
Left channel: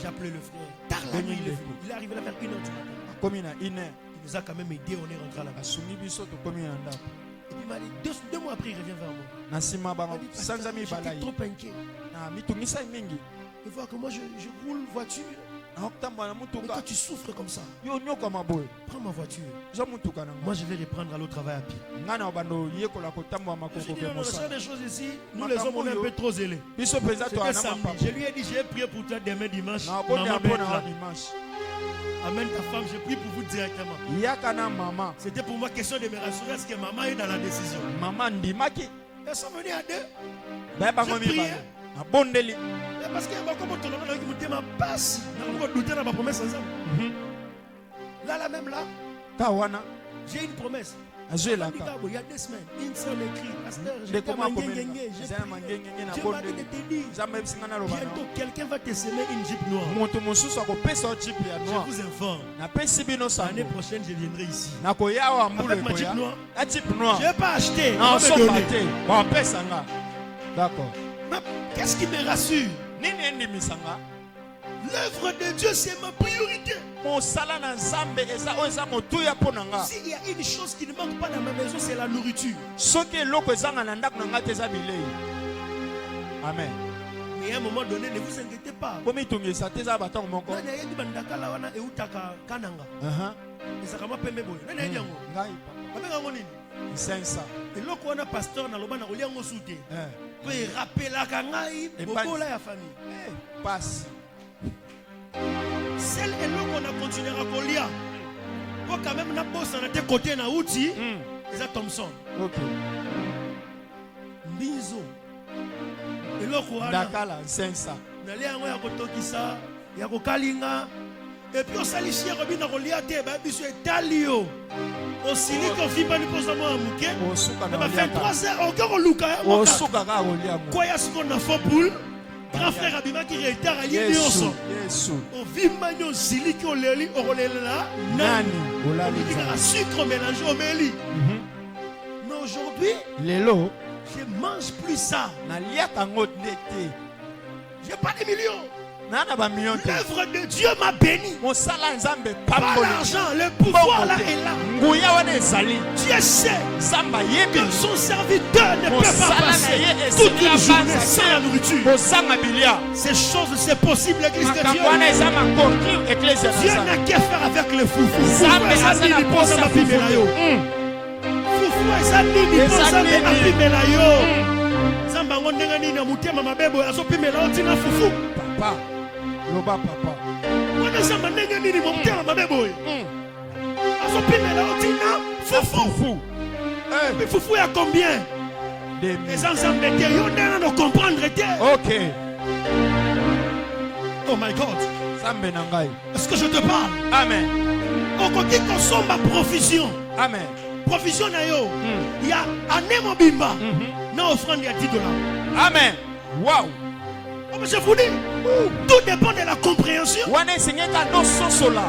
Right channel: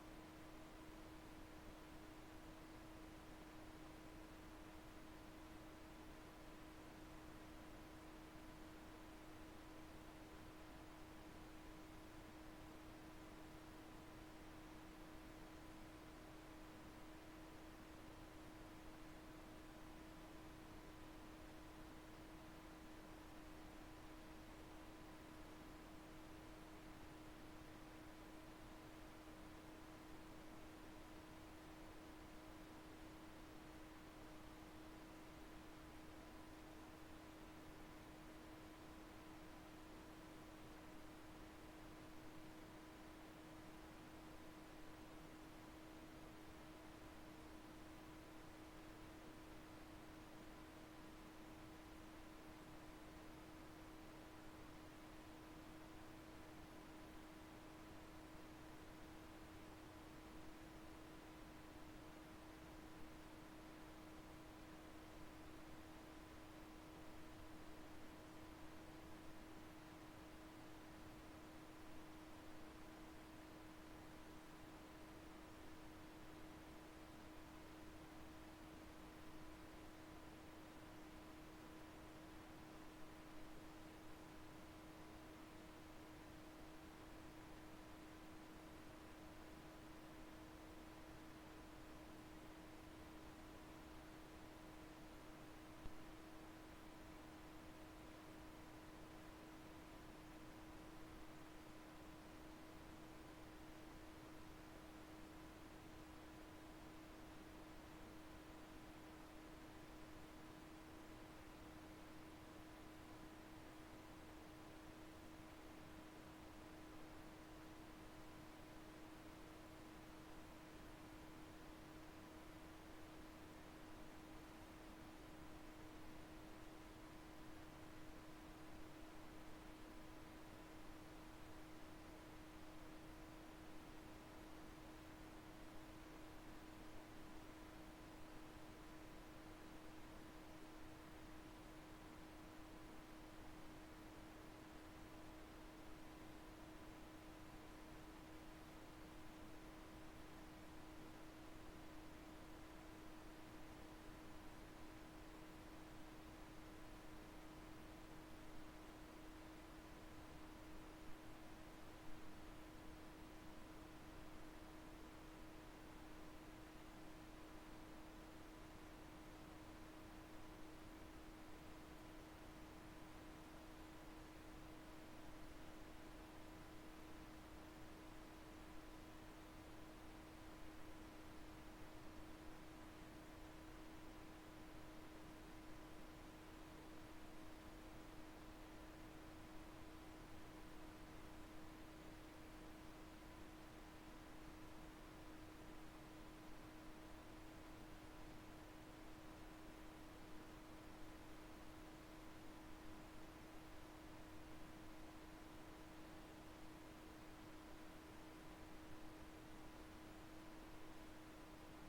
J'ai appelé le frère. Tard la nuit, il est arrivé là vers 1h du matin. Il nous a quand même aidé, on est rentré là-bas. Et puis il m'a dit, 2 mois après, il revient vers moi. Il dit, j'étais trop inquiet. Il voit que moi je roule voiture. Et toi tu souffres comme ça. Prends ma voiture. Moi je vais reprendre à l'autre travail à pied. Je dis, on des choses ici. Nous les hommes on est un peu trop zélés. C'était samedi. Je lui ai dit, j'ai prié pour toi demain dimanche. Amène ta femme, j'ai prié pour vous directement. C'était pour moi question de me rassurer. Est-ce que maman est dans la décision? Elles sont venues à 2. J'ai prié. Parce qu'il y a beaucoup de gens qui me disent ma passe. Là même là, j'ai une promesse. Il y a 2 semaines, une seule écrit. Pasteur, j'étais à Manguengenge. Dieu m'a dit de te dire. Bientôt, quelqu'un va te semer une jeep noire. Je vous informe. L'année prochaine, je viendrai ici. Avec ma jeep noire. Je ne vais pas acheter. D'accord. Qu'est-ce qui me rassure? L'œuvre de Dieu, c'est ma priorité. S'il y a une chose qui ne manque pas dans ma maison, c'est la nourriture. Amen. Mais à un moment donné, ne vous inquiétez pas. 500. Et là, on a pasteur dans le bas, on a un soutien. On rappelle à Kangaï, beaucoup là, la famille. Passe. Celle et là qu'on a continué à coller. Pour quand même, on a bossé à tes côtés, na outil. C'est Thompson. Ok. Bizo. Et là, on a. Dakala, 500. Nali yango ya kotokisa ya kokalinga et puis osalishi ya kobina kolia te ba biso etali yo osili ko fiba ni poza mo amuke Osuka na na 23h okoko luka ya Osuka ka kolia mo. kwa ya siko na faux poule grand frère abima ki retard ali nyonso Yesu. ovimba nyo osili ki oleli okolela Nani olali on dit que la sucre mélangé au meli mais aujourd'hui lelo je mange plus ça na lia kango nete. j'ai pas de millions. Nana ba million te. L'œuvre de Dieu m'a béni. Mosala nzambe Pas pamboli. l'argent, le pouvoir là est là. Nguya wana ezali. Dieu sait Zamba yebi. que son serviteur ne peut pas Mosala na passer ye toute une esili journée sans la nourriture. Bosanga bilia. Ces choses, c'est possible, l'église de Dieu. Makambo wana eza makoki eklezia na Dieu Nzambe. n'a qu'à faire avec le foufou. Nzambe Foufou, aza na ezali posa liposa bapimela yo. Foufou, ezali liposa bapimela yo. Nzambe ango ndenge nini na motema mabebo azopimela yo ntina fufu. Papa. Loba papa. Wana nzambe ndenge nini motema mabebo oyo. Azopimela yo ntina fufu. Mais fufu ya combien? Les ensembles de yo ndenge na comprendre te. Ok. Oh my God. Zambe na ngai. Est-ce que je te parle? Amen. Okoki kosomba provision. Amen. Provision na yo. Il y a année mobimba. Na offrande ya $10. Amen. Wow. Oh, mais je vous dis, tout dépend de la compréhension. Wana esengeka no sosola.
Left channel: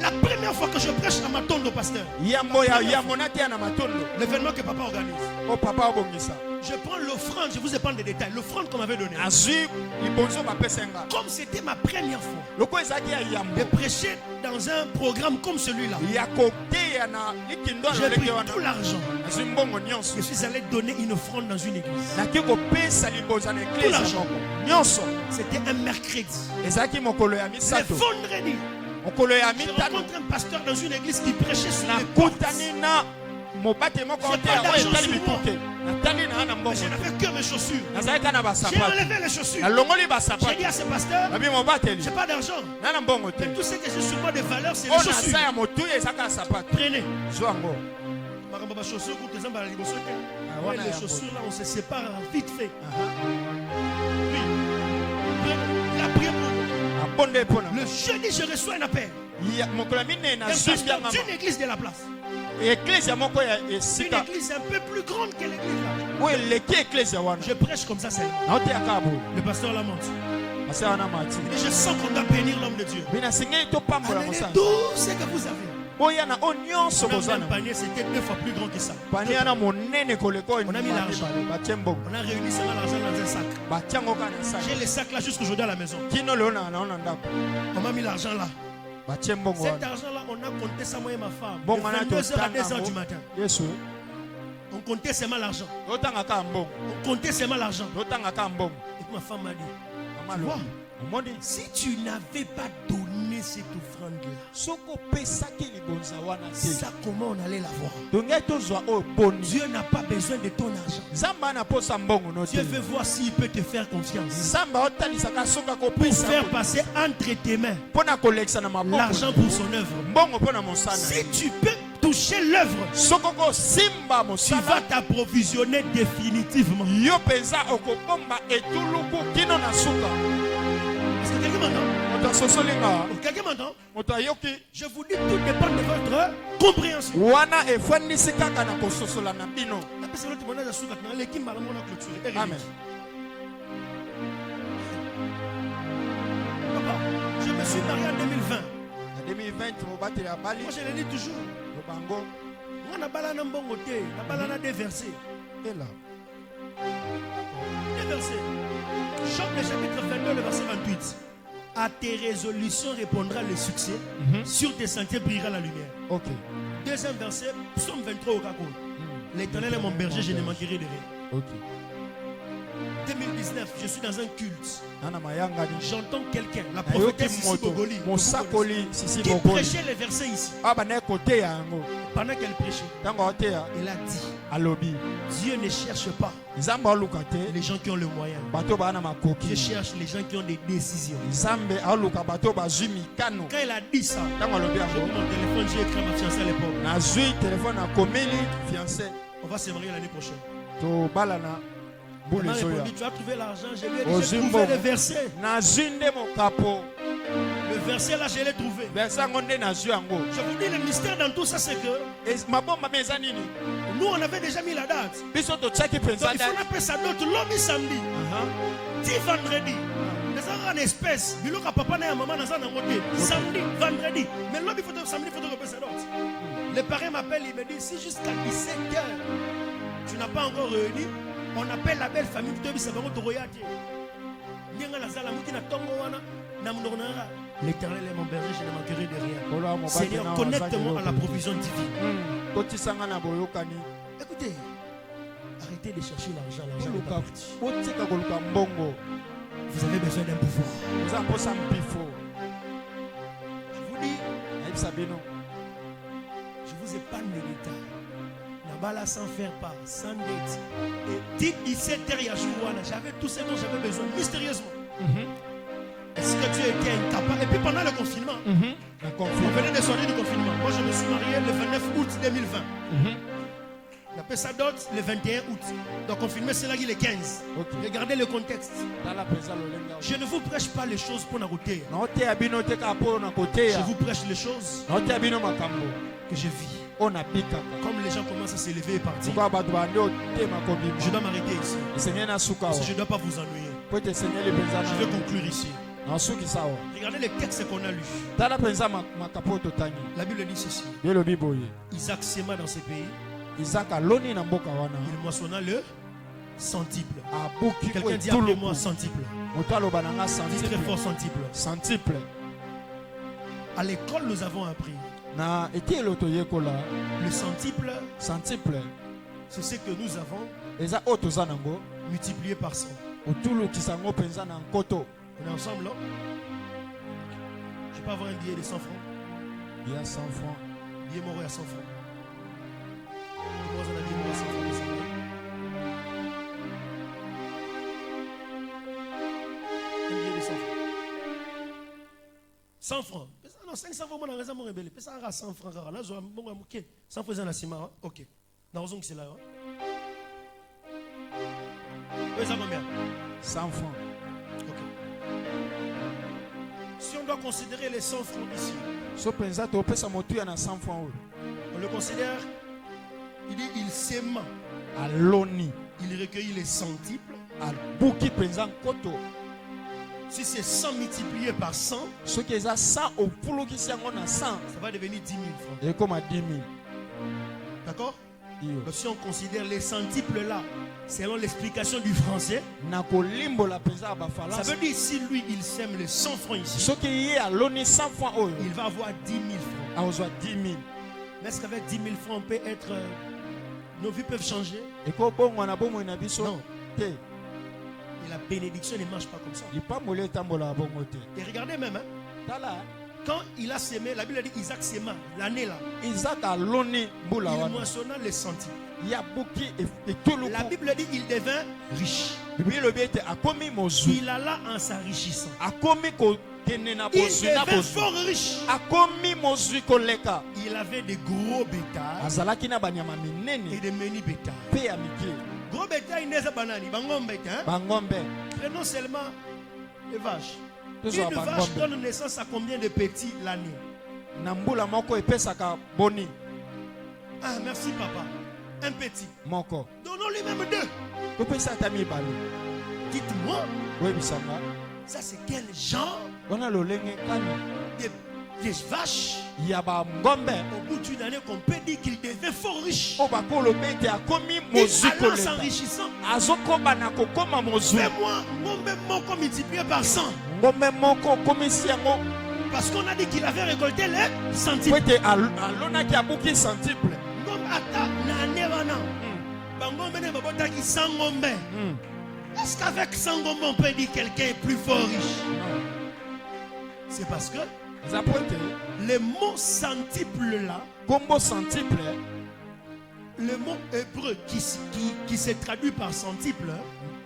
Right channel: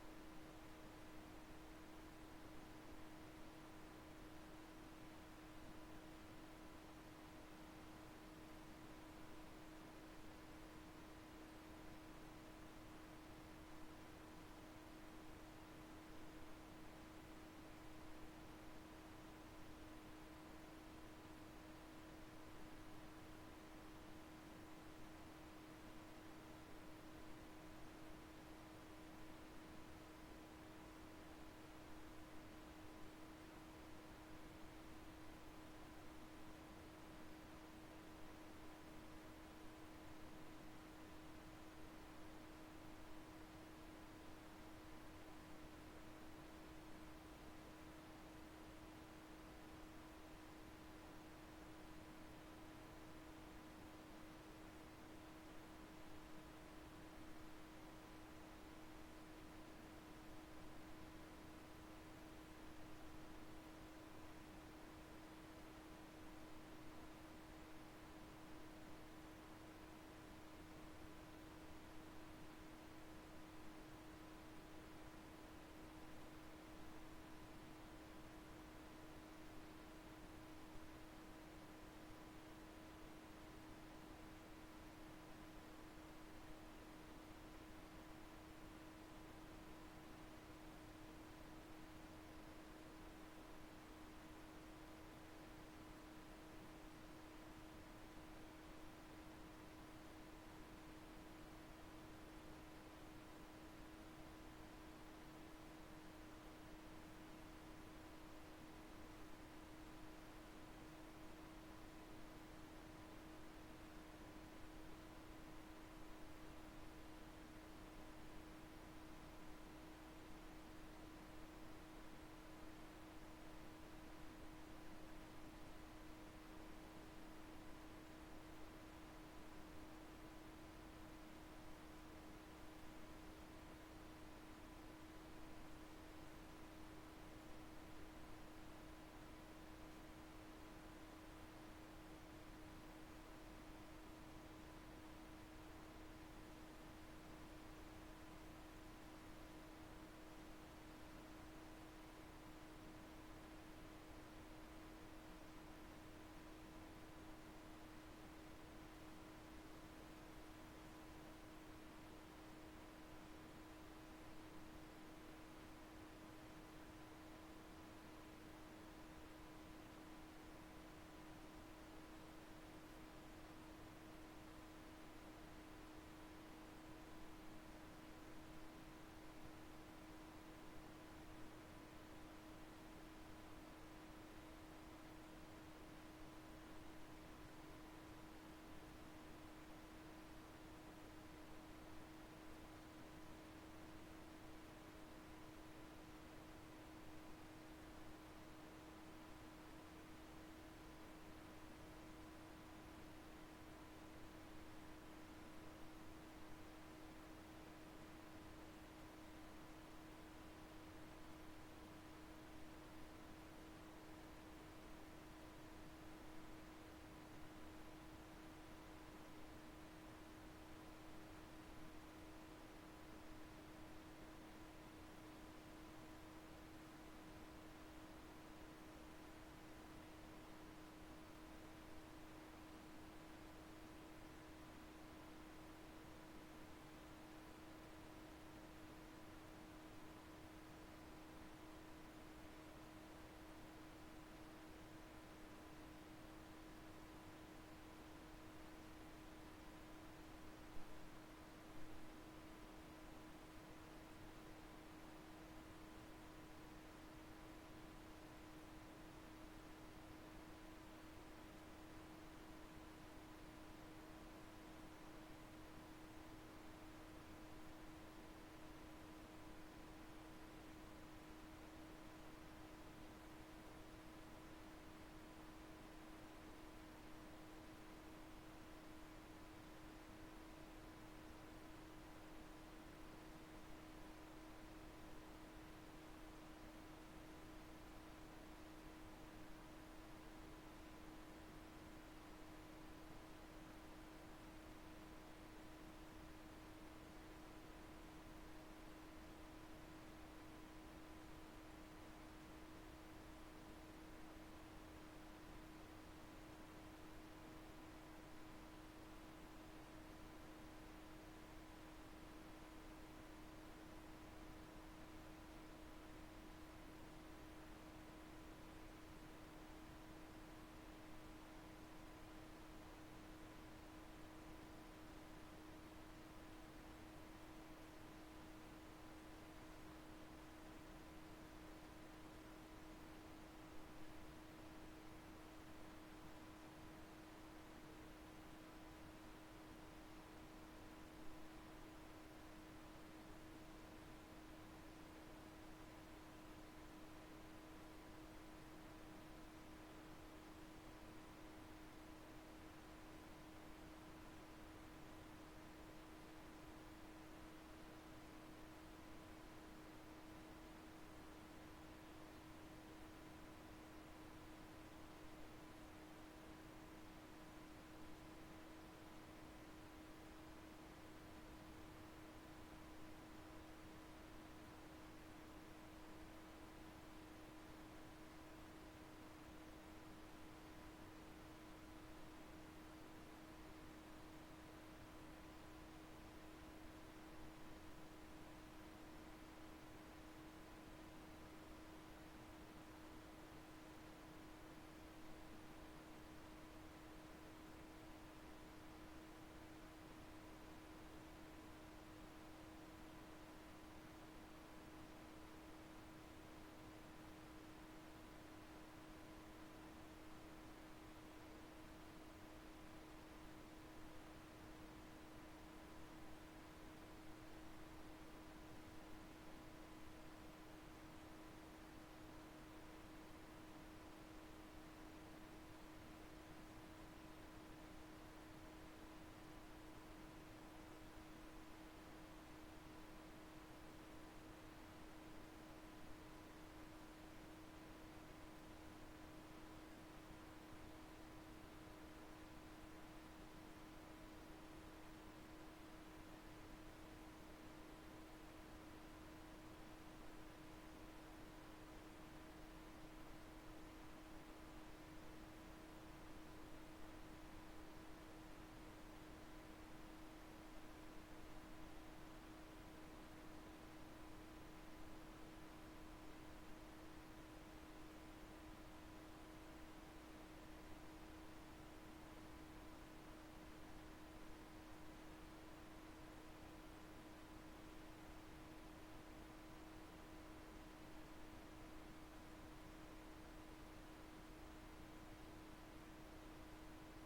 La première fois que je prêche à Matondo, pasteur, Yambo ya monate na matondo. l'événement que papa organise, O papa obongisa. je prends l'offrande, je vous épargne des détails, l'offrande qu'on m'avait donnée. Azui libonzo ba pesenga. Comme c'était ma première fois Loko ezaki ya de yambo. prêcher dans un programme comme celui-là, Ya kote ya na likindo j'ai na pris leke wana. tout l'argent. Azui mbongo nyonso. Je suis allé donner une offrande dans une église. Naki kopesa libonza na Tout eklezia l'argent. moko. Nyonso. C'était un mercredi. Ezaki mokolo ya Le misato. vendredi, Mokolo ya je mitano. rencontre un pasteur dans une église qui prêchait sur Na les portes. kutani na mobate moko J'ai ote pas yango d'argent etali sur moi. bituke. Natali na ana Mais mbongo. je n'avais que mes chaussures. Nazalaki na J'ai basapatu. enlevé les chaussures. Nalongoli J'ai basapatu. dit à ce pasteur, Nabi mobateli. j'ai pas d'argent. Nana mbongo te. Mais tout ce que j'ai sur moi de valeur, c'est les Ona chaussures. sa ya motuya ezaka sapatu. Prenez. Zwango. Ma chaussure, pour tes emballés, Ah, ouais, les ouais, chaussures là, on se sépare vite fait. Aha. Oui. Il a prié pour moi. Abonde pona. Le jeudi, je reçois un appel. Ya mokolo mine na Un zwi pasteur ngama. d'une église de la place. Eklezia moko ya Une esika. église un peu plus grande que l'église là. O eleki eklezia wana. Je prêche comme ça seulement. Na ote akabo. Le pasteur la monte. Asa wana mati. Et je sens qu'on doit bénir l'homme de Dieu. Bina singeli to pambola Amenez mosala. tout ce que vous avez. Boya na o nyonso Même bozana. un panier, c'était 2 fois plus grand que ça. Pani ana monene koleko On a mis l'argent. Batie mbongo. On a réuni seulement l'argent dans un sac. Batie yango kaka na J'ai saki. les sacs là jusqu'aujourd'hui à la maison. Kino leo na naona ndako. On m'a mis l'argent là. Batie mbongo Cet wana. argent là, on a compté ça moi et ma femme. Bon, De on a 22h à tout 2h temps, du matin. Yesu. On comptait seulement l'argent. Otanga ka mbongo. On comptait seulement l'argent. Otanga ka mbongo. Et puis ma femme m'a dit, Mama tu vois, lo. Omoni si tu n'avais pas donné cette offrande là, soko pesaki libonza wana te. ça comment on allait l'avoir? Dongai tozwa o boni. Dieu n'a pas besoin de ton argent. Nzamba na posa mbongo no te. Dieu veut voir s'il peut te faire confiance. Nzamba otalisaka soka Pour kopesa faire passer entre tes mains pona kolekisa na maboko. l'argent pour son œuvre. Mbongo pona mosala. Si tu peux toucher l'œuvre, Soko ko simba tu mosala. vas t'approvisionner définitivement. Yo penza okobomba etuluku kino na suka. Est-ce que quelqu'un m'entend? Moto asosolinga. Oh, quelqu'un m'entend? Moto ayoki. Je vous dis, tout dépend de votre compréhension. Wana efandisi kaka na kososola na bino. Amen. Papa, je me suis marié en 2020. En 2020 mobate ya bali. Moi, je le dis toujours. Lobango. On a balana mbongo te, na balana des versets. Et là. Des versets. Job le chapitre 22, le verset 28. À tes résolutions répondra le succès. Sur tes sentiers brillera la lumière. Ok. Deuxième verset, psaume 23 au Kako. L'Éternel est mon berger, je ne manquerai de rien. Ok. 2019, je suis dans un culte. Nana mayanga ni. J'entends quelqu'un, la Ayoki prophétesse Sissi moto. Bogoli, Mosakoli Sissi qui Bogoli. prêchait les versets ici. Aba na côté yango. Pendant qu'elle prêchait, Tango oteya elle a dit, alobi. Dieu ne cherche pas Nzambe aluka te les gens qui ont le moyen. bato bana Dieu makoki. cherche les gens qui ont des décisions. Nzambe aluka bato bazwi mikano. Quand elle a dit ça, Tango alobi j'ai pris yango. mon téléphone, j'ai écrit à ma fiancée à l'époque. Nazwi téléphone akomeli fiancé. On va se marier l'année prochaine. To balana Elle bule m'a zoya. répondu, tu as trouvé l'argent, je lui ai dit, Aux j'ai Zimbo. trouvé le verset. Nazwi nde mokapo. Le verset là, je l'ai trouvé. Versa ngo nde nazwi yango. Je vous dis, le mystère dans tout ça, c'est que Mabomba meza nini? nous, on avait déjà mis la date. Biso totiaki Donc, penza il faut appeler sa date l'homme samedi. Dit vendredi. Les gens en espèce. Biloka papa na maman na zana ngote. Samedi, vendredi. Mais l'homme, il faut samedi, il faut appeler sa date. Le parrain m'appelle, il me dit, si jusqu'à 17h, tu n'as pas encore réuni, on appelle la belle famille qui te dit, c'est vraiment Toroyati. L'Éternel est mon berger, je ne manquerai de rien. Seigneur, connecte-moi à la provision divine. Écoutez, arrêtez de chercher l'argent. L'argent n'est pas parti. Vous avez besoin d'un pouvoir. Je vous dis, je vous épargne les détails. Nabala sans faire part, sans dette. Et dites 17h Yahshua, j'avais tout ce dont j'avais besoin, mystérieusement. Est-ce que tu étais incapable? Et puis pendant le confinement, on venait de sortir du confinement. Moi, je me suis marié le 29 août 2020. On appelle ça dot le 21 août. Donc, confinement, c'est là qu'il est 15. Regardez le contexte. Je ne vous prêche pas les choses pour n'arrêter. Je vous prêche les choses que je vis. Comme les gens commencent à s'élever et partir, je dois m'arrêter ici. Parce que je ne dois pas vous ennuyer. Je vais conclure ici. Regardez les textes qu'on a lus. La Bible dit ceci. Isaac sema dans ce pays. Il moissonna le centuple. Quelqu'un dit appelez-moi centuple. Dis très fort centuple. À l'école, nous avons appris. Le centuple, c'est ce que nous avons multiplié par 100. On est ensemble là? Je peux avoir un billet de 100 francs? Il y a 100 francs. Billet mort à 100 francs. Moi, j'en ai billet mort à 100 francs. 100 francs. Non, 500 francs, on a raison, mon rebelle. Ça a 100 francs. Là, je vais 100 francs, c'est un ok. Dans raison que c'est là. Oui, ça combien? 100 francs. Ok. Si on doit considérer les 100 francs ici, on le considère, il dit, il s'aima. Il recueille les centiples. Si c'est 100 multiplié par 100, ça va devenir 10 000 francs. D'accord? Donc si on considère les centiples là, selon l'explication du français, ça veut dire si lui il sème les 100 francs ici, il va avoir 10 000 francs. Mais est-ce qu'avec 10 000 francs on peut être... nos vies peuvent changer? Non. Et la bénédiction ne marche pas comme ça. Et regardez même, quand il a sémé, la Bible dit Isaac séma, l'année là. Il moissonna les centiples. La Bible dit il devint riche. Il alla en s'enrichissant. Il devint fort riche. Il avait des gros bétails et des menus bétails. Gros bétail n'est pas banani, bangombe. Prenons seulement les vaches. Une vache donne naissance à combien de petits l'année? Ah, merci papa. Un petit. Donnons-lui même deux. Dites-moi, ça c'est quel genre des vaches au bout d'une année qu'on peut dire qu'il devait fort riche. Et allant s'enrichissant, fais-moi mon multiplié par 100. Parce qu'on a dit qu'il avait récolté les centiples. Est-ce qu'avec Sangomba, on peut dire que quelqu'un est plus fort riche? Non. C'est parce que Zapote. le mot centuple là, Combo centuple. le mot hébreu qui se traduit par centuple,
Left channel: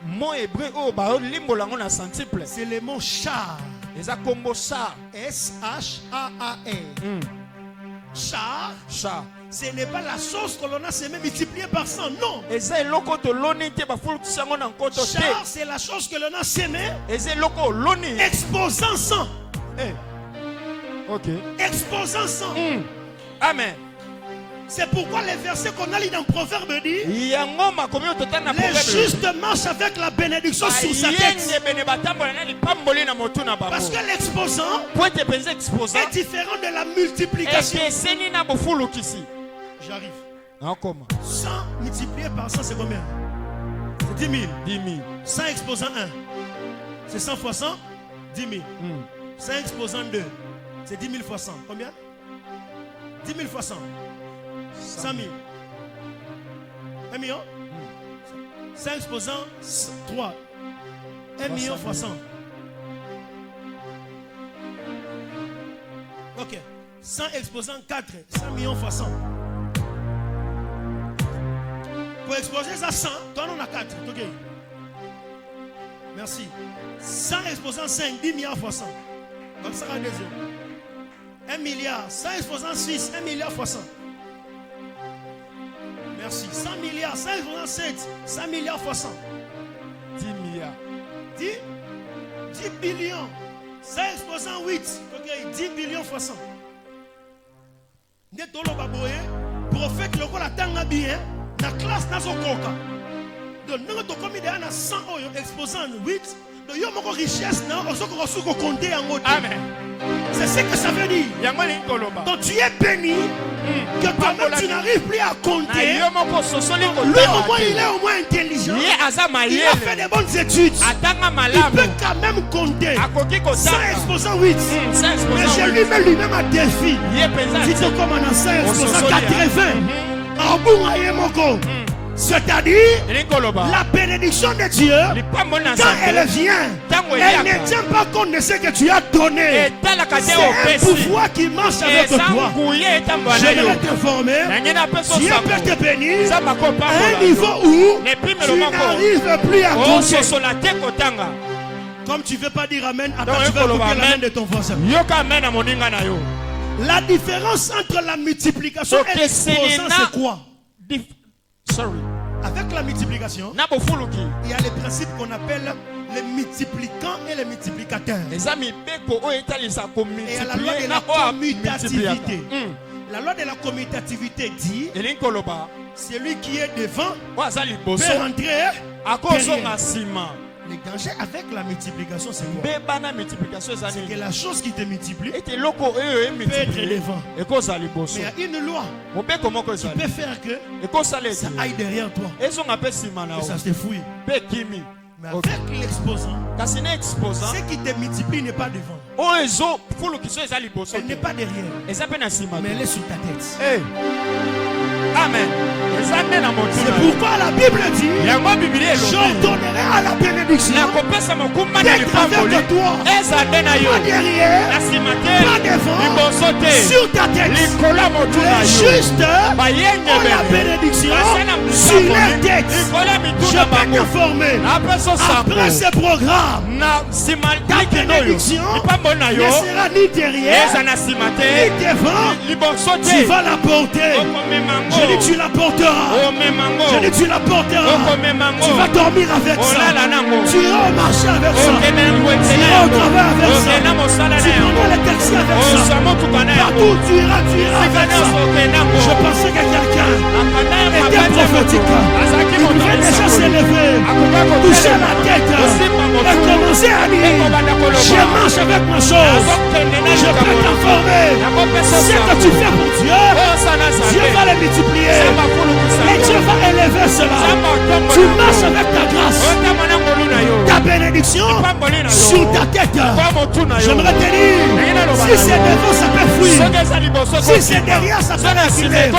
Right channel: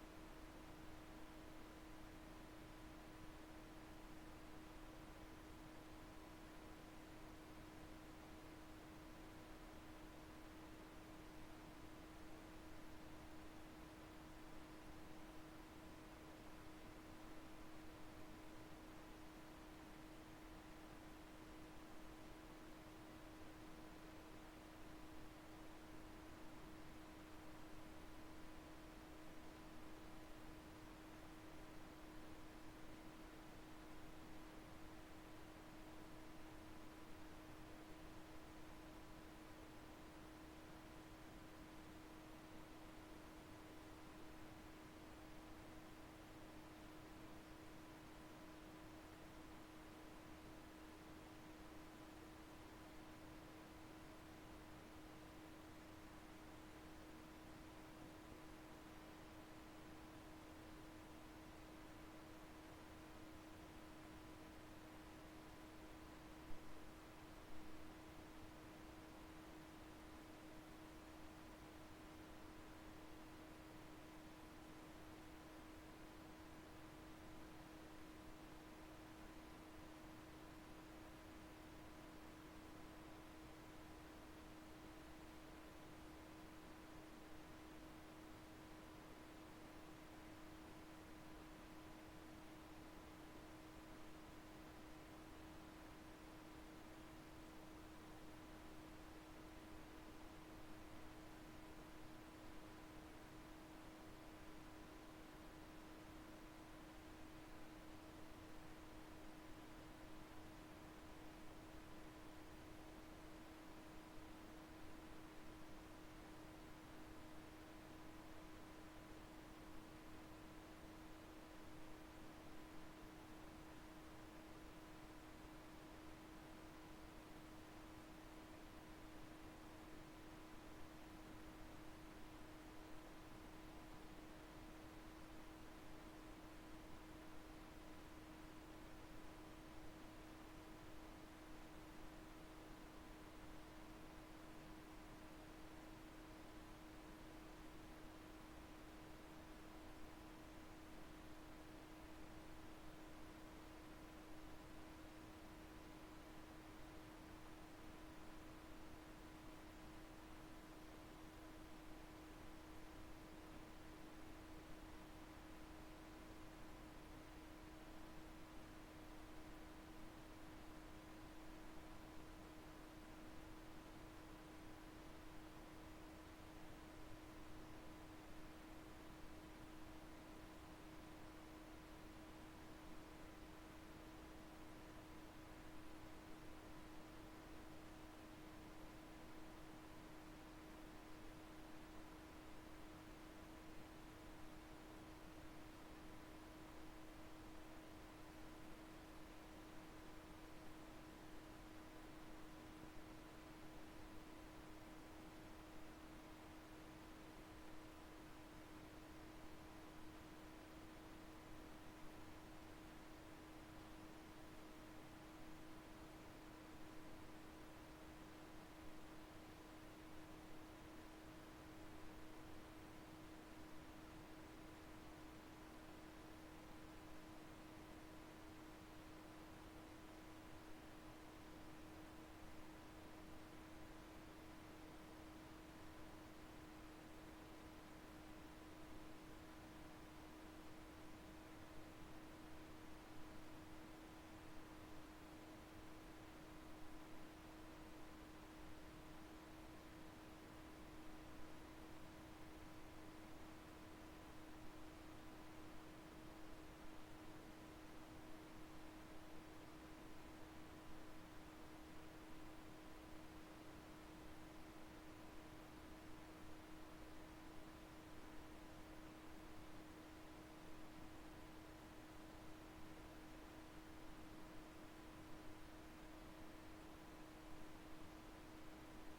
Mot hébreu oh ba limbolango na centuple. c'est le mot char. Eza combo char. S-H-A-A-R. Char, Char. ce n'est pas la chose que l'on a semé multipliée par 100, non. Eza eloko to loni te ba fulu sango na nkoto te. Char, c'est la chose que l'on a semé Eza eloko loni. exposant 100. Eh. OK. Exposant 100. Amen. C'est pourquoi les versets qu'on a lu dans Proverbe dit Yango makomi ototana les justes marchent avec la bénédiction sur sa tête. Parce que l'exposant est différent de la multiplication. J'arrive. 100 multiplié par 100, c'est combien? C'est 10 000. 10 000. 100 exposant 1, c'est 100 fois 100, 10 000. 100 exposant 2, c'est 10 000 fois 100. Combien? 10 000 fois 100. 100 000. 1 million? 100 exposant 3. 1 million fois 100. Ok. 100 exposant 4. 100 millions fois 100. Pour exposer ça 100, toi on a 4. Ok. Merci. 100 exposant 5, 10 milliards fois 100. Donc ça va deuxième. 1 milliard. 100 exposant 6, 1 milliard fois 100. Merci. 100 milliards. 100 exposant 7, 100 milliards fois 100. 10 milliards. 10 billions. 100 exposant 8. Ok. 10 billions fois 100. Netolo baboye. Prophète le la tanga bien. La classe n'a pas coca. Donc nous avons commis des 100 exposant 8. Donc nous avons richesse. Amen. C'est ce que ça veut dire. Donc tu es béni. Que toi-même tu n'arrives plus à compter. Lui au moins il est au moins intelligent. Il a fait des bonnes études. Il peut quand même compter. 100 exposant 8. Mais je lui mets lui-même un défi. Si tu commences à 100 exposant 80. C'est-à-dire la bénédiction de Dieu, quand elle vient, elle ne tient pas compte de ce que tu as donné. C'est un pouvoir qui marche avec toi. Je vais t'informer, Dieu peut te bénir à un niveau où tu n'arrives plus à compter. Comme tu ne veux pas dire Amen, attends, tu vas écouter l'amen de ton voisin. La différence entre la multiplication et l'exposant, c'est quoi? Sorry. Avec la multiplication, il y a les principes qu'on appelle les multiplicants et les multiplicateurs. Et il y a la loi de la commutativité. La loi de la commutativité dit celui qui est devant peut rentrer derrière. Le danger avec la multiplication, c'est quoi? C'est que la chose qui te multiplie peut être devant. Mais il y a une loi qui peut faire que ça aille derrière toi. Et ça se fouille. Mais avec l'exposant, ce qui te multiplie n'est pas devant. Elle n'est pas derrière. Mais elle est sur ta tête. Amen. C'est pourquoi la Bible dit j'ordonnerai à la bénédiction d'être avec toi. Pas derrière, pas devant, sur ta tête. Les justes ont la bénédiction sur leur tête. Je peux t'informer, après ce programme, ta bénédiction ne sera ni derrière, ni devant. Tu vas la porter. Je dis tu la porteras. Je dis tu la porteras. Tu vas dormir avec ça. Tu iras au marché avec ça. Tu iras au travail avec ça. Tu prendras les taxis avec ça. Partout tu iras avec ça. Je pensais que quelqu'un était prophétique. Il pouvait déjà s'élever, toucher la tête et commencer à dire je marche avec ma chose. Je peux t'informer. Ce que tu fais pour Dieu, Dieu va les multiplier. Et Dieu va élever cela. Tu marches avec ta grâce. Ta bénédiction. bénédiction sur ta tête. J'aimerais te dire, si c'est devant, ça peut fuir. Si c'est derrière, ça peut reculer.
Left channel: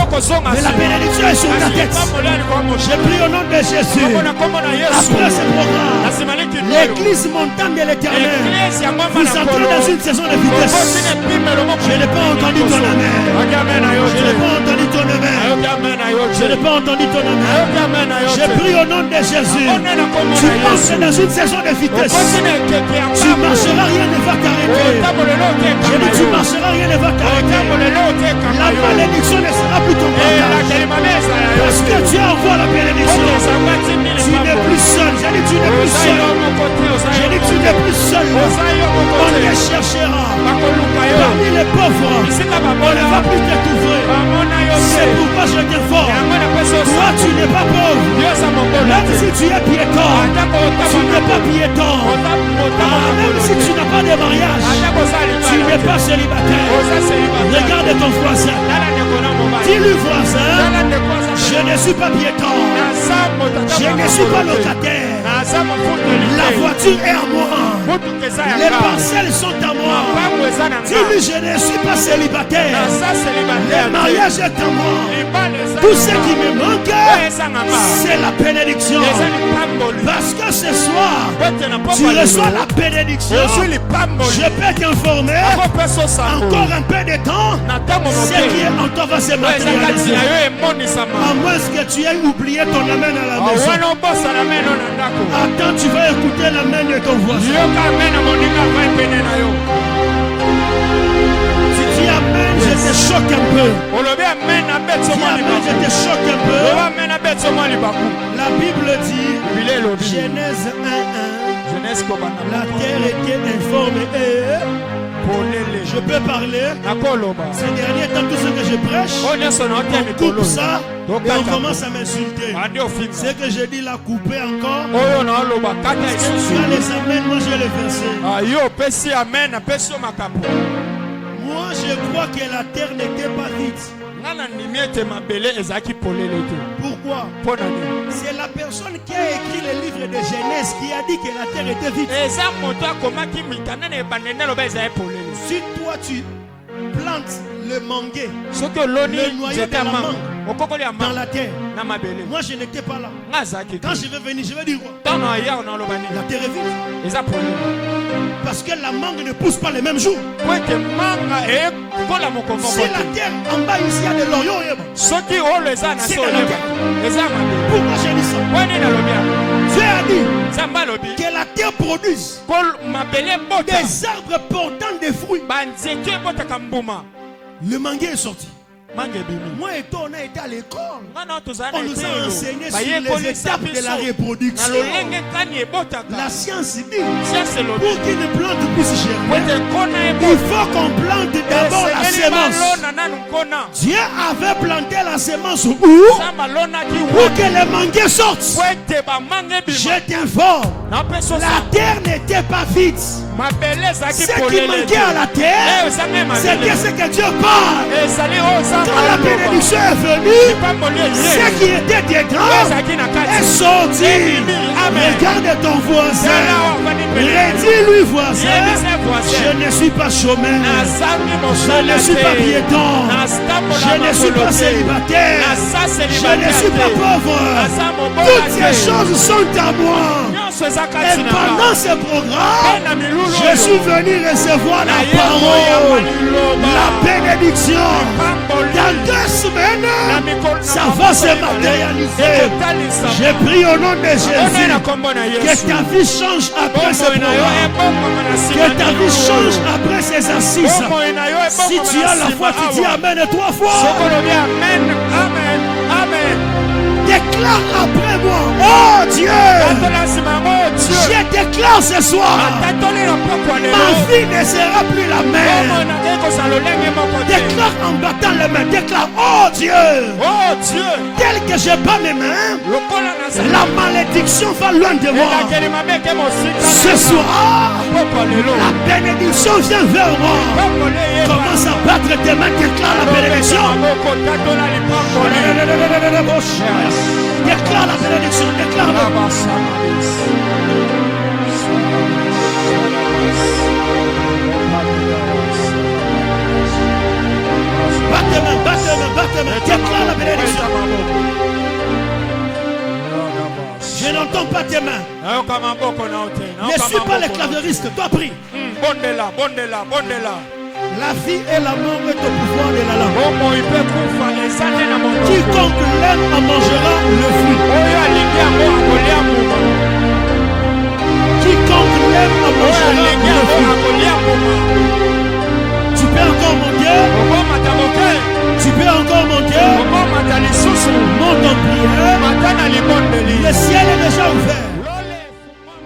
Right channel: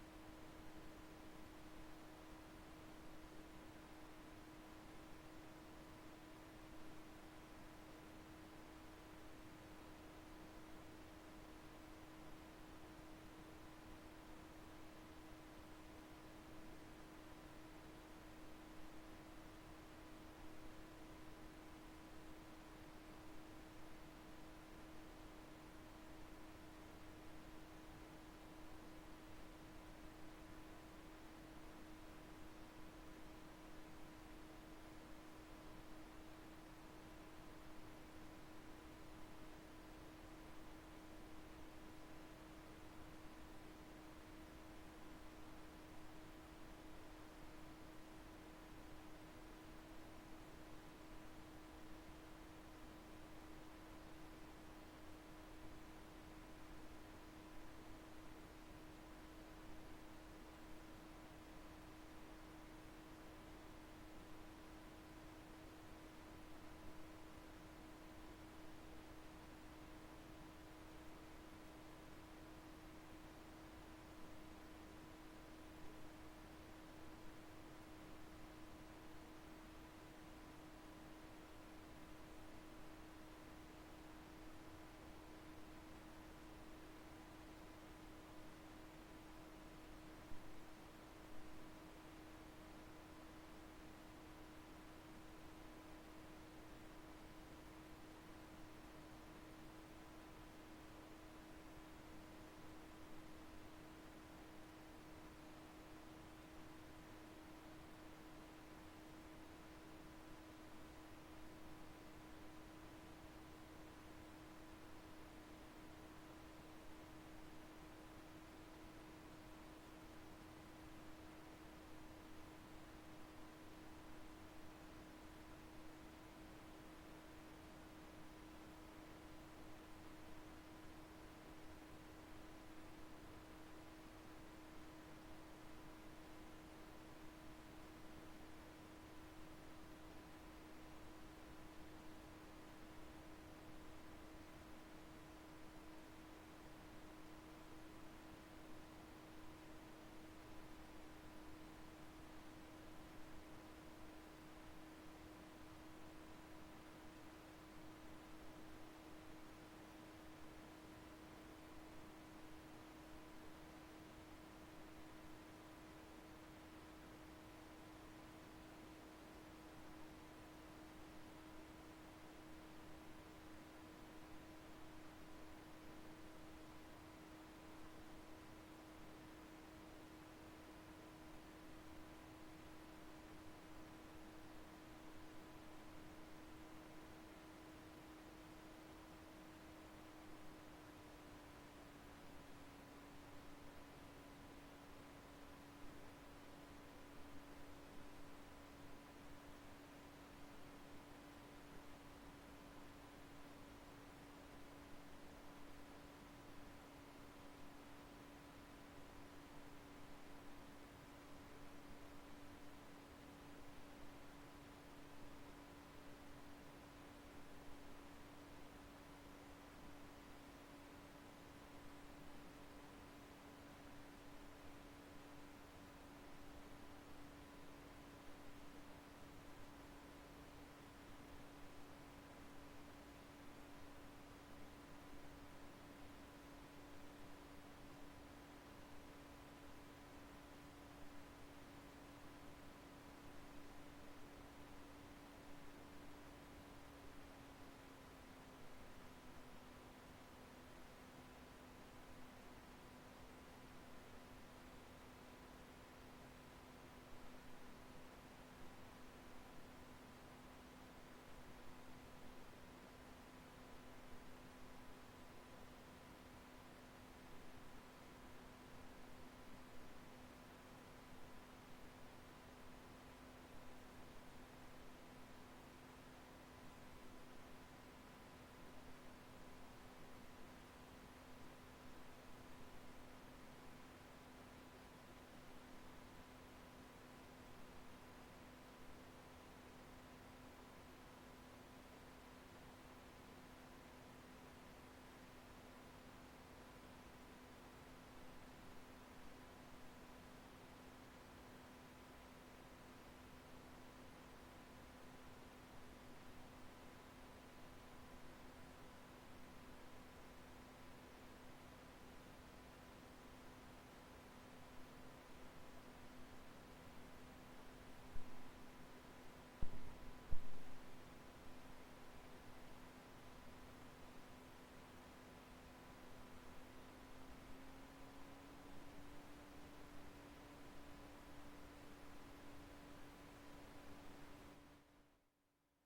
Mais la bénédiction est sur ta tête. J'ai pris au nom de Jésus. Après ce programme, l'église montante de l'éternel, vous entrez dans une saison de vitesse. Je n'ai pas entendu ton amen. Je n'ai pas entendu ton amen. Je n'ai pas entendu ton amen. J'ai pris au nom de Jésus. Tu entres dans une saison de vitesse. Tu marcheras, rien ne va t'arrêter. Je dis, tu marcheras, rien ne va t'arrêter. La malédiction ne sera plus ton partage. Parce que tu as encore la bénédiction. Tu n'es plus seul. J'ai dit, tu n'es plus seul. J'ai dit, tu n'es plus seul. On les cherchera. Parmi les pauvres, on ne va plus te couvrir. C'est pourquoi je t'informe. Toi, tu n'es pas pauvre. Même si tu es piéton, tu n'es pas piéton. Même si tu n'as pas de mariage, tu n'es pas célibataire. Regarde ton voisin. Dis-lui, voisin, je ne suis pas piéton. Je ne suis pas locataire. La voiture est à moi. Les parcelles sont à moi. Dis-lui, je ne suis pas célibataire. Le mariage est à moi. Tout ce qui me manque, c'est la bénédiction. Parce que ce soir, tu reçois la bénédiction. Je peux t'informer, encore un peu de temps, ce qui est en toi va se matérialiser. À moins que tu aies oublié ton amen à la maison. Attends, tu vas écouter l'amen de ton voisin. Si tu amènes, je te choque un peu. Si amène, je te choque un peu. La Bible dit, Genèse 1:1, la terre était informe et je peux parler. Ces derniers temps, tout ce que je prêche, on coupe ça et on commence à m'insulter. Ce que je dis là, couper encore. Si tu as les amens, moi j'ai le verset. Moi je crois que la terre n'était pas vide. Pourquoi? C'est la personne qui a écrit le livre de Genèse qui a dit que la terre était vide. Si toi tu plantes le manguier, le noyau de la mangue dans la terre, moi je n'étais pas là. Quand je vais venir, je vais dire quoi? La terre est vide. Parce que la mangue ne pousse pas le même jour. Si la terre en bas ici il y a de l'orion, c'est dans la terre. Pourquoi j'ai dit ça? Dieu a dit que la terre produise des arbres portant des fruits. Le manguier est sorti. Moi et toi, on a été à l'école. On nous a enseigné sur les étapes de la reproduction. La science dit, pour qu'une plante puisse germer, il faut qu'on plante d'abord la semence. Dieu avait planté la semence où? Pour que le manguier sorte. Je t'informe, la terre n'était pas vide. Ce qui manquait à la terre, c'était ce que Dieu parle. Quand la bénédiction est venue, ce qui était dedans est sorti. Regarde ton voisin. Redis-lui, voisin, je ne suis pas chômeur. Je ne suis pas piéton. Je ne suis pas célibataire. Je ne suis pas pauvre. Toutes ces choses sont à moi. Et pendant ce programme, je suis venu recevoir la parole, la bénédiction. Dans 2 semaines, ça va se matérialiser. J'ai pris au nom de Jésus que ta vie change après ce programme. Que ta vie change après ces assises. Si tu as la foi, tu dis Amen 3 fois. Amen. Amen. Déclare après moi, oh Dieu, je déclare ce soir, ma vie ne sera plus la même. Déclare en battant les mains, déclare, oh Dieu, tel que je bats mes mains, la malédiction va loin de moi. Ce soir, la bénédiction vient vers moi. Commence à battre tes mains, déclare la bénédiction. Déclare la bénédiction, déclare-la. tes mains. Déclare la bénédiction. Je n'entends pas tes mains. Ne suis pas les clavieristes. Toi, prie. La vie et la mort est au pouvoir de la langue. Quiconque l'aime en mangera le fruit. Quiconque l'aime en mangera le fruit. Tu peux encore monter. Tu peux encore monter. Monte en prière. Le ciel est déjà ouvert.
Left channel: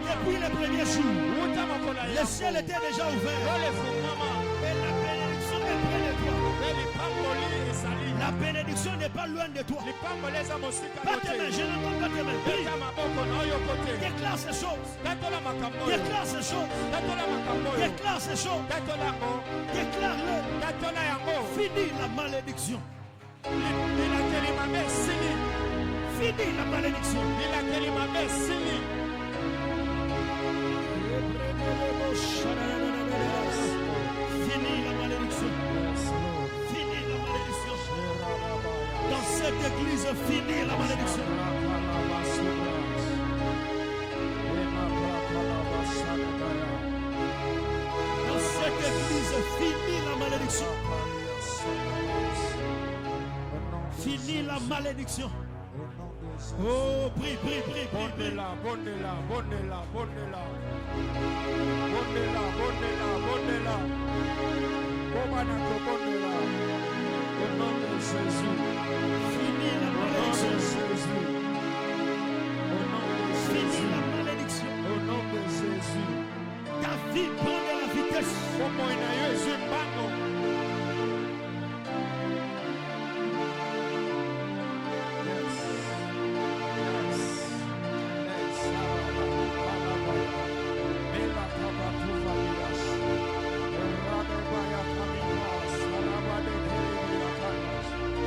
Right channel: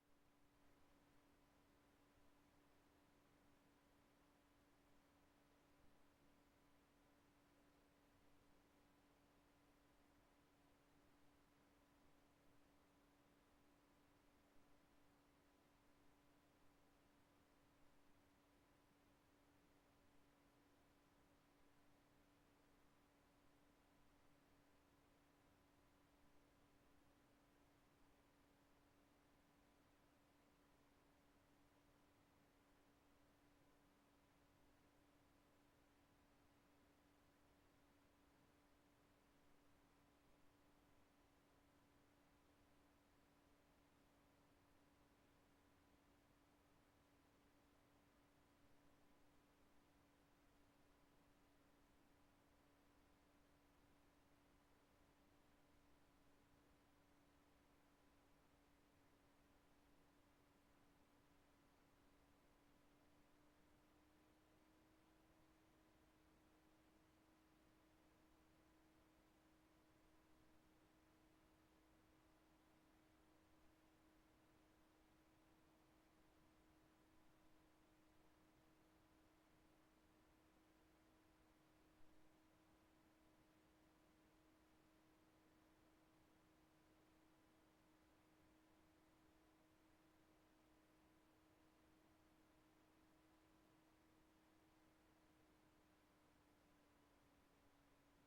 Depuis les premiers jours, le ciel était déjà ouvert. Et la bénédiction est près de toi. La bénédiction n'est pas loin de toi. Pas tes mains, je n'entends pas tes mains. Déclare ces choses. Déclare ces choses. Déclare ces choses. Déclare-le. Finis la malédiction. Finis la malédiction. Finis la malédiction. Finis la malédiction. Dans cette église, finis la malédiction. Dans cette église, finis la malédiction. Finis la malédiction. Oh, prie, prie, prie, prie. Au nom de Jésus. Finis la malédiction. Finis la malédiction. Au nom de Jésus. Ta vie prend de la vitesse.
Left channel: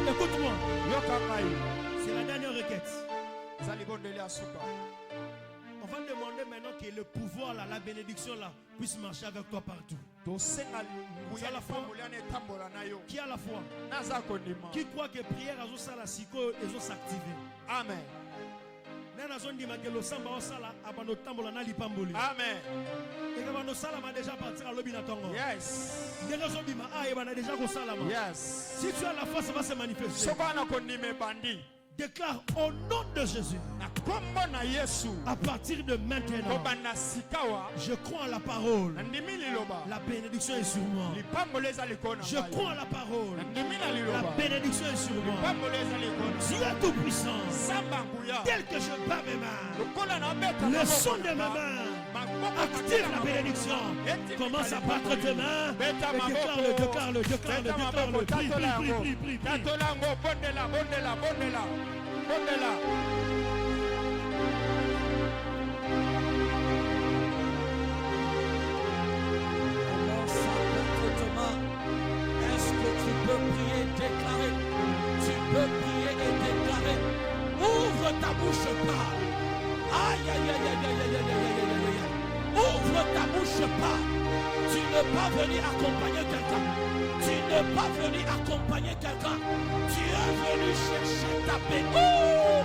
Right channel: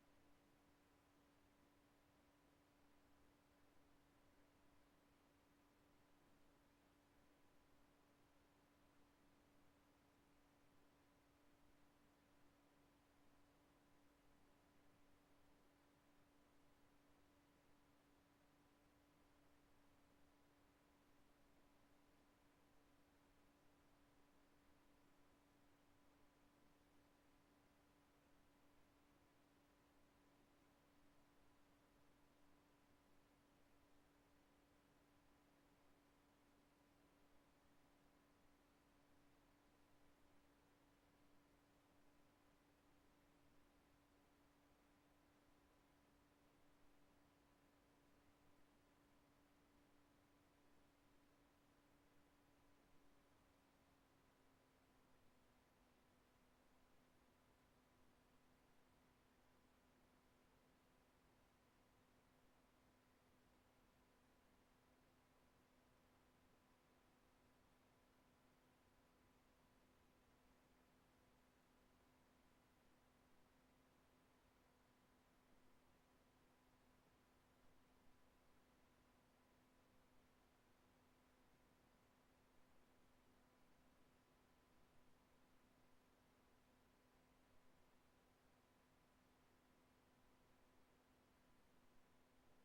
Écoute-moi. C'est la dernière requête. On va demander maintenant que le pouvoir là, la bénédiction là, puisse marcher avec toi partout. Qui a la foi? Qui a la foi? Qui croit que prière à la siko et s'activer? Amen. Amen. Yes. Si tu as la foi, ça va se manifester. Déclare au nom de Jésus. À partir de maintenant, je crois à la parole. La bénédiction est sur moi. Je crois à la parole. La bénédiction est sur moi. Dieu tout-puissant, tel que je bats mes mains, le son de ma main active la bénédiction. Commence à battre tes mains et déclare-le. Prie, prie, prie. Est-ce que tu peux prier, déclarer? Tu peux prier et déclarer. Ouvre ta bouche, parle. Aïe, aïe, aïe, aïe, aïe, aïe, aïe, aïe, aïe, aïe. Ouvre ta bouche, parle. Tu n'es pas venu accompagner quelqu'un. Tu n'es pas venu accompagner quelqu'un. Tu es venu chercher ta paix. Oh!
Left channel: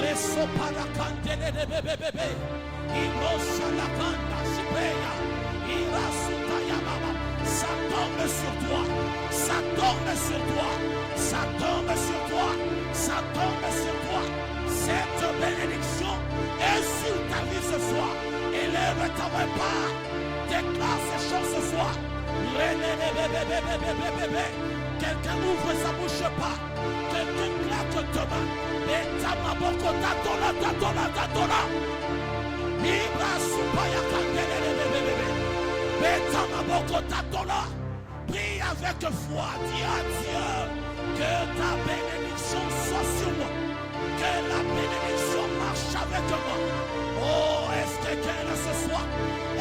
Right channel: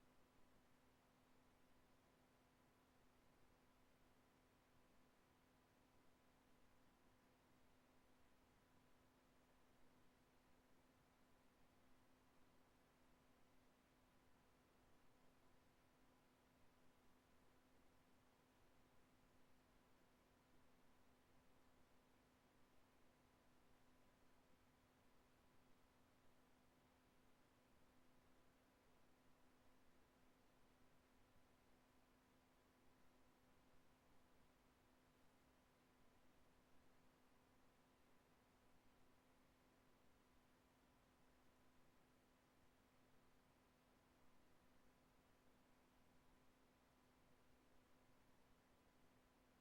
Reso para candele de bébé. Imosa la canda, sipeya. Irasuta yamama. Ça tombe sur toi. Ça tombe sur toi. Ça tombe sur toi. Ça tombe sur toi. Cette bénédiction est sur ta vie ce soir. Élève ta part. Déclare ces choses ce soir. Quelqu'un ouvre sa bouche pas. Quelqu'un claque ta main. Betama boko tatola. Ibra supaya kandele bébé. Betama boko tatola. Prie avec foi. Dis à Dieu que ta bénédiction soit sur moi. Que la bénédiction marche avec moi. Oh, est-ce que quelqu'un ce soir?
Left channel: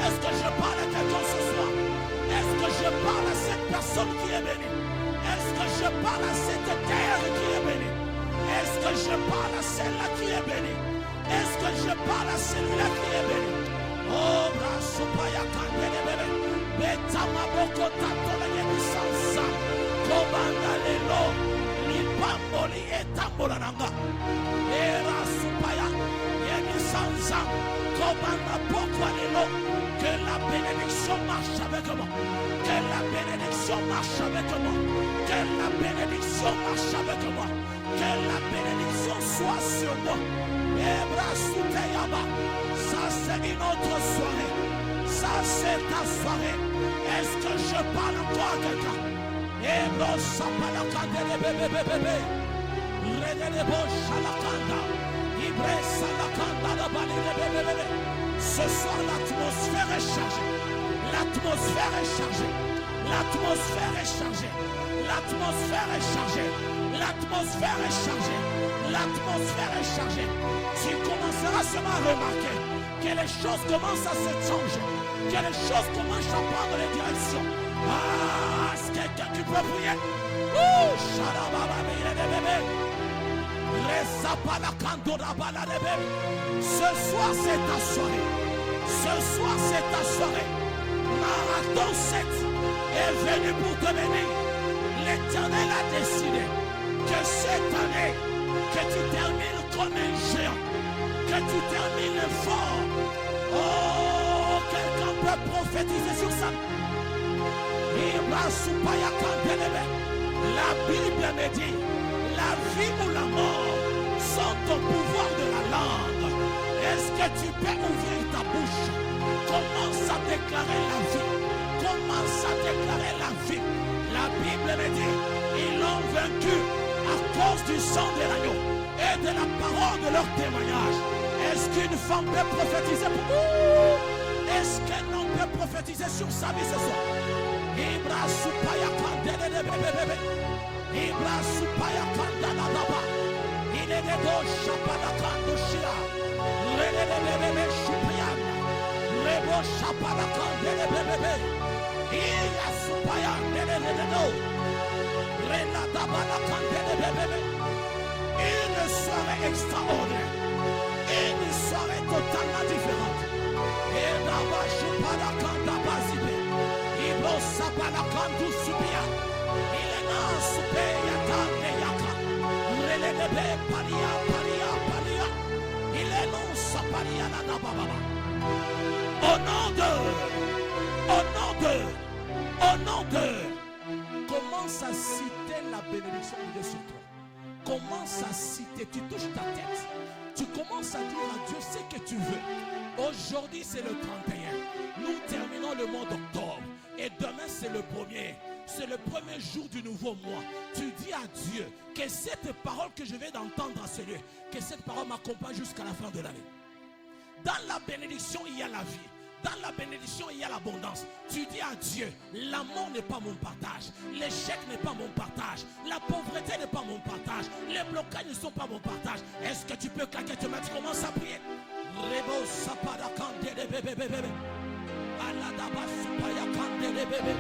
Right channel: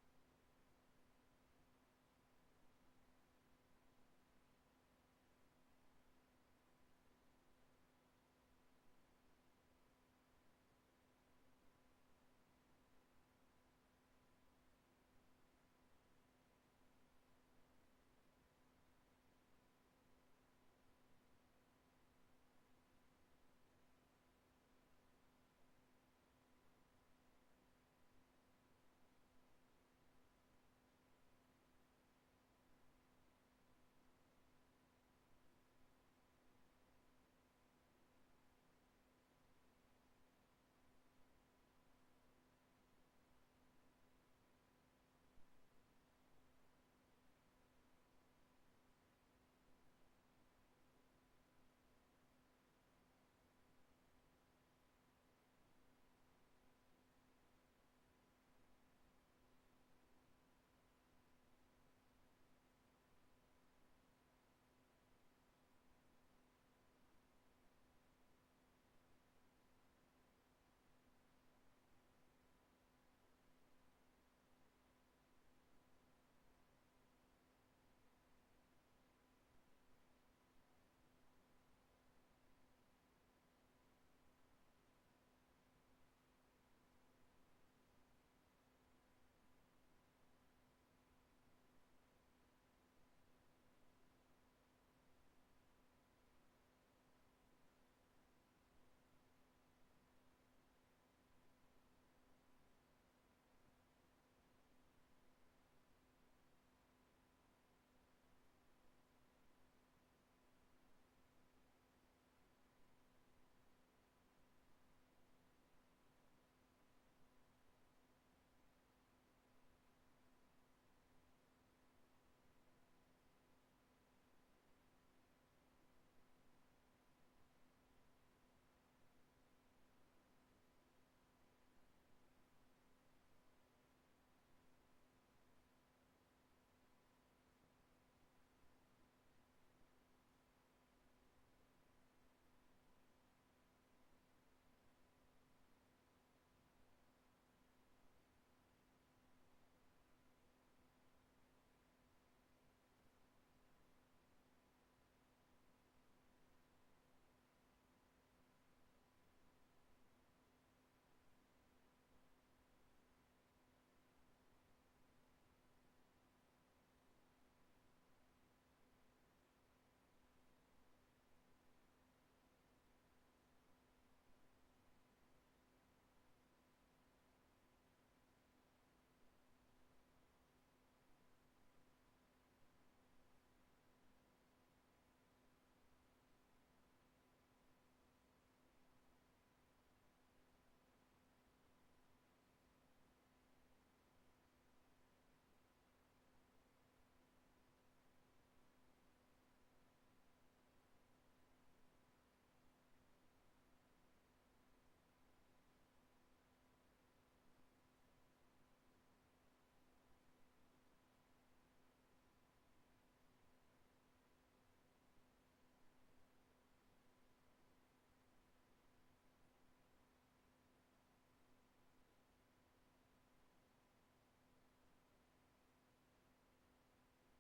Est-ce que je parle à quelqu'un ce soir? Est-ce que je parle à cette personne qui est bénie? Est-ce que je parle à cette terre qui est bénie? Est-ce que je parle à celle-là qui est bénie? Est-ce que je parle à celui-là qui est béni? Oh, Brasupaya Kandele Bebe, Betama Boko Tatola Yemisansa, Kobanda Lelo, Lipam bénédiction marche avec moi. Que la bénédiction soit sur moi. Ça c'est une autre soirée. Ça c'est ta soirée. Est-ce que je parle encore à quelqu'un? Ce soir l'atmosphère est chargée. L'atmosphère est chargée. L'atmosphère est chargée. L'atmosphère est chargée. L'atmosphère est chargée. L'atmosphère est chargée. Tu commenceras seulement à remarquer que les choses commencent à se changer. Que les choses commencent à prendre les directions. Ah, est-ce quelqu'un qui peut prier? Ce soir c'est ta soirée. Ce soir c'est ta soirée. Marathon 7 est venu pour te bénir. L'Éternel a décidé que cette année, que tu termines comme un géant, que tu termines fort. Oh, quelqu'un peut prophétiser sur ça. La Bible me dit, la vie ou la mort sont au pouvoir de la langue. Est-ce que tu peux ouvrir ta bouche? Commence à déclarer la vie. Commence à déclarer la vie. La Bible me dit, ils l'ont vaincu à cause du sang de l'agneau et de la parole de leur témoignage. Est-ce qu'une femme peut prophétiser pour vous? Est-ce qu'un homme peut prophétiser sur sa vie ce soir? Ibra supaya kandele de bebe. Ibra supaya kandala daba. Il est de dos chapala kandoshia. Rele de bebe chupiana. Rebo chapala kandele bebe. Iya supaya nele de do. Rela daba la kandele bebe. Une soirée extraordinaire. Une soirée totalement différente. Et daba chupala kandaba zibe. Ibro sapala kandu subia. Il est non subia tande yaka. Rele de be palia palia palia. Il est non sapalia la daba baba. Au nom de, commence à citer la bénédiction de Dieu sur toi. Commence à citer, tu touches ta tête. Tu commences à dire à Dieu ce que tu veux. Aujourd'hui c'est le 31. Nous terminons le mois d'octobre. Et demain c'est le premier. C'est le premier jour du nouveau mois. Tu dis à Dieu que cette parole que je vais d'entendre à ce lieu, que cette parole m'accompagne jusqu'à la fin de l'année. Dans la bénédiction, il y a la vie. Dans la bénédiction, il y a l'abondance. Tu dis à Dieu, la mort n'est pas mon partage. L'échec n'est pas mon partage. La pauvreté n'est pas mon partage. Les blocages ne sont pas mon partage. Est-ce que tu peux claquer tes mains? Tu commences à prier. Rebo sapara kande de bébé bébé. Aladaba supaya kande de bébé.